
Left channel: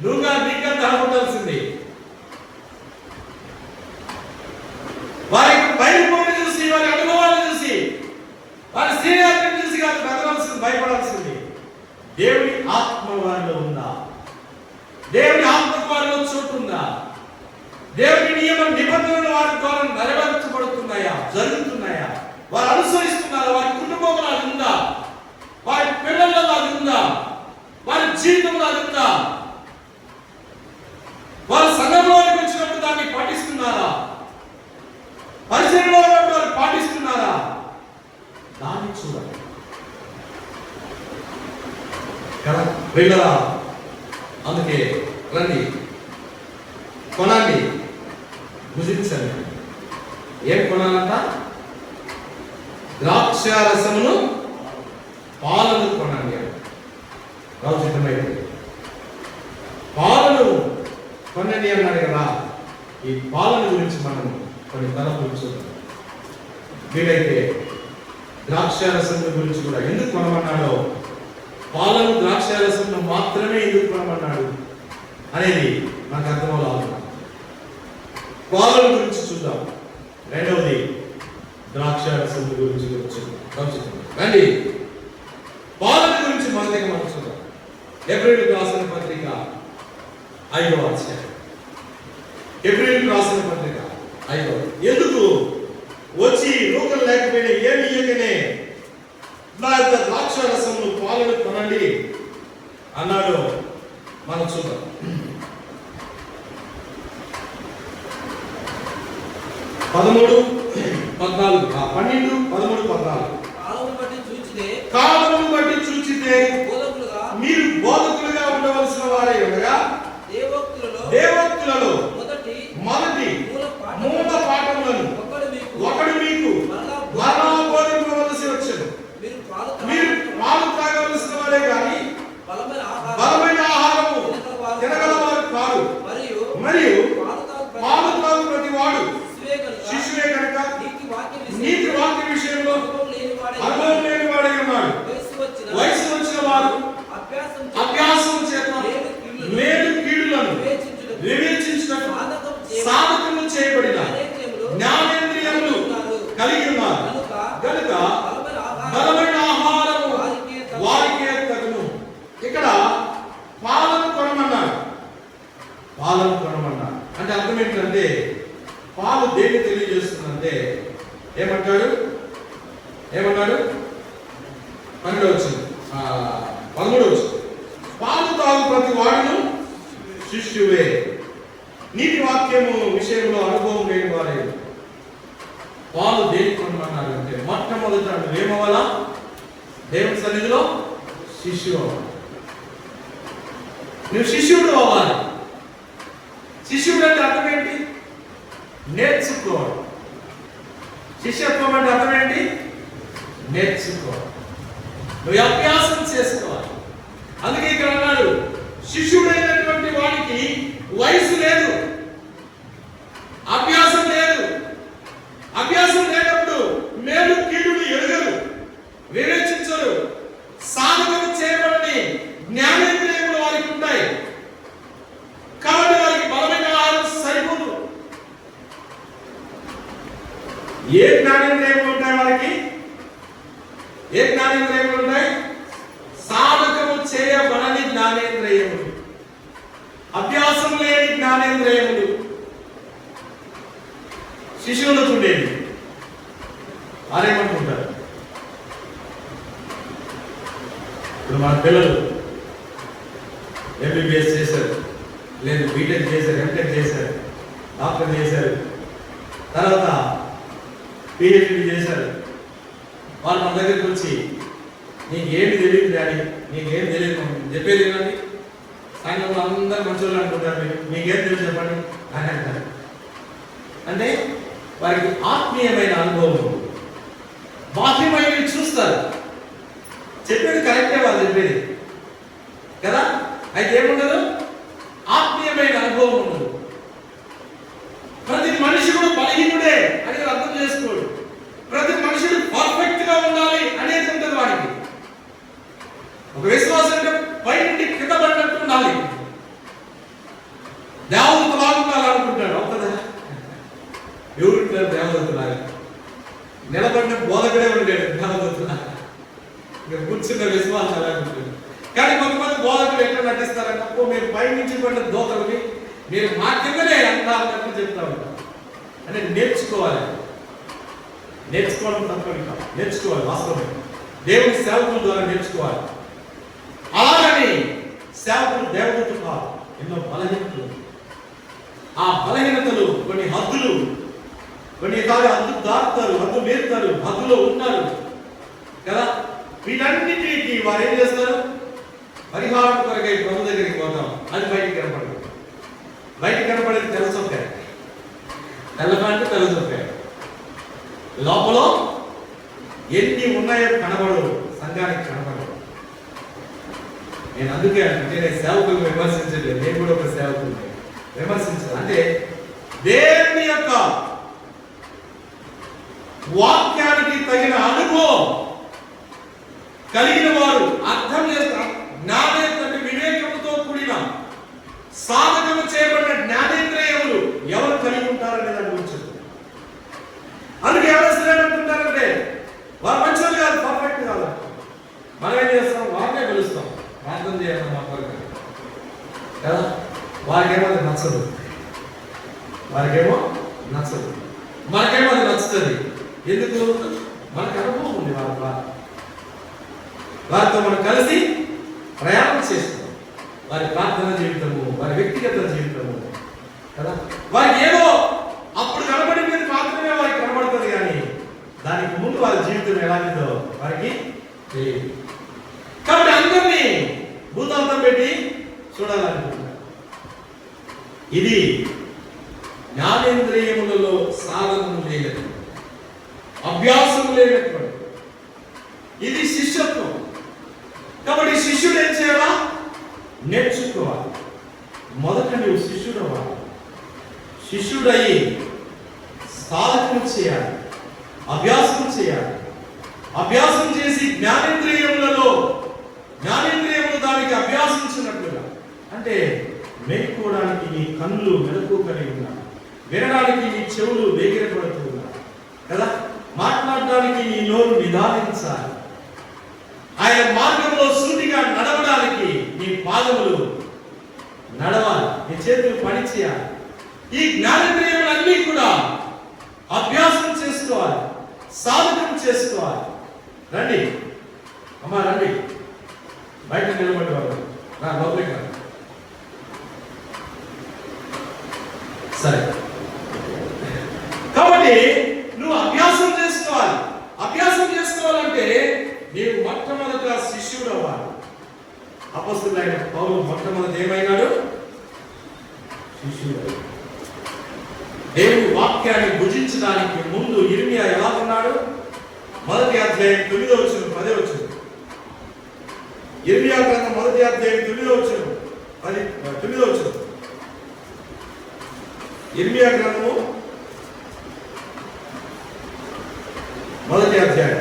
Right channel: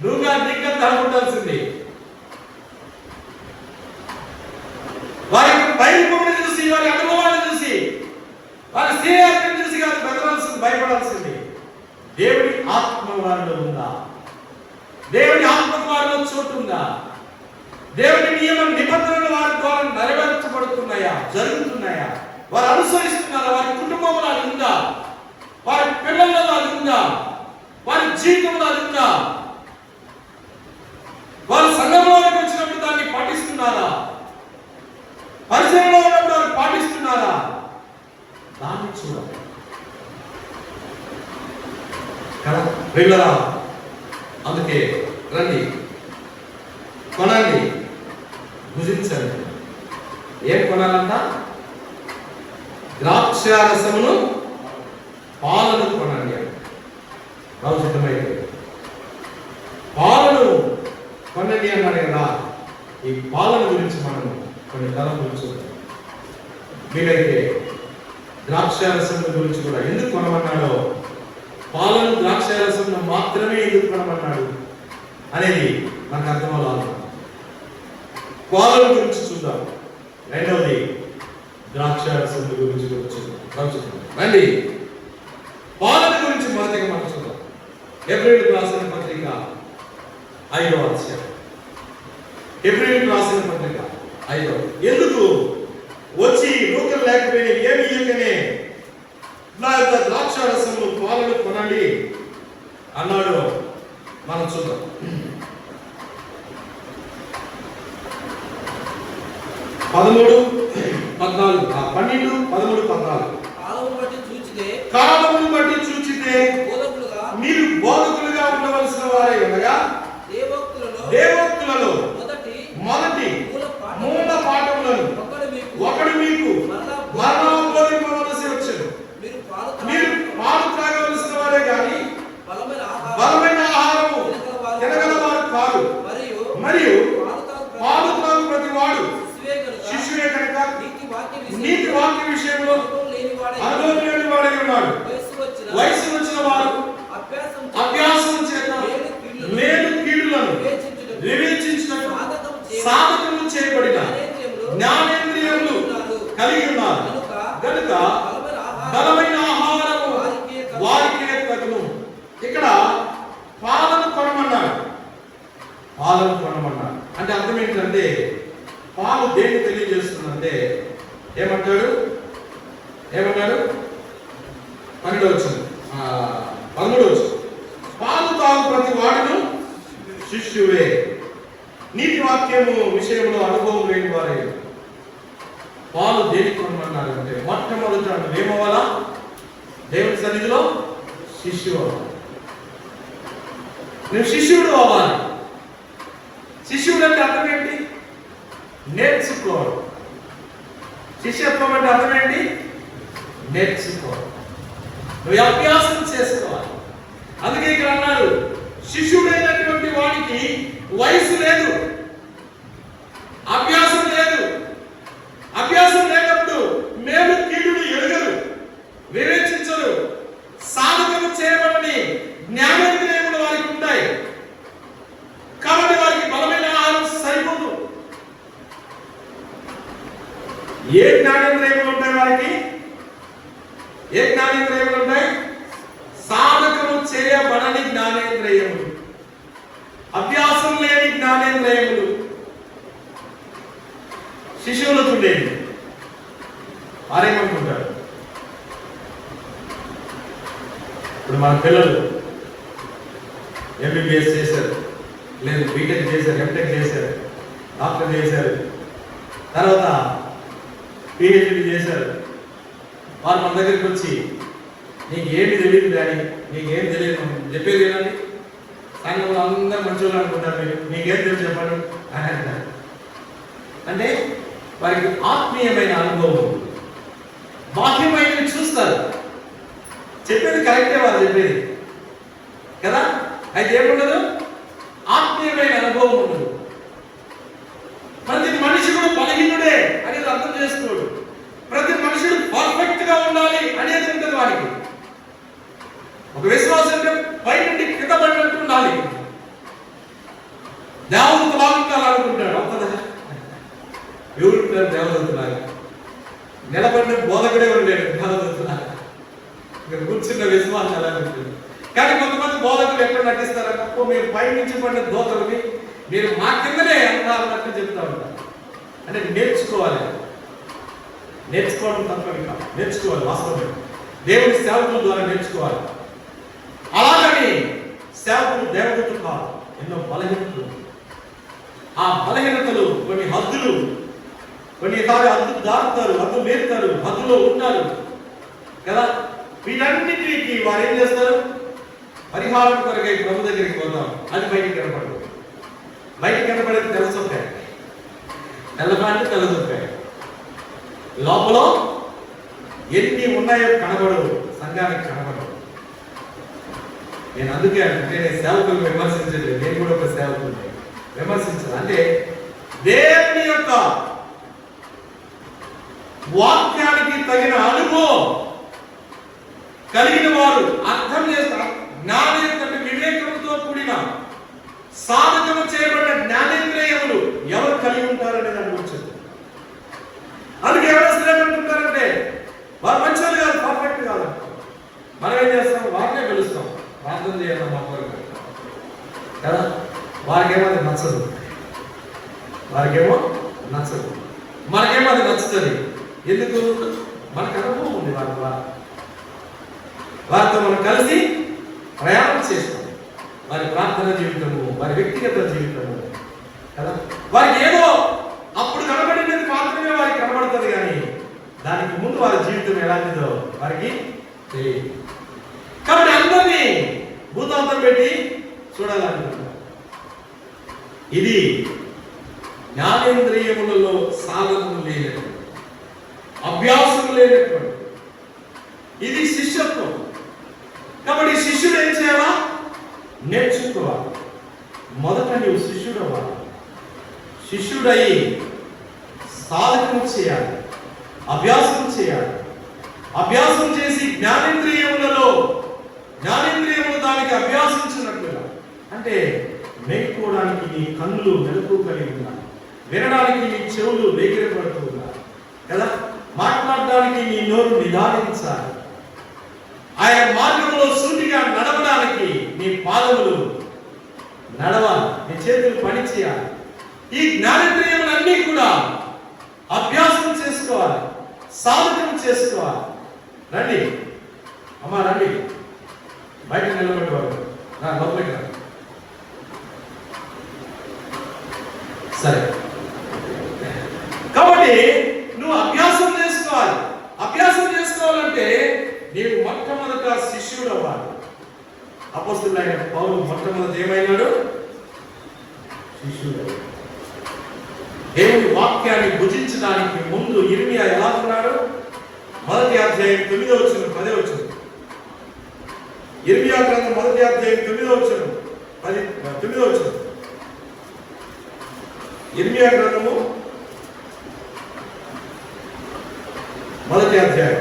నువ్వుగా నీగా దడబడాల్సింది. వారి బయలుపడిని చూసి, వారి అనుభవాన్ని చూసి, వారి సీనియారిటీని చూసి కాదు బెదరాల్సింది, భయపడాల్సింది. దేవుని ఆత్మ వారిలో ఉందా? దేవుని ఆత్మ వారిలో చోటు ఉందా? దేవుని నియమ నిబంధనలు వారి ద్వారా నెరవేర్చబడుతున్నాయా, జరుగుతున్నాయా, వారు అనుసరిస్తున్నారా, వారి కుటుంబంలో అది ఉందా, వారి పిల్లల్లో అది ఉందా, వారి జీవితంలో అది ఉందా, వారి సంఘంలోకి వచ్చినప్పుడు దాన్ని పాటిస్తున్నారా, పరిసరంలో ఉన్నప్పుడు వారు పాటిస్తున్నారా, దాన్ని చూడాలి కదా పిల్లరా. అందుకే రండి, కొనండి, భుజించండి. ఏం కొనాలంట? ద్రాక్షారసమును పాలను కొనండి. పాలను కొనండి అన్నాడు కదా. ఈ పాలను గురించి మనం కొన్ని తలపులు చూద్దాం. వీలైతే ద్రాక్షారసం గురించి కూడా ఎందుకు కొనమన్నాడో, పాలను ద్రాక్షారసంను మాత్రమే ఎందుకు కొనమన్నాడు అనేది నాకు అర్థం అవ్వాలి. పాలన గురించి చూద్దాం. రెండవది ద్రాక్షారసం గురించి చూద్దాం. రండి, పాలన గురించి మొదటిగా మనం చూద్దాం. హెబ్రీయులకు రాసిన పత్రిక 5వ అధ్యాయం. హెబ్రీయులకు రాసిన పత్రిక 5వ. ఎందుకు వచ్చి నూకలు లేకపోయినా ఏమి ఇయ్యకనే నా యొక్క ద్రాక్షారసంను పాలను కొనండి అన్నాడు. మనం చూద్దాం. 13, 14, 12, 13, 14. కాలమును బట్టి చూచితే మీరు బోధకులుగా ఉండవలసిన వారే ఉండగా దేవోక్తులలో మొదటి మూల పాఠములను ఒకడు మీకు మరలా బోధింపవలసి వచ్చెను. మీరు పాలు త్రాగవలసిన వారే కానీ బలమైన ఆహారము తినగలవారు కాదు. మరియు పాలు త్రాగు ప్రతి వాడు శిష్యుడే కనుక నీతి వాక్య విషయంలో అనుభవం లేని వాడై ఉన్నాడు. వయసు వచ్చిన వారు అభ్యాసం చేత మేలు కీడులను వివేచించుటకు సాధకులు చేయబడిన జ్ఞానేంద్రియములు కలిగి ఉన్నారు కనుక బలమైన ఆహారము వారికే తగును. ఇక్కడ పాలను కొనమన్నారు. పాలను కొనమన్నారు అంటే అర్థం ఏంటంటే, పాలు దేన్ని తెలియజేస్తుందంటే ఏమంటాడు? 12 వచ్చింది, 13 వచ్చింది. పాలు తాగు ప్రతి వాడును శిష్యువే, నీతి వాక్యము విషయంలో అనుభవం లేని వారే. పాలు దేనికి కొనమన్నారు అంటే, మొట్టమొదట ఏమవ్వాలా? దేవుని సన్నిధిలో శిష్యుడు అవ్వాలి. నువ్వు శిష్యుడు అవ్వాలి. శిష్యుడు అంటే అర్థం ఏంటి? నేర్చుకోవాలి. శిష్యత్వం అంటే అర్థం ఏంటి? నేర్చుకోవాలి. నువ్వు అభ్యాసం చేసుకోవాలి. అందుకే ఇక్కడ అన్నాడు, శిష్యుడైనటువంటి వాడికి వయసు లేదు, అభ్యాసం లేదు. అభ్యాసం లేనప్పుడు మేలు కీడుని ఎరుగరు, వివేచించరు. సాధకము చేయబడని జ్ఞానేంద్రియములు వారికి ఉంటాయి కాబట్టి వారికి బలమైన ఆహారం సరిపోదు. ఏ జ్ఞానేంద్రియములు ఉంటాయి వారికి? ఏ జ్ఞానేంద్రియములు ఉంటాయి? సాధకము చేయబడని జ్ఞానేంద్రియములు, అభ్యాసం లేని జ్ఞానేంద్రియములు. శిశువులకు ఉండేది. వారేమనుకుంటారు? ఇప్పుడు మన పిల్లలు ఎంబీబీఎస్ చేశారు, లేదు బీటెక్ చేశారు, ఎంటెక్ చేశారు, డాక్టర్ చేశారు, తర్వాత పిహెచ్డి చేశారు. వాళ్ళు మన దగ్గరికి వచ్చి నీకేమి తెలియదు డాడీ, నీకేం తెలియదు చెప్పేది ఏమండి, సంఘంలో అందరూ మంచోళ్ళు అనుకుంటారు, నీకేం తెలియదు చెప్పండి అని అంటారు. అంటే వారికి ఆత్మీయమైన అనుభవం, బాహ్యమైనవి చూస్తారు, చెప్పేది కరెక్టే వాళ్ళు చెప్పేది కదా. అయితే ఏముండదు, ఆత్మీయమైన అనుభవం ఉండదు. ప్రతి మనిషి కూడా బలహీనుడే అనేది అర్థం చేసుకోడు. ప్రతి మనుషుడు పర్ఫెక్ట్ గా ఉండాలి అనేది ఉంటుంది వారికి. ఒక విశ్వాసం అంటే పై నుండి కింద పడినట్టు ఉండాలి. దేవదూత బాగుండాలనుకుంటాడు, వస్తుందా? ఎవరుంటారు దేవదూతలాగా? నిలబడిన బోధకుడే ఉండేది దేవదూతలాగా, కూర్చున్న విశ్వాసం అలా ఉంటుంది. కానీ కొంతమంది బోధకులు ఎక్కడ నటిస్తారంటే, మేము పై నుంచి పడిన దోతలని మీరు మా కిందనే అంటారన్నట్టు చెప్తా ఉంటారు. అంటే నేర్చుకోవాలి, నేర్చుకోవడం తప్ప ఇంకా నేర్చుకోవాలి. వాస్తవం దేవుని సేవకుల ద్వారా నేర్చుకోవాలి. అలాగని సేవకులు దేవదూతలు కాదు, ఎన్నో బలహీనతలు. ఆ బలహీనతలు కొన్ని హద్దులు, కొన్ని హద్దు దాటుతారు, హద్దు మీరుతారు, హద్దులో ఉంటారు కదా. వీటన్నిటికీ వారు ఏం చేస్తారు? పరిహారం కొరకై ప్రభు దగ్గరికి పోతాం. అది బయటికి కనపడదు. బయటికి కనపడేది తెలుసుంటాయి, తెల్లపాంటి తెలుసుంటాయి. లోపల ఎన్ని ఉన్నాయో కనబడవు, సంఘానికి కనబడవు. నేను అందుకే అంటే నేను సేవకులను విమర్శించలేదు, నేను కూడా ఒక సేవకుని విమర్శించాను. అంటే దేవుని యొక్క వాక్యానికి తగిన అనుభవం కలిగిన వారు, అర్థం చేస్తారు, జ్ఞానేంద్రియ వివేకముతో కూడిన సాధకము చేయబడిన జ్ఞానేంద్రియములు ఎవరు కలిగి ఉంటారనేది అనుభవించారు. అందుకే ఎవరు ఏమంటున్నారంటే వారు మంచివాళ్ళు కాదు, పర్ఫెక్ట్ కాదు. మనం ఏం చేస్తాం? వారినే పిలుస్తాం, ప్రార్థన చేయాలి మా కొరకు కదా. వారికేమో అది నచ్చదు, వారికేమో నచ్చదు, మనకేమో అది నచ్చుతుంది. ఎందుకు? మనకు అనుభవం ఉంది వారితో మనం కలిసి ప్రయాణం చేస్తాం. వారి ప్రార్థన జీవితము, వారి వ్యక్తిగత జీవితము కదా. వారికి ఏదో అప్పుడు కనబడినది మాత్రమే వారికి కనబడుతుంది, కానీ దానికి ముందు వారి జీవితం ఎలాంటిదో వారికి తెలియదు. కాబట్టి అందరినీ భూతాంతం పెట్టి చూడాలనుకుంటున్నారు. ఇది జ్ఞానేంద్రియములలో సాధన లేనటువంటి, అభ్యాసం లేనటువంటి, ఇది శిష్యత్వం. కాబట్టి శిష్యుడు ఏం చేయాలా? నేర్చుకోవాలి. మొదట నువ్వు శిష్యుడు అవ్వాలి. శిష్యుడై సాధన చేయాలి, అభ్యాసం చేయాలి. అభ్యాసం చేసి జ్ఞానేంద్రియములలో, జ్ఞానేంద్రియములు దానికి అభ్యాసించినట్లుగా, అంటే మేల్కోవడానికి నీ కన్నులు మెలకు కలిగి ఉన్నా, వినడానికి నీ చెవులు వేగిరపడుతున్నా కదా, మాట్లాడడానికి నీ నోరు నిదానించాలి, ఆయన మార్గంలో సూటిగా నడవడానికి నీ పాదములు నడవాలి, నీ చేతులు పని చేయాలి. ఈ జ్ఞానేంద్రియములన్నీ కూడా అభ్యాసం చేసుకోవాలి, సాధన చేసుకోవాలి. రండి అమ్మా, రండి, బయట నిలబడేవారు నా లోపలికి రండి. సరే, కాబట్టి నువ్వు అభ్యాసం చేసుకోవాలి. అభ్యాసం చేసుకోవాలంటే నీవు మొట్టమొదట శిష్యుడు అవ్వాలి. అపొస్తలుడైన పౌలు మొట్టమొదటి ఏమైనాడు? శిష్యుడు. దేవుని వాక్యాన్ని భుజించడానికి ముందు ఇర్మియా ఎలా ఉన్నాడు? 1వ అధ్యాయం 9వ వచనం 10వ వచనం. ఇర్మియా గ్రంథం 1వ అధ్యాయం 9వ వచనం 9వ వచనం. ఇర్మియా గ్రంథము 1వ అధ్యాయం.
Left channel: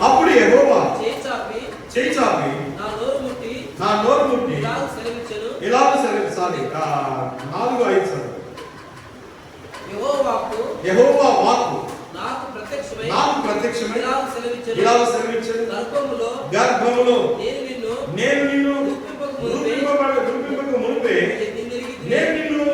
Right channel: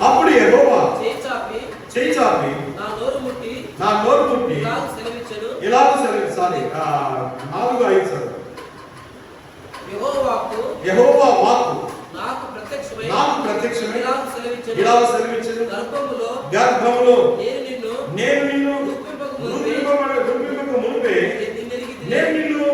అప్పుడు యెహోవా చేయి చాపి నా నోరు ముట్టి ఇలాగ సెలవిచ్చాలి. 4:5 యెహోవా వాక్కు నాకు ప్రత్యక్షమై ఇలాగ సెలవిచ్చెను, గర్భములో నేను నిన్ను రూపింపక మునుపే నేను నిన్ను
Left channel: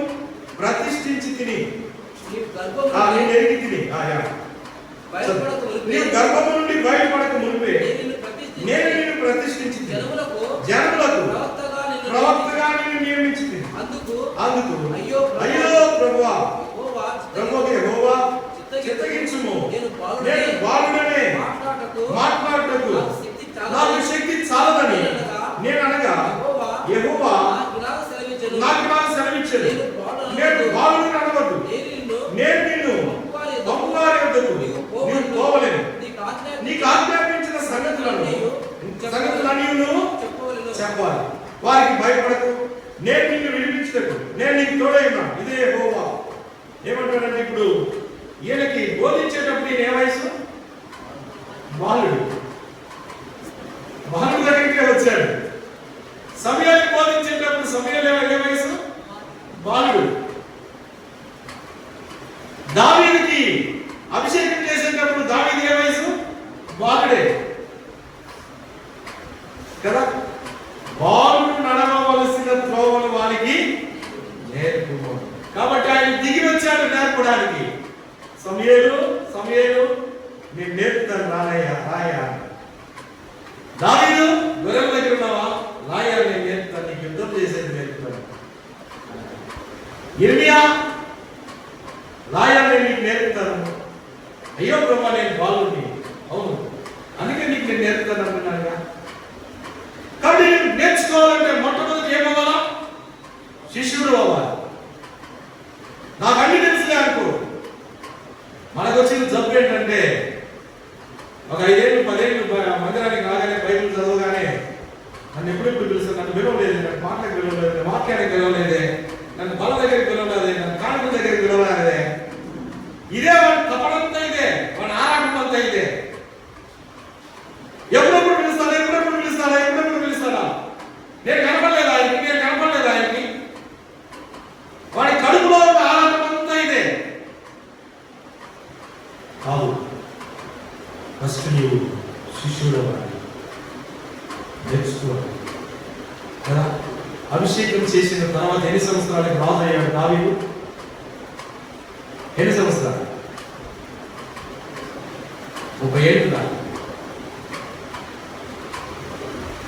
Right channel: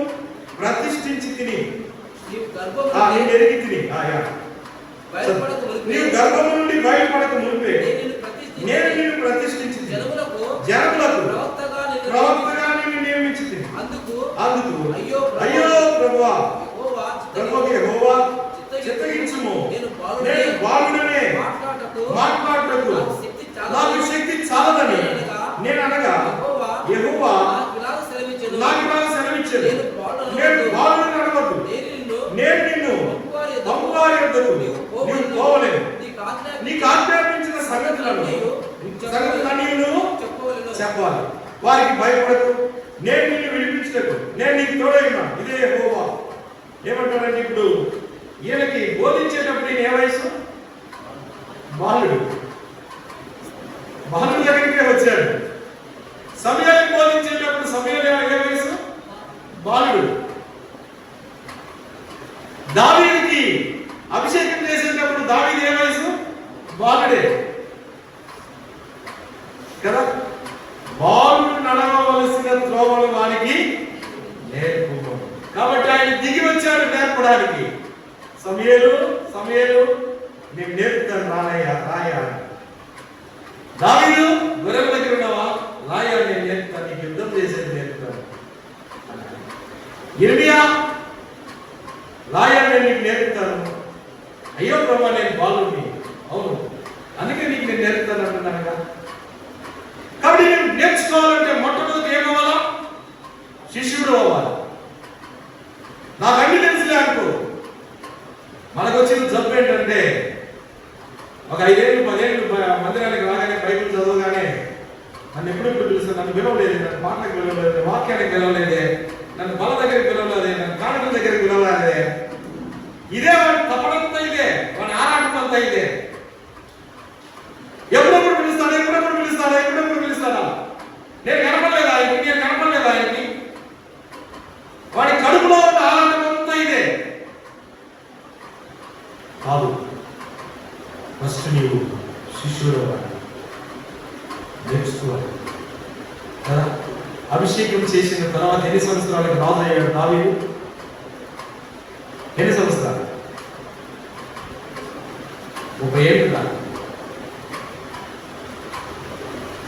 సంగతులన్నీ నువ్వు చెప్పాలి. వారికి భయపడకు, నేను నిన్ను విడిపించకు, నేను నీకు తోడై ఉన్నాను. ఇదే యెహోవా. ఏమంటాడంటే ఇప్పుడు ఈయనకి బోధించేటప్పుడు ఈయన ఏ వయసు? బాలుడు. బాలుడు దగ్గరికే వచ్చాడు. సమయాన్ని బోధించేటప్పుడు సమయాలు ఏ వయసు? బాలుడు. దావీదుకి అభిషేకం చేసేటప్పుడు దావీదు ఏ వయసు? బాలుడే కదా. బాలుడు నడవవలసిన త్రోవలు వారికి నేర్పు. కాబట్టి ఆయన దిగి వచ్చాడు నేర్పడానికి. సమూయేలు నేను నేర్పుతాను రాయ. దావీదు గొర్రెల దగ్గర ఉన్నావా? రాయ, నేను నేర్పుతాను, నీకు యుద్ధం చేసేది నేర్పుతాను. ఇర్మియా, రాయ, నేను నీకు నేర్పుతాను. అయ్యో ప్రభా, నేను బాలుని. అవును, అందుకే నీకు నేను నేర్పుతాను అంటున్నానుగా. కాబట్టి నేను నేర్చుకోవాలంటే మొట్టమొదటి ఏమవ్వాలా? శిష్యుడు అవ్వాలి. నాకు అన్ని తెలుసులే అనుకో. మనకు వచ్చిన జబ్బు ఏంటంటే ఒక 5 ఏళ్ళు 10 ఏళ్ళు మందిరానికి రాగానే బైబిల్ చదవగానే నన్ను ఎప్పుడెప్పుడు పిలుస్తాను, నన్ను పిలవలేదు, నన్ను మాటలకు పిలవలేదు, వాక్యానికి పిలవలేదే, నన్ను బల దగ్గరికి పిలవలేదే, నన్ను కానుక దగ్గరికి పిలవలేదే. ఇదే వాడి తప్పడంతా, ఇదే వాడి ఆరాటం అంతా ఇదే. ఎప్పుడెప్పుడు పిలుస్తాడా? నేను కనపడలేదు ఆయనకి. వాడి కడుపులో ఉన్న ఆరాటం అంతా ఇదే కాదు. ఫస్ట్ నీవు శిష్యుడు నేర్చుకోవాలి కదా. అభిషేకం చేసిన తర్వాత ఎన్ని సంవత్సరాలకు రాజు అయ్యాడు దావీదు? ఎన్ని సంవత్సరాలు? 30 ఏళ్ళు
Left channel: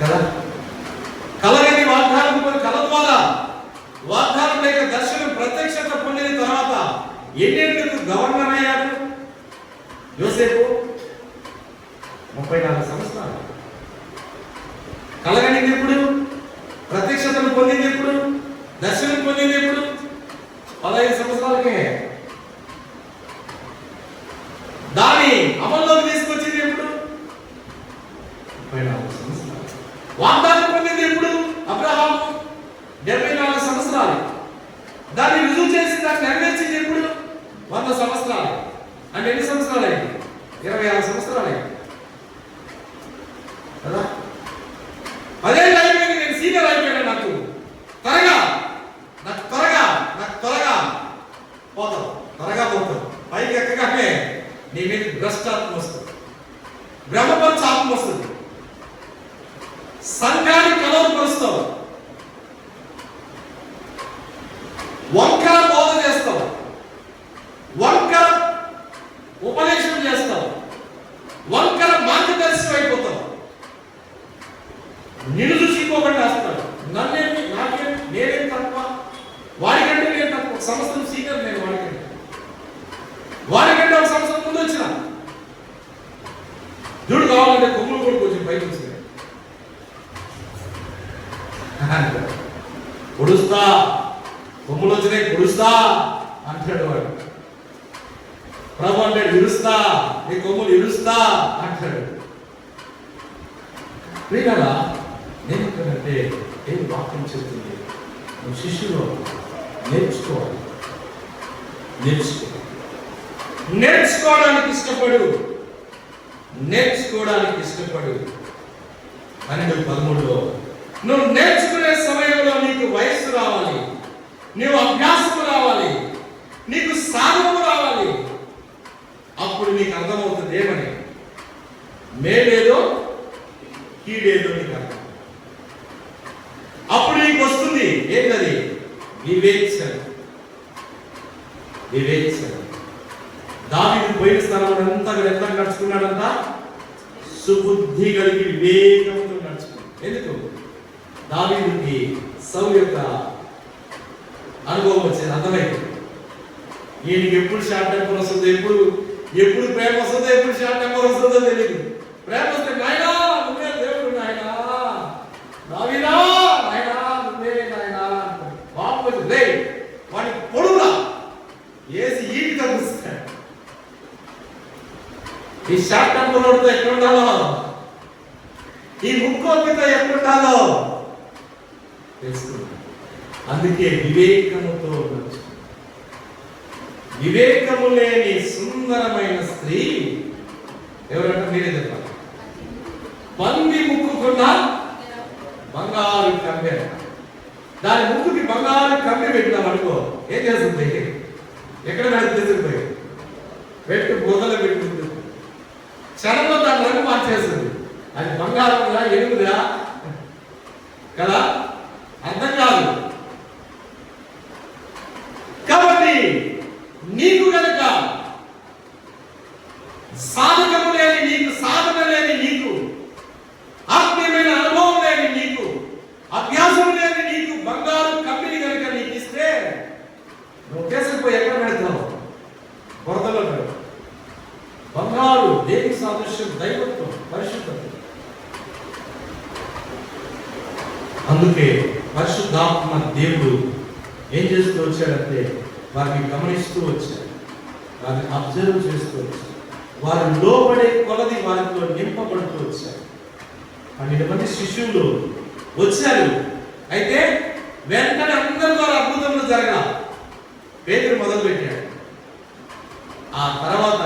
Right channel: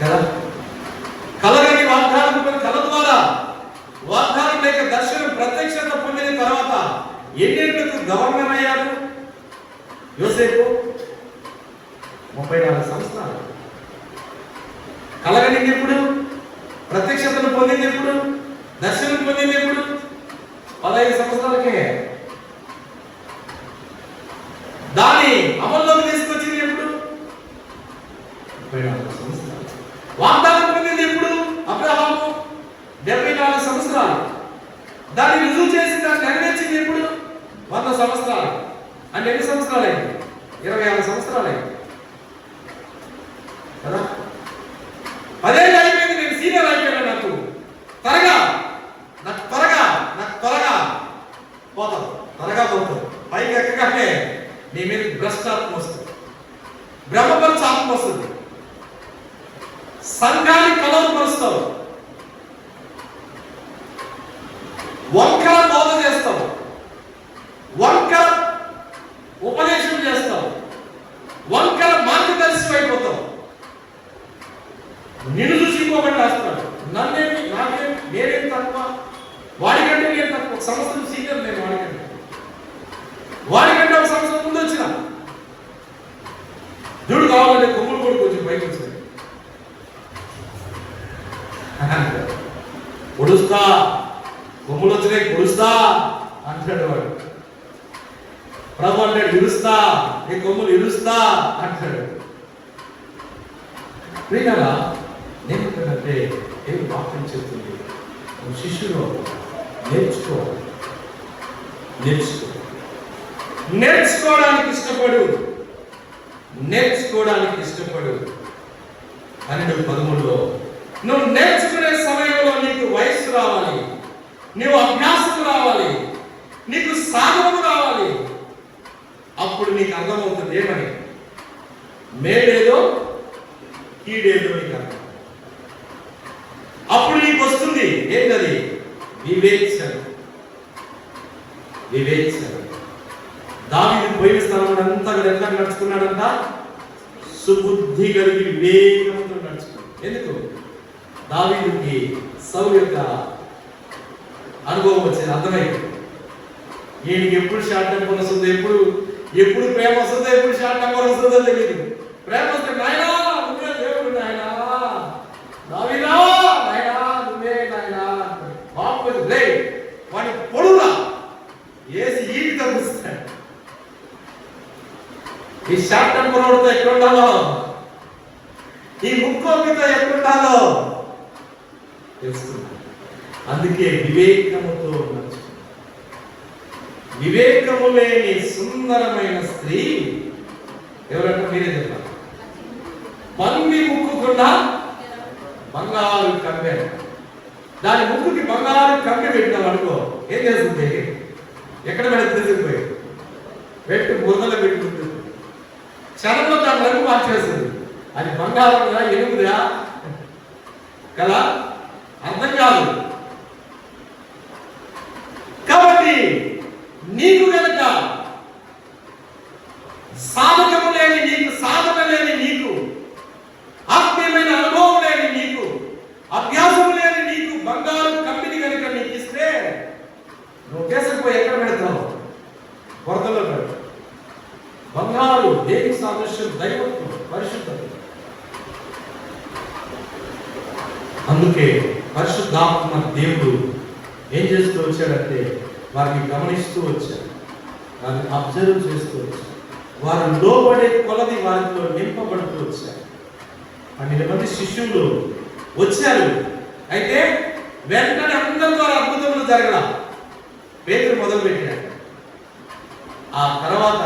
కదా. కలగని వాగ్దానం, కల ద్వారా వాగ్దానం లేక దర్శనం ప్రత్యక్షత పొందిన తర్వాత ఎన్నేళ్లకు గవర్నర్ అయ్యాడు యోసేపు? 34 సంవత్సరాలు. కలగని ఎప్పుడు? ప్రత్యక్షతను పొందింది ఎప్పుడు? దర్శనం పొందింది ఎప్పుడు? 15 సంవత్సరాలకే. దాన్ని అమల్లోకి తీసుకొచ్చింది ఎప్పుడు? 34 సంవత్సరాలు. వాగ్దానం పొందింది ఎప్పుడు? అబ్రహాము 74 సంవత్సరాలు. దాన్ని రుజువు చేసి దాన్ని నెరవేర్చింది ఎప్పుడు? 100 సంవత్సరాలు. అంటే ఎన్ని సంవత్సరాలు అయింది? 26 సంవత్సరాలు అయింది కదా. అదే అయిపోయింది. నేను సీనియర్ అయిపోయాను. నాకు త్వరగా పోతుంది. పైకి ఎక్కగానే నీ మీద భ్రష్టాత్మ వస్తుంది, బ్రహ్మపరిచాత్మ వస్తుంది, సంఘాన్ని కలవపరుస్తావు, వంకర బోధ చేస్తావు, వంకర ఉపదేశం చేస్తావు, వంకర మార్గదర్శి అయిపోతావు. నిన్ను చూసి ఇంకొకటి రాస్తాడు, నేనేం తక్కువ, వాడికంటే నేను తక్కువ. సంవత్సరం సీనియర్ నేను వాడికంటే ఒక సంవత్సరం ముందు వచ్చిన దుడు కావాలంటే కొమ్ములు కూడా కొంచెం పైకి వచ్చింది. పొడుస్తా, కొమ్ములు వచ్చినాయి పొడుస్తా అంటాడు వాడు. ప్రభు అంటే ఇరుస్తా, నీ కొమ్ములు ఇరుస్తా అంటాడు. ప్రియులారా, నేను ఏంటంటే ఏం వాక్యం చెప్తుంది? నువ్వు శిష్యుడు నేర్చుకోవడానికి ఇష్టపడు. 12:13 నువ్వు నేర్చుకునే సమయంలో నీకు వయస్సు రావాలి, నీవు అభ్యాసం రావాలి, నీకు సాధన రావాలి. అప్పుడు నీకు అర్థమవుతుంది ఏమని, మేలేదో కీడేదో నీకు అర్థం. అప్పుడు నీకు వస్తుంది ఏంటది? వివేచన. దావీదు పోయిన స్థలాన్ని అంతా ఎంత నడుచుకున్నాడంట? సుబుద్ధి కలిగి వివేకంతో నడుచుకున్నాడు. ఎందుకు? దావీదుకి సౌలు యొక్క అనుభవం వచ్చింది, అర్థమైంది. ఈయనకి ఎప్పుడు షార్ట్ టెంపర్ వస్తుందో, ఎప్పుడు ప్రేమ వస్తుందో, ఎప్పుడు షార్ట్ టెంపర్ వస్తుందో తెలియదు. ప్రేమ వస్తే నాయనా నువ్వే దేవుడు, నాయనా దావీదా నాయనా నువ్వే నాయనా, బాబు వాడి పొడుగురా ఏసి ఈకి తగ్గిస్తాడు. ఈ షార్ట్ టెంపర్ వాడితో ఎక్కడ ఉండాలో ఈ ముక్కోపితో ఎక్కడుండాలో తెలుసుకుంటాం. అందుకే వివేకముతో నడుచు. వివేకము లేని సుందరమైన స్త్రీ ఎవరంటే మీరే చెప్పాలి. పంది ముక్కుకున్న బంగారు కమ్మె, దాని ముక్కుకి బంగారు కమ్మె పెట్టినాం అనుకో, ఏం చేస్తుంది? ఎక్కడ పెడుతుంది? పెట్టు బుర్రలో పెట్టుకుంటుంది. క్షణంలో దాని రంగు మార్చేస్తుంది. అది బంగారంగా ఎరుగుదా కదా, అర్థం కాదు. కాబట్టి నీకు గనక సాధకము లేని నీకు, సాధన లేని నీకు, ఆత్మీయమైన అనుభవం లేని నీకు, అభ్యాసం లేని నీకు బంగారు కమ్మిని కనుక నీకు ఇస్తే నువ్వు కేసుకుపోయి ఎక్కడ పెడతావు? వరదలో పెడతావు. బంగారు దేవుని సాదృశ్యం, దైవత్వం, పరిశుద్ధత. అందుకే పరిశుద్ధాత్మ దేవుడు ఏం చేస్తూ వచ్చాడంటే వారిని గమనిస్తూ వచ్చాడు, వారిని అబ్జర్వ్ చేస్తూ వచ్చాడు, వారు లోబడే కొలది వారితో నింపబడుతూ వచ్చారు. 12 మంది శిష్యులు వచ్చారు. అయితే వెంటనే అందరి ద్వారా అద్భుతములు జరగల. పేతురు మొదలు పెట్టాడు. ఆ తర్వాత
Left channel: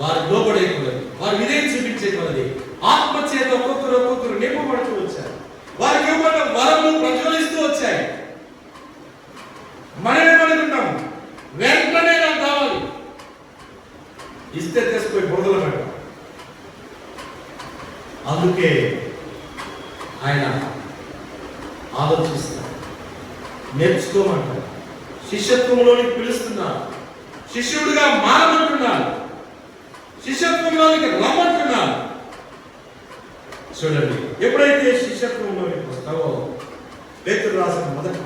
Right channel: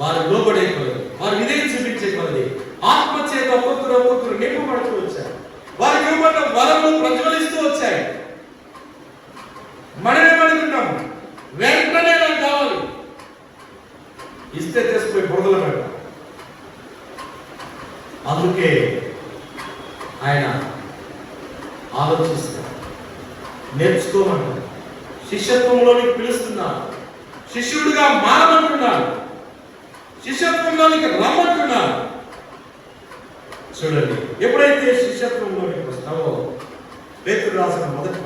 వారు లోబడే కొలది, వారు విధేయం చూపించే కొలది, ఆత్మచేత ఒక్కొక్కరు నింపబడుతూ వచ్చారు. వారికి ఇవ్వబడిన వరములు ప్రజ్వలిస్తూ వచ్చాయి. మనమేమనుకుంటాం? వెంటనే నాకు కావాలి, ఇస్తే తీసుకుపోయి బురదలో పెడతాం. అందుకే ఆయన ఆలోచిస్తాడు, నేర్చుకోమంటాడు, శిష్యత్వంలోనికి పిలుస్తున్నాడు, శిష్యుడిగా మారమంటున్నాడు, శిష్యత్వంలోనికి రమ్మంటున్నాడు. చూడండి, ఎప్పుడైతే శిష్యత్వంలోనికి వస్తావో, పేతురు రాసిన మొదటి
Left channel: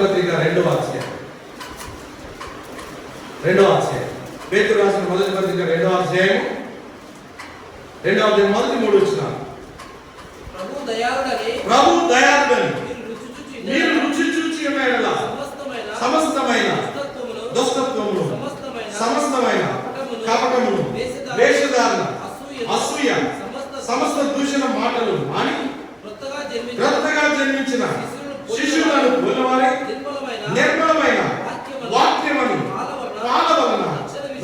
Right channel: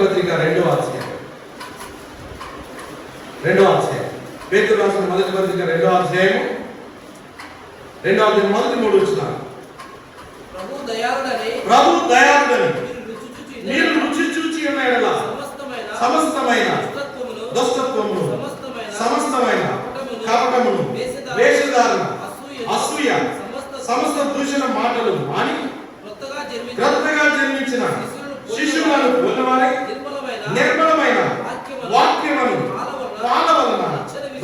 పత్రిక 2వ అధ్యాయం, పేతురు రాసిన మొదటి పత్రిక 2వ అధ్యాయం మొదటి 3 వచనాలు. ప్రభు దయాళుడని మీరు రుచి చూచి సమస్తమైన దుష్టత్వమును, సమస్తమైన కపటమును, వేషధారణ, అసూయ, సమస్త దూషణ మాటలు మాని క్రొత్తగా జన్మించిన శిశువులను పోలినవారే నిర్మలమైన వాక్యమును పాలన వలన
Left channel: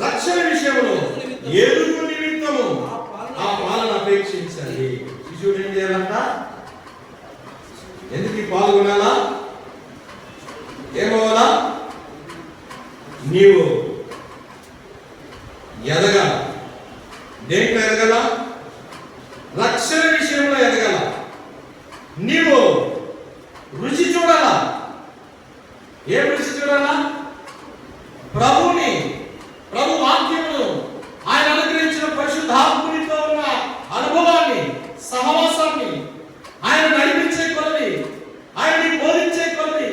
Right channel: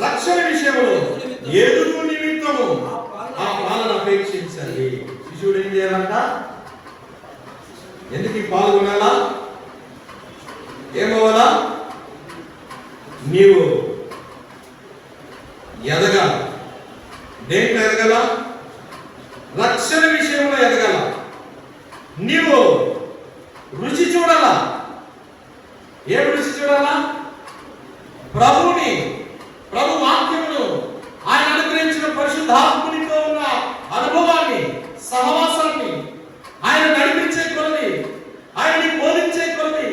రక్షణ విషయంలో ఎదుగు నిమిత్తము ఆ పాలన అపేక్షించాలి. శిశువుడు ఏం చేయాలంట? ఎందుకు పాల్గొనాలా? ఏమవ్వాలా? నీవు ఎదగాల. దేంట్లో ఎదగాల? రక్షణ విషయంలో ఎదగాల. నీవు రుచి చూడాలా. ఏం రుచి చూడాలా? ప్రభుని, ప్రభు వాక్యమును, ఆయన అనుగ్రహించిన పరిశుద్ధాత్మునితో ఉన్న అనుభవాన్ని, సహవాసాన్ని, ఆయన నడిపించే కొలది, ఆయన్ని బోధించే కొలది,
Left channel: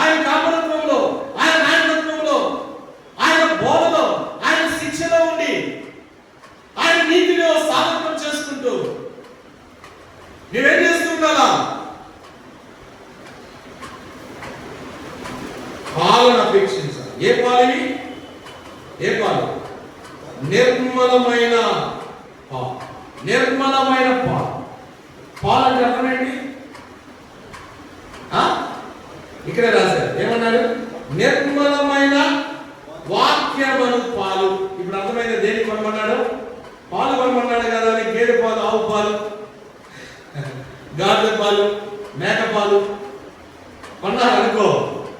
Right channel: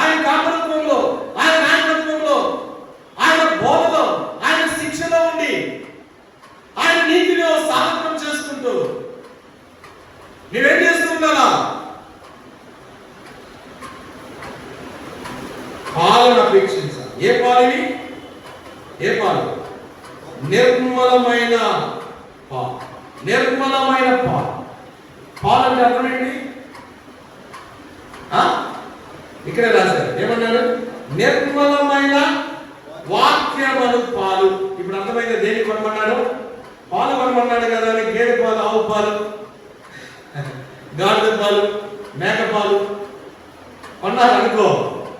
ఆయన కాపరత్వంలో, ఆయన నాయకత్వంలో, ఆయన బోధలో, ఆయన శిక్షలో ఉండి ఆయన నీతిలో సాధన చేసుకుంటూ నువ్వేం చేస్తుండాలా? పాలన అపేక్షించాలి. ఏ పాలని? ఏ పాలు? నిర్మలమైన పాలు. నిర్మలమైన పాలు. పాలు అంటే అర్థం ఏంటి? ఇక్కడే రాశారు. ఏమన్నారు? నిర్మలమైన వాక్యమను పాలు. ఇప్పుడు అర్థమైంది దేనికి కొనమన్నాడు? పాలు కొనమన్నాడు కదా అని గేదె పాలు, ఆవు పాలు, గాడిద పాలు, మేక పాలు కొన్నారు అనుకో,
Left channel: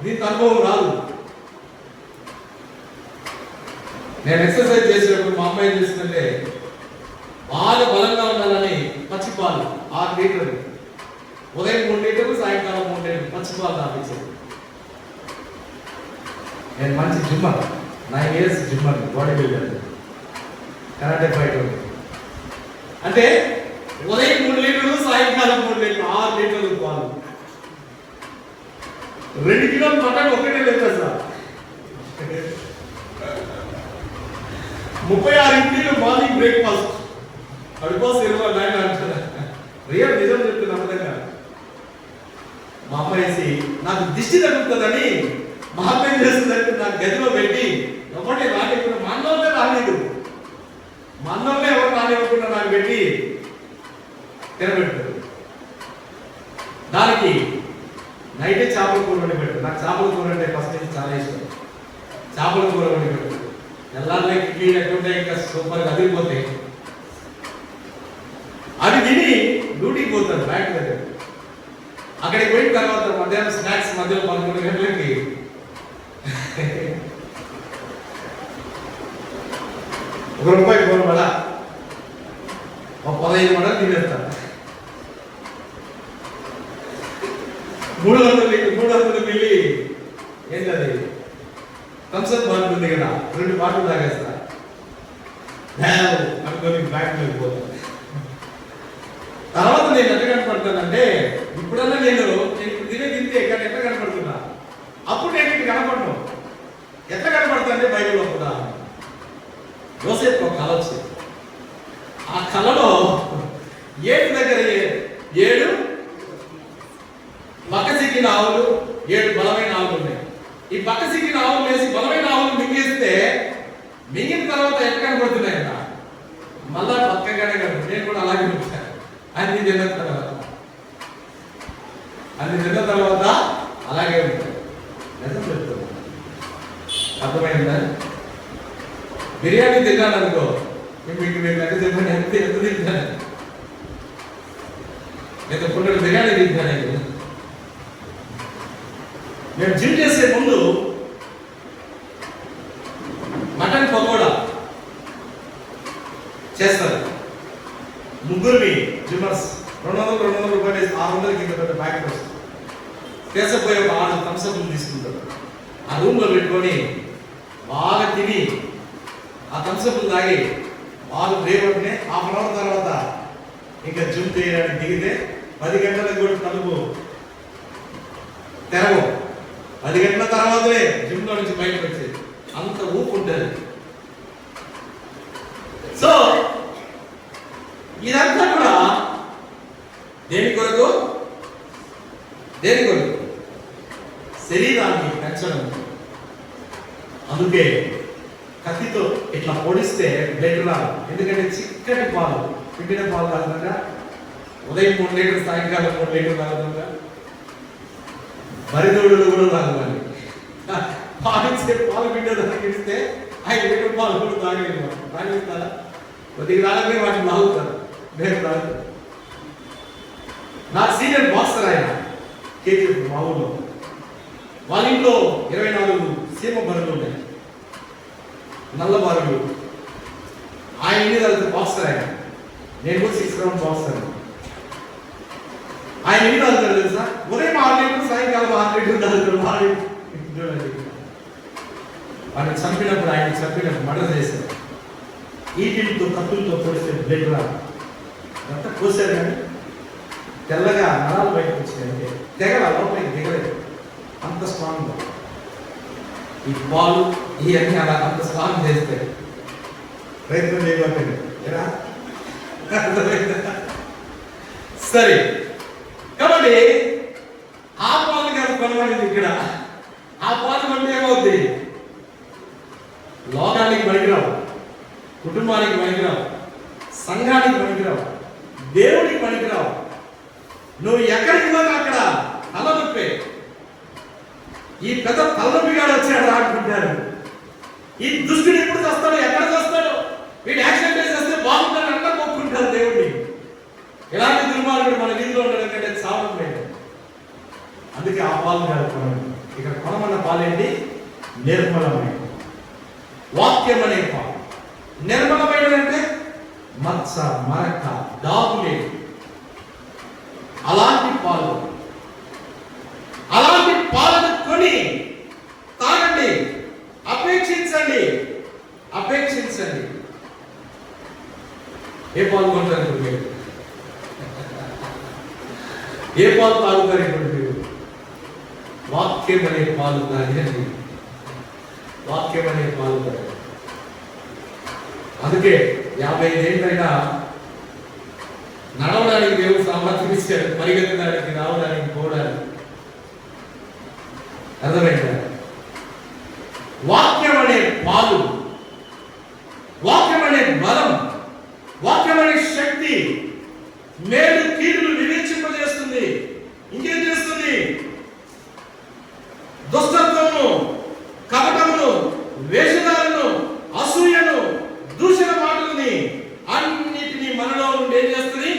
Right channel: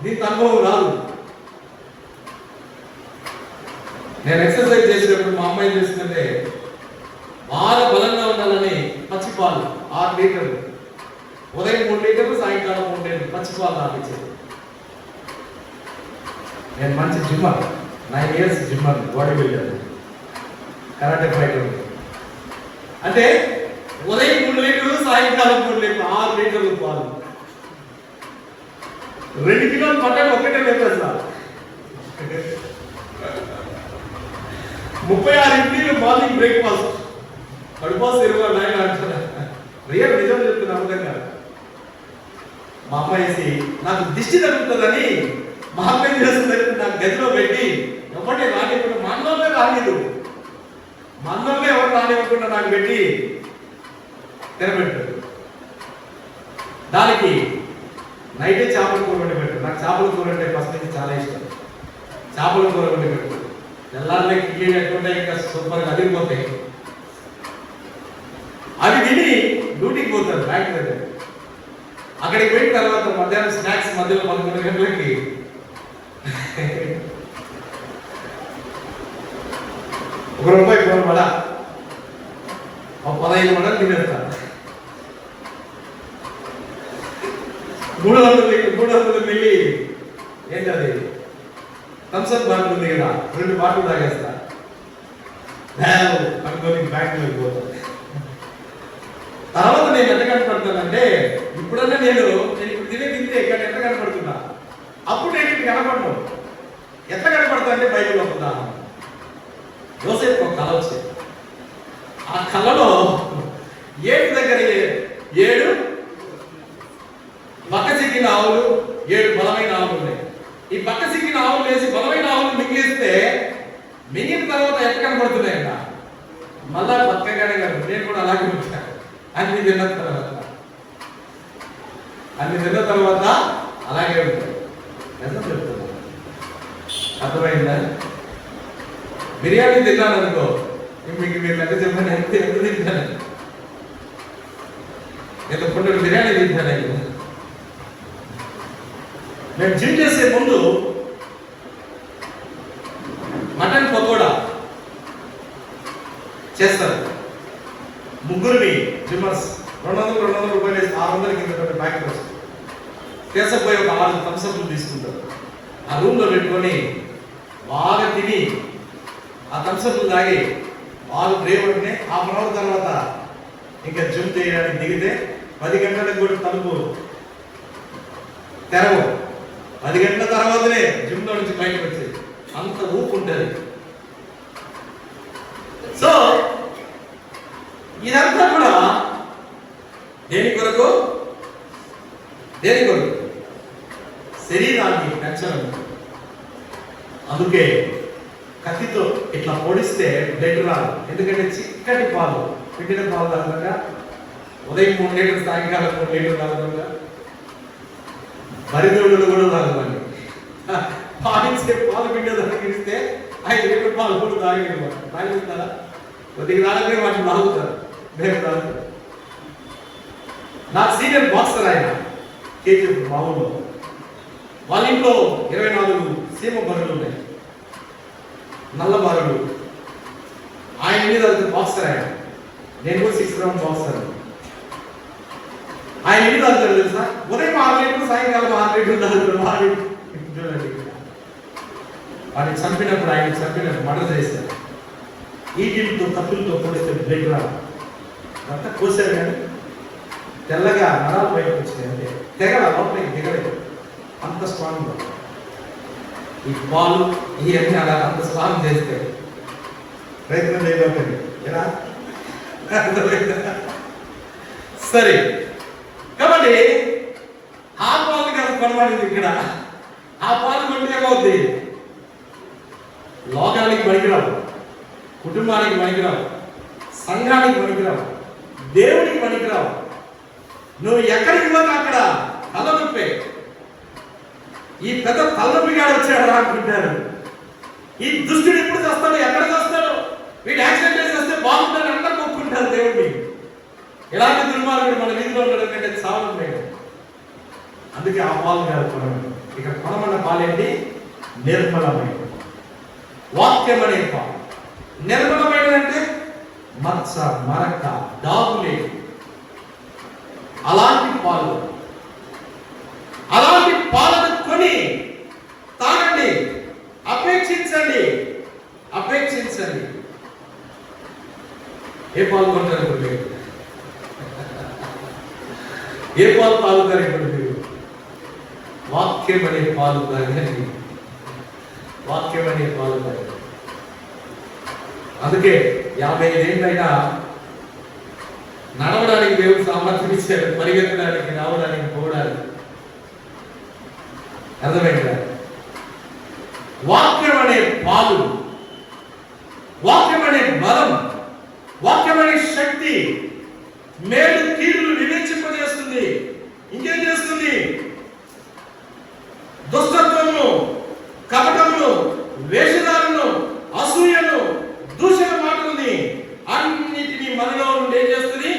దీనికి అనుభవం రాదు. నేను ఎక్సర్సైజ్ చేసేటప్పుడు మా అమ్మాయి చేస్తుంటే బాగా బలంగా ఉండాలని పచ్చి పాలు 6 లీటర్లు, ఉదయం 3 లీటర్లు, సాయంకాలం 3 లీటర్లు పచ్చి పాలు తాపించేది. నేను మంచి Zimmer, 9 years Zimmer, body builder, karate fighter. అంటే ఉదయం 3 లీటర్లు, సాయంకాలం 3 లీటర్లు, 6 లీటర్లు పాలు. 2 కిలోలు పట్టాలి, 1 లీటర్ ఎత్తేస్తా. 36 ఇడ్లీలు మార్నింగ్ బ్రేక్ఫాస్ట్. కడుపాసు 29 అంటున్నా. రియల్ నిజం చెప్తున్నా. అర్థంగా మా అమ్మాయి నాకు దిష్టి తగ్గుతుందని మా అమ్మాయి చేస్తుందని నాకు గదిలో పెట్టి ఒకటి రాని మనలోనే రాలేదు. మనలోనే ఎవరు ఆగనివ్వకుండా నాకు పెట్టి తినబెట్టారు. దానికి నైట్ చేపల కూర వండి పెట్టారు. నాకు చేపల కూర అంటే ఫస్ట్ నుంచి చాలా ఇష్టం. చేపల కూర వండి పెట్టారు. తెల్లారులే ఇడ్లీ ఎట్టుంటే ఇంకా సూపర్గా అదిరిపోతాయి. అవి తిని డ్యూటీకి పోతారు బ్యాంక్ దగ్గర. అక్కడికి పోయిన తర్వాత మధ్యాహ్నం స్నాక్స్ మధ్యలో 11 గంటలకి ₹1 కూర వడ 15 వడలు తినేస్తారు. 300 మిల్లి ఏంటది థమ్స్అప్ బాటిల్ ఉంది కదా, 2 బాటిల్ తాగేస్తా. అనుకోని బ్యాంక్ వెళ్ళిపోతాను. తర్వాత నేను ఎట్లా కనపడతానంటే, ఇప్పుడన్నా నేను తింటే ఎక్కడ ఎట్లా కనపడుతున్నా, అప్పుడు నేను కనపడను. ఎట్లా కనపడతా అంటే బైబిల్ వస్తుందా, యోసేపు ఒక కళ వచ్చింది. ఆ కళలో 7 దగ్గర 7 పక్క సిక్కిన ఆవులు, 7 బలమైన ఆవులు ఉన్నాయి. ఈ పక్క సిక్కిన ఆవులు వేసి బలమైన ఆవులు మింగేస్తే మింగిన తర్వాత ఎట్లా కనపడుతున్నాయి కదా, మళ్ళా పక్కగానే కాదు. నేను కూడా అలాగే ఉంటాను. అన్ని తిన్న తర్వాత అలాగే ఉంటాయి. ఎంత చెప్తున్నా అర్థమైందా? బిర్యానీ తిన్నాను అనుకో, మీకు మీరు ఎంత చెప్పండి, ఎంత తింటాను, ఎంత పుట్టకు బిర్యానీ తింటాను. నేను జిమ్ చేసే ముందు మటన్ పకోడా చేస్తారు. ముగ్గురిని జిమ్మర్స్ 200 రూపాయలు 600 కింద పెట్టి ప్యాకెట్ వస్తుంది. కేసపోయి ఒక 6 థమ్స్అప్లు తీసుకుంటారు. ఆ రూమ్లో పెట్టుకొని బాగా తిని ఆ థమ్స్అప్లు తాగి బాగా బ్రేక్ పట్టినే ½ అవర్ తర్వాత ఇంకా జిమ్ చేయడానికి దిగితే 10 గంటలకు కూడా తలుపు తెరవు. 10 గంటల తర్వాతనే జిమ్లో నుంచి బయటకు వచ్చేది. అంత ఊపు ఉంటుంది. సో ఇదంతా కూడా దేని కొరకు? శరీరాన్ని పెంచడం. అందుకే కత్తితో ఇట్లా పొడిస్తే బ్లడ్ రాదు. ఎందుకంటే చిక్కటి పాలు, పిండిన పాలు కాకుండా ఉదయం 3 లీటర్లు, సాయంకాలం 3 లీటర్లు కాకుండా మరిదోడులు కూడా తాగుతాను. పాలు పిండి తగ్గిస్తే 5 లీటర్ల పాలు కూడా తాగుతారా? కొద్దిగా తాగలే వాటిని బాగుతారు. నా సీనియర్ బాక్సర్ ఆయన కేజీఎఫ్ మా ఊళ్ళో. వాళ్ళ ఇంట్లో 24 సీమ బరులు ఉన్నాయి, నల్ల బరులు. ఆయన మీద బాక్సర్ ఆయన. నేను కూడా 6 రౌండ్ బాక్సర్. ఆయన ఎన్ని తాగుతాడు తెలుసా? ఉదయం 6 లీటర్లు, సాయంకాలం 6 లీటర్లు తాగుతాడు. వాడిని చంపినప్పుడు, ఆయన చంపినప్పుడు మర్డర్ చేశారు. ఈటితో కత్తులతో పొడిస్తే బ్లడ్ రాదు. అంతా కోసారు కానీ తెల్లగా నరాలు బయటకు వచ్చిందంటే తెగల లోపలికి దిగలేదు. అంత స్ట్రాంగ్ ఈ పాలు ఇవన్నీ అలా అంత స్ట్రాంగ్ చేస్తే ప్రయత్నం చేయకపోయింది. సరే, కాబట్టి ఆ పాలు కాదు కొనబడింది ఇక్కడ. ఆ పాలు కొంటే ఏమవుద్ది? లోకానికి పనికిరావు, కుటుంబానికి పనికిరావు, సంఘానికి పనికిరావు, దేవుడికి పనికిరావు. నువ్వు ఎక్కడికి పోతే అక్కడ తలనొప్పే. ఈ పెద్ద తలనొప్పిగాడు వచ్చాడు అనుకుంటారు. ఈ దుష్టుడు ఎప్పుడు చేస్తాడు, ఎక్కడ చేస్తాడు, వీడు యాక్సిడెంట్ చేస్తే బాగుంటాడు అంటే కొట్టుకుంటారు దేవుడిని. ఎలాంటి దుర్మార్గుడు మన వీధిలో ఉండడం చావుంటాడు. అందుకే ఆ పాలు కాదు. ఇక కొనమన్న పాలేంటి? నిర్మలమైన వాక్యం అనే పాలు. నిర్మలమైన అంటే మత్స, మరక, డాబులే, అలాంటి పాలు. అలాంటి పాలను కొని తాగండి, అపేక్షించండి. ఏ పాలు కొంటారు ఇప్పుడు మీరు? ఏ పాలు తాగుతారు ఇప్పుడు మీరు? వాక్యం అనే పాలు తాగండి. వాక్యం అనే పాలు తాగండి. అందుకే 55 ఏళ్ళైనా నడవడానికి దేవుడు సామర్థ్యం ఇచ్చారు, పరిగెత్తడానికి, రావడానికి, పోవడానికి. అర్థమైందా? వాక్యం అనే పాలు, వాక్యం అనే బలం, వాక్యం మేలు కీడులు వివేచింపజేస్తుంది. ఇంకేం చేస్తుంది? దుష్టత్వమును, కపటమును, వేషధారను, అసూయను, దూషణ మాటలని అన్నిటినీ మనలో నుండి ఏం చేస్తుంది?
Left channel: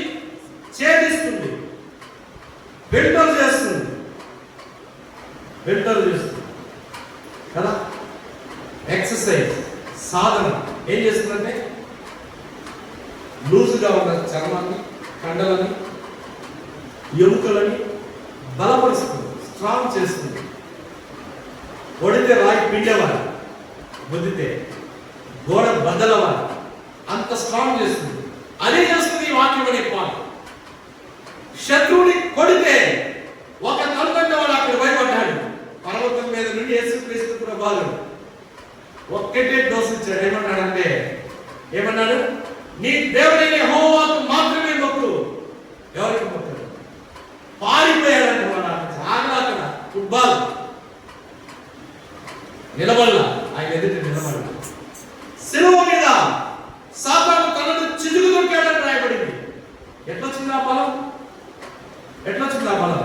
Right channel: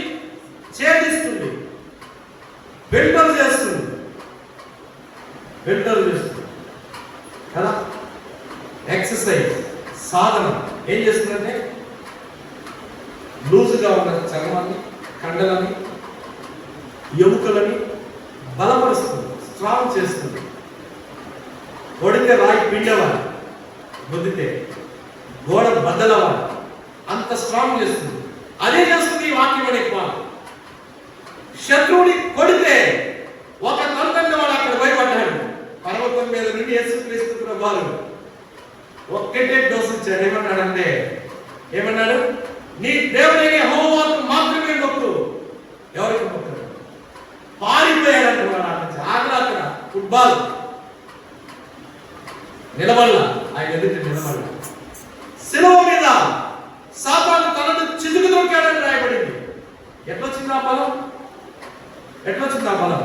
ఛేదిస్తుంది, ఫిల్టర్ చేస్తుంది. ఫిల్టర్ చేస్తుంది కదా. ఎక్సర్సైజ్, సాధన ఏం చేస్తుందంటే లూజుగా ఉన్న చర్మాన్ని, కండలని, ఎముకలని బలపరుస్తుంది, స్ట్రాంగ్ చేస్తుంది. కొడితే రాయి పిండవాలి, గుద్దితే గోడ బద్దలవాలి, అంత స్ట్రాంగ్ చేస్తుంది. అదే చేస్తుంది ఈ వాక్యం అనే పాలు. శత్రువుని కొడితే ఒక తండ్రి వాడు అక్కడ భయపడ్డాడు. పర్వతం మీద నుండి యేసుక్రీస్తు ప్రభువు ఒక్కటే డోసు ఇచ్చాడు. ఏమన్నాడు? నీ దేవుడైన యెహోవాకు మాత్రమే మొక్కు. ఎవరికి మొక్కుడు? పారిపోయాడు. అక్కడ ఫుట్బాల్ నిలబడాల, ఆయన ఎదుట నిలబడాల. శిలువ మీద సాతాను తనను చిదుగు దొరికాడని రాయబడింది. ఎట్లొచ్చింది ఆ బలం? ఎట్లొచ్చింది ఆ బలం?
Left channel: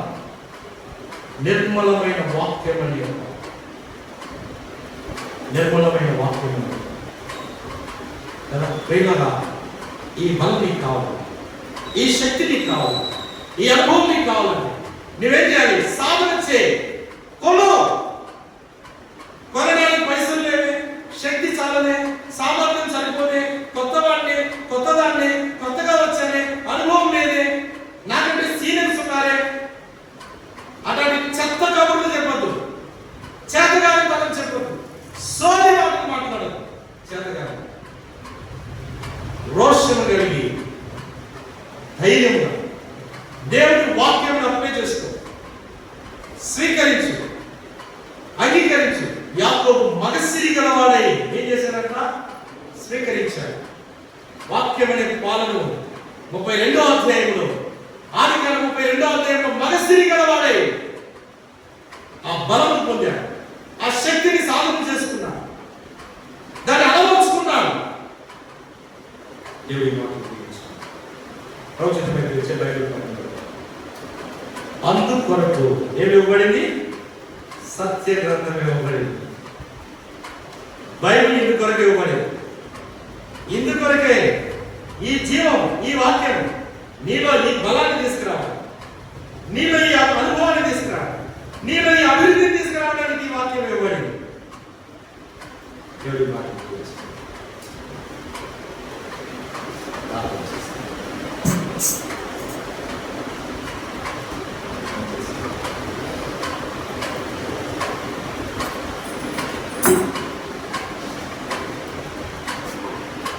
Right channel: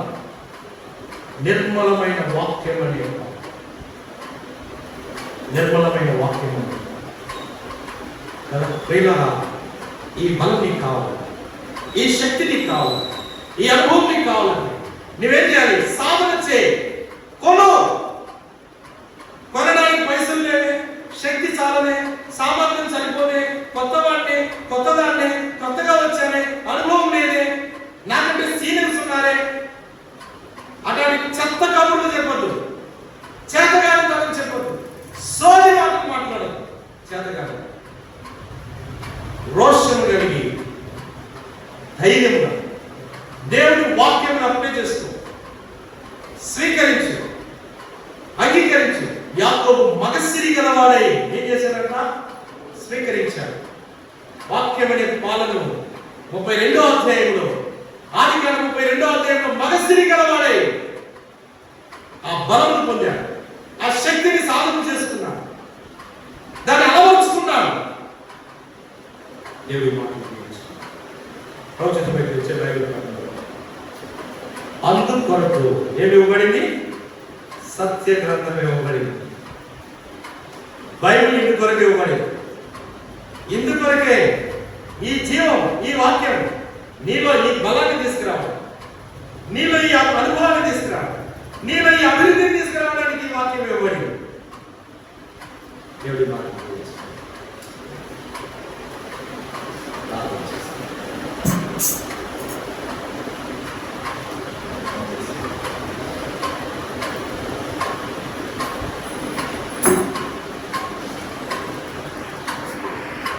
నిర్మలమైన వాక్యం అని చెప్పాలి. నిర్మలమైన వాక్యం ప్రేమగా ఈ బలం నీకు కావాలి, ఈ శక్తి నీకు కావాలి, ఈ అనుభవం నీకు కావాలని నువ్వేం చేయాలి? సాధన చేయి. కొనడానికి పైసలు లేవే, శక్తి చాలనే, సామర్థ్యం సరిపోలే, కొత్తగా వచ్చానే, అనుభవం లేదే, నాకంటే సీనియర్స్ ఉన్నారే, అటువంటి చెత్త కబుర్లు చెప్పద్దు, చేతగానే చెప్పద్దు, సోది మాటలు మాట్లాడదు. చేతగానే రోషము కలిగి ధైర్యంగా దేవుడి వాక్యం అప్లై చేసుకో, స్వీకరించు, అంగీకరించు. యాకోబు మగసిరి గలవాడై ఏం చేశాడంట? స్వీకరించాడు. వాక్యం అనే పాలను 32వ అధ్యాయంలో, ఆదికాండం 32వ అధ్యాయంలో మగసిరి గలవాడై ఆ బలం పొందాడు, ఆ శక్తిని సాధన చేసుకున్నాడు, దాన్ని అలవర్చుకున్నాడు. అందుకొరకు ఏమి ఇవ్వబడింది? సత్య గ్రంథం ఇవ్వబడింది. బైబిల్ ఇందుకొరకు ఇవ్వబడింది. ఇందుకొరకే ఈ జీవం, ఈ వాక్యం నీలో ఈ బలాన్ని తీసుకురావాలి, నీలో ఈ అనుభవాన్ని తీసుకురావాలి, నీలో ఈ అభివృద్ధిని తీసుకురావడానికి ఈ వాక్యం ఇవ్వబడింది.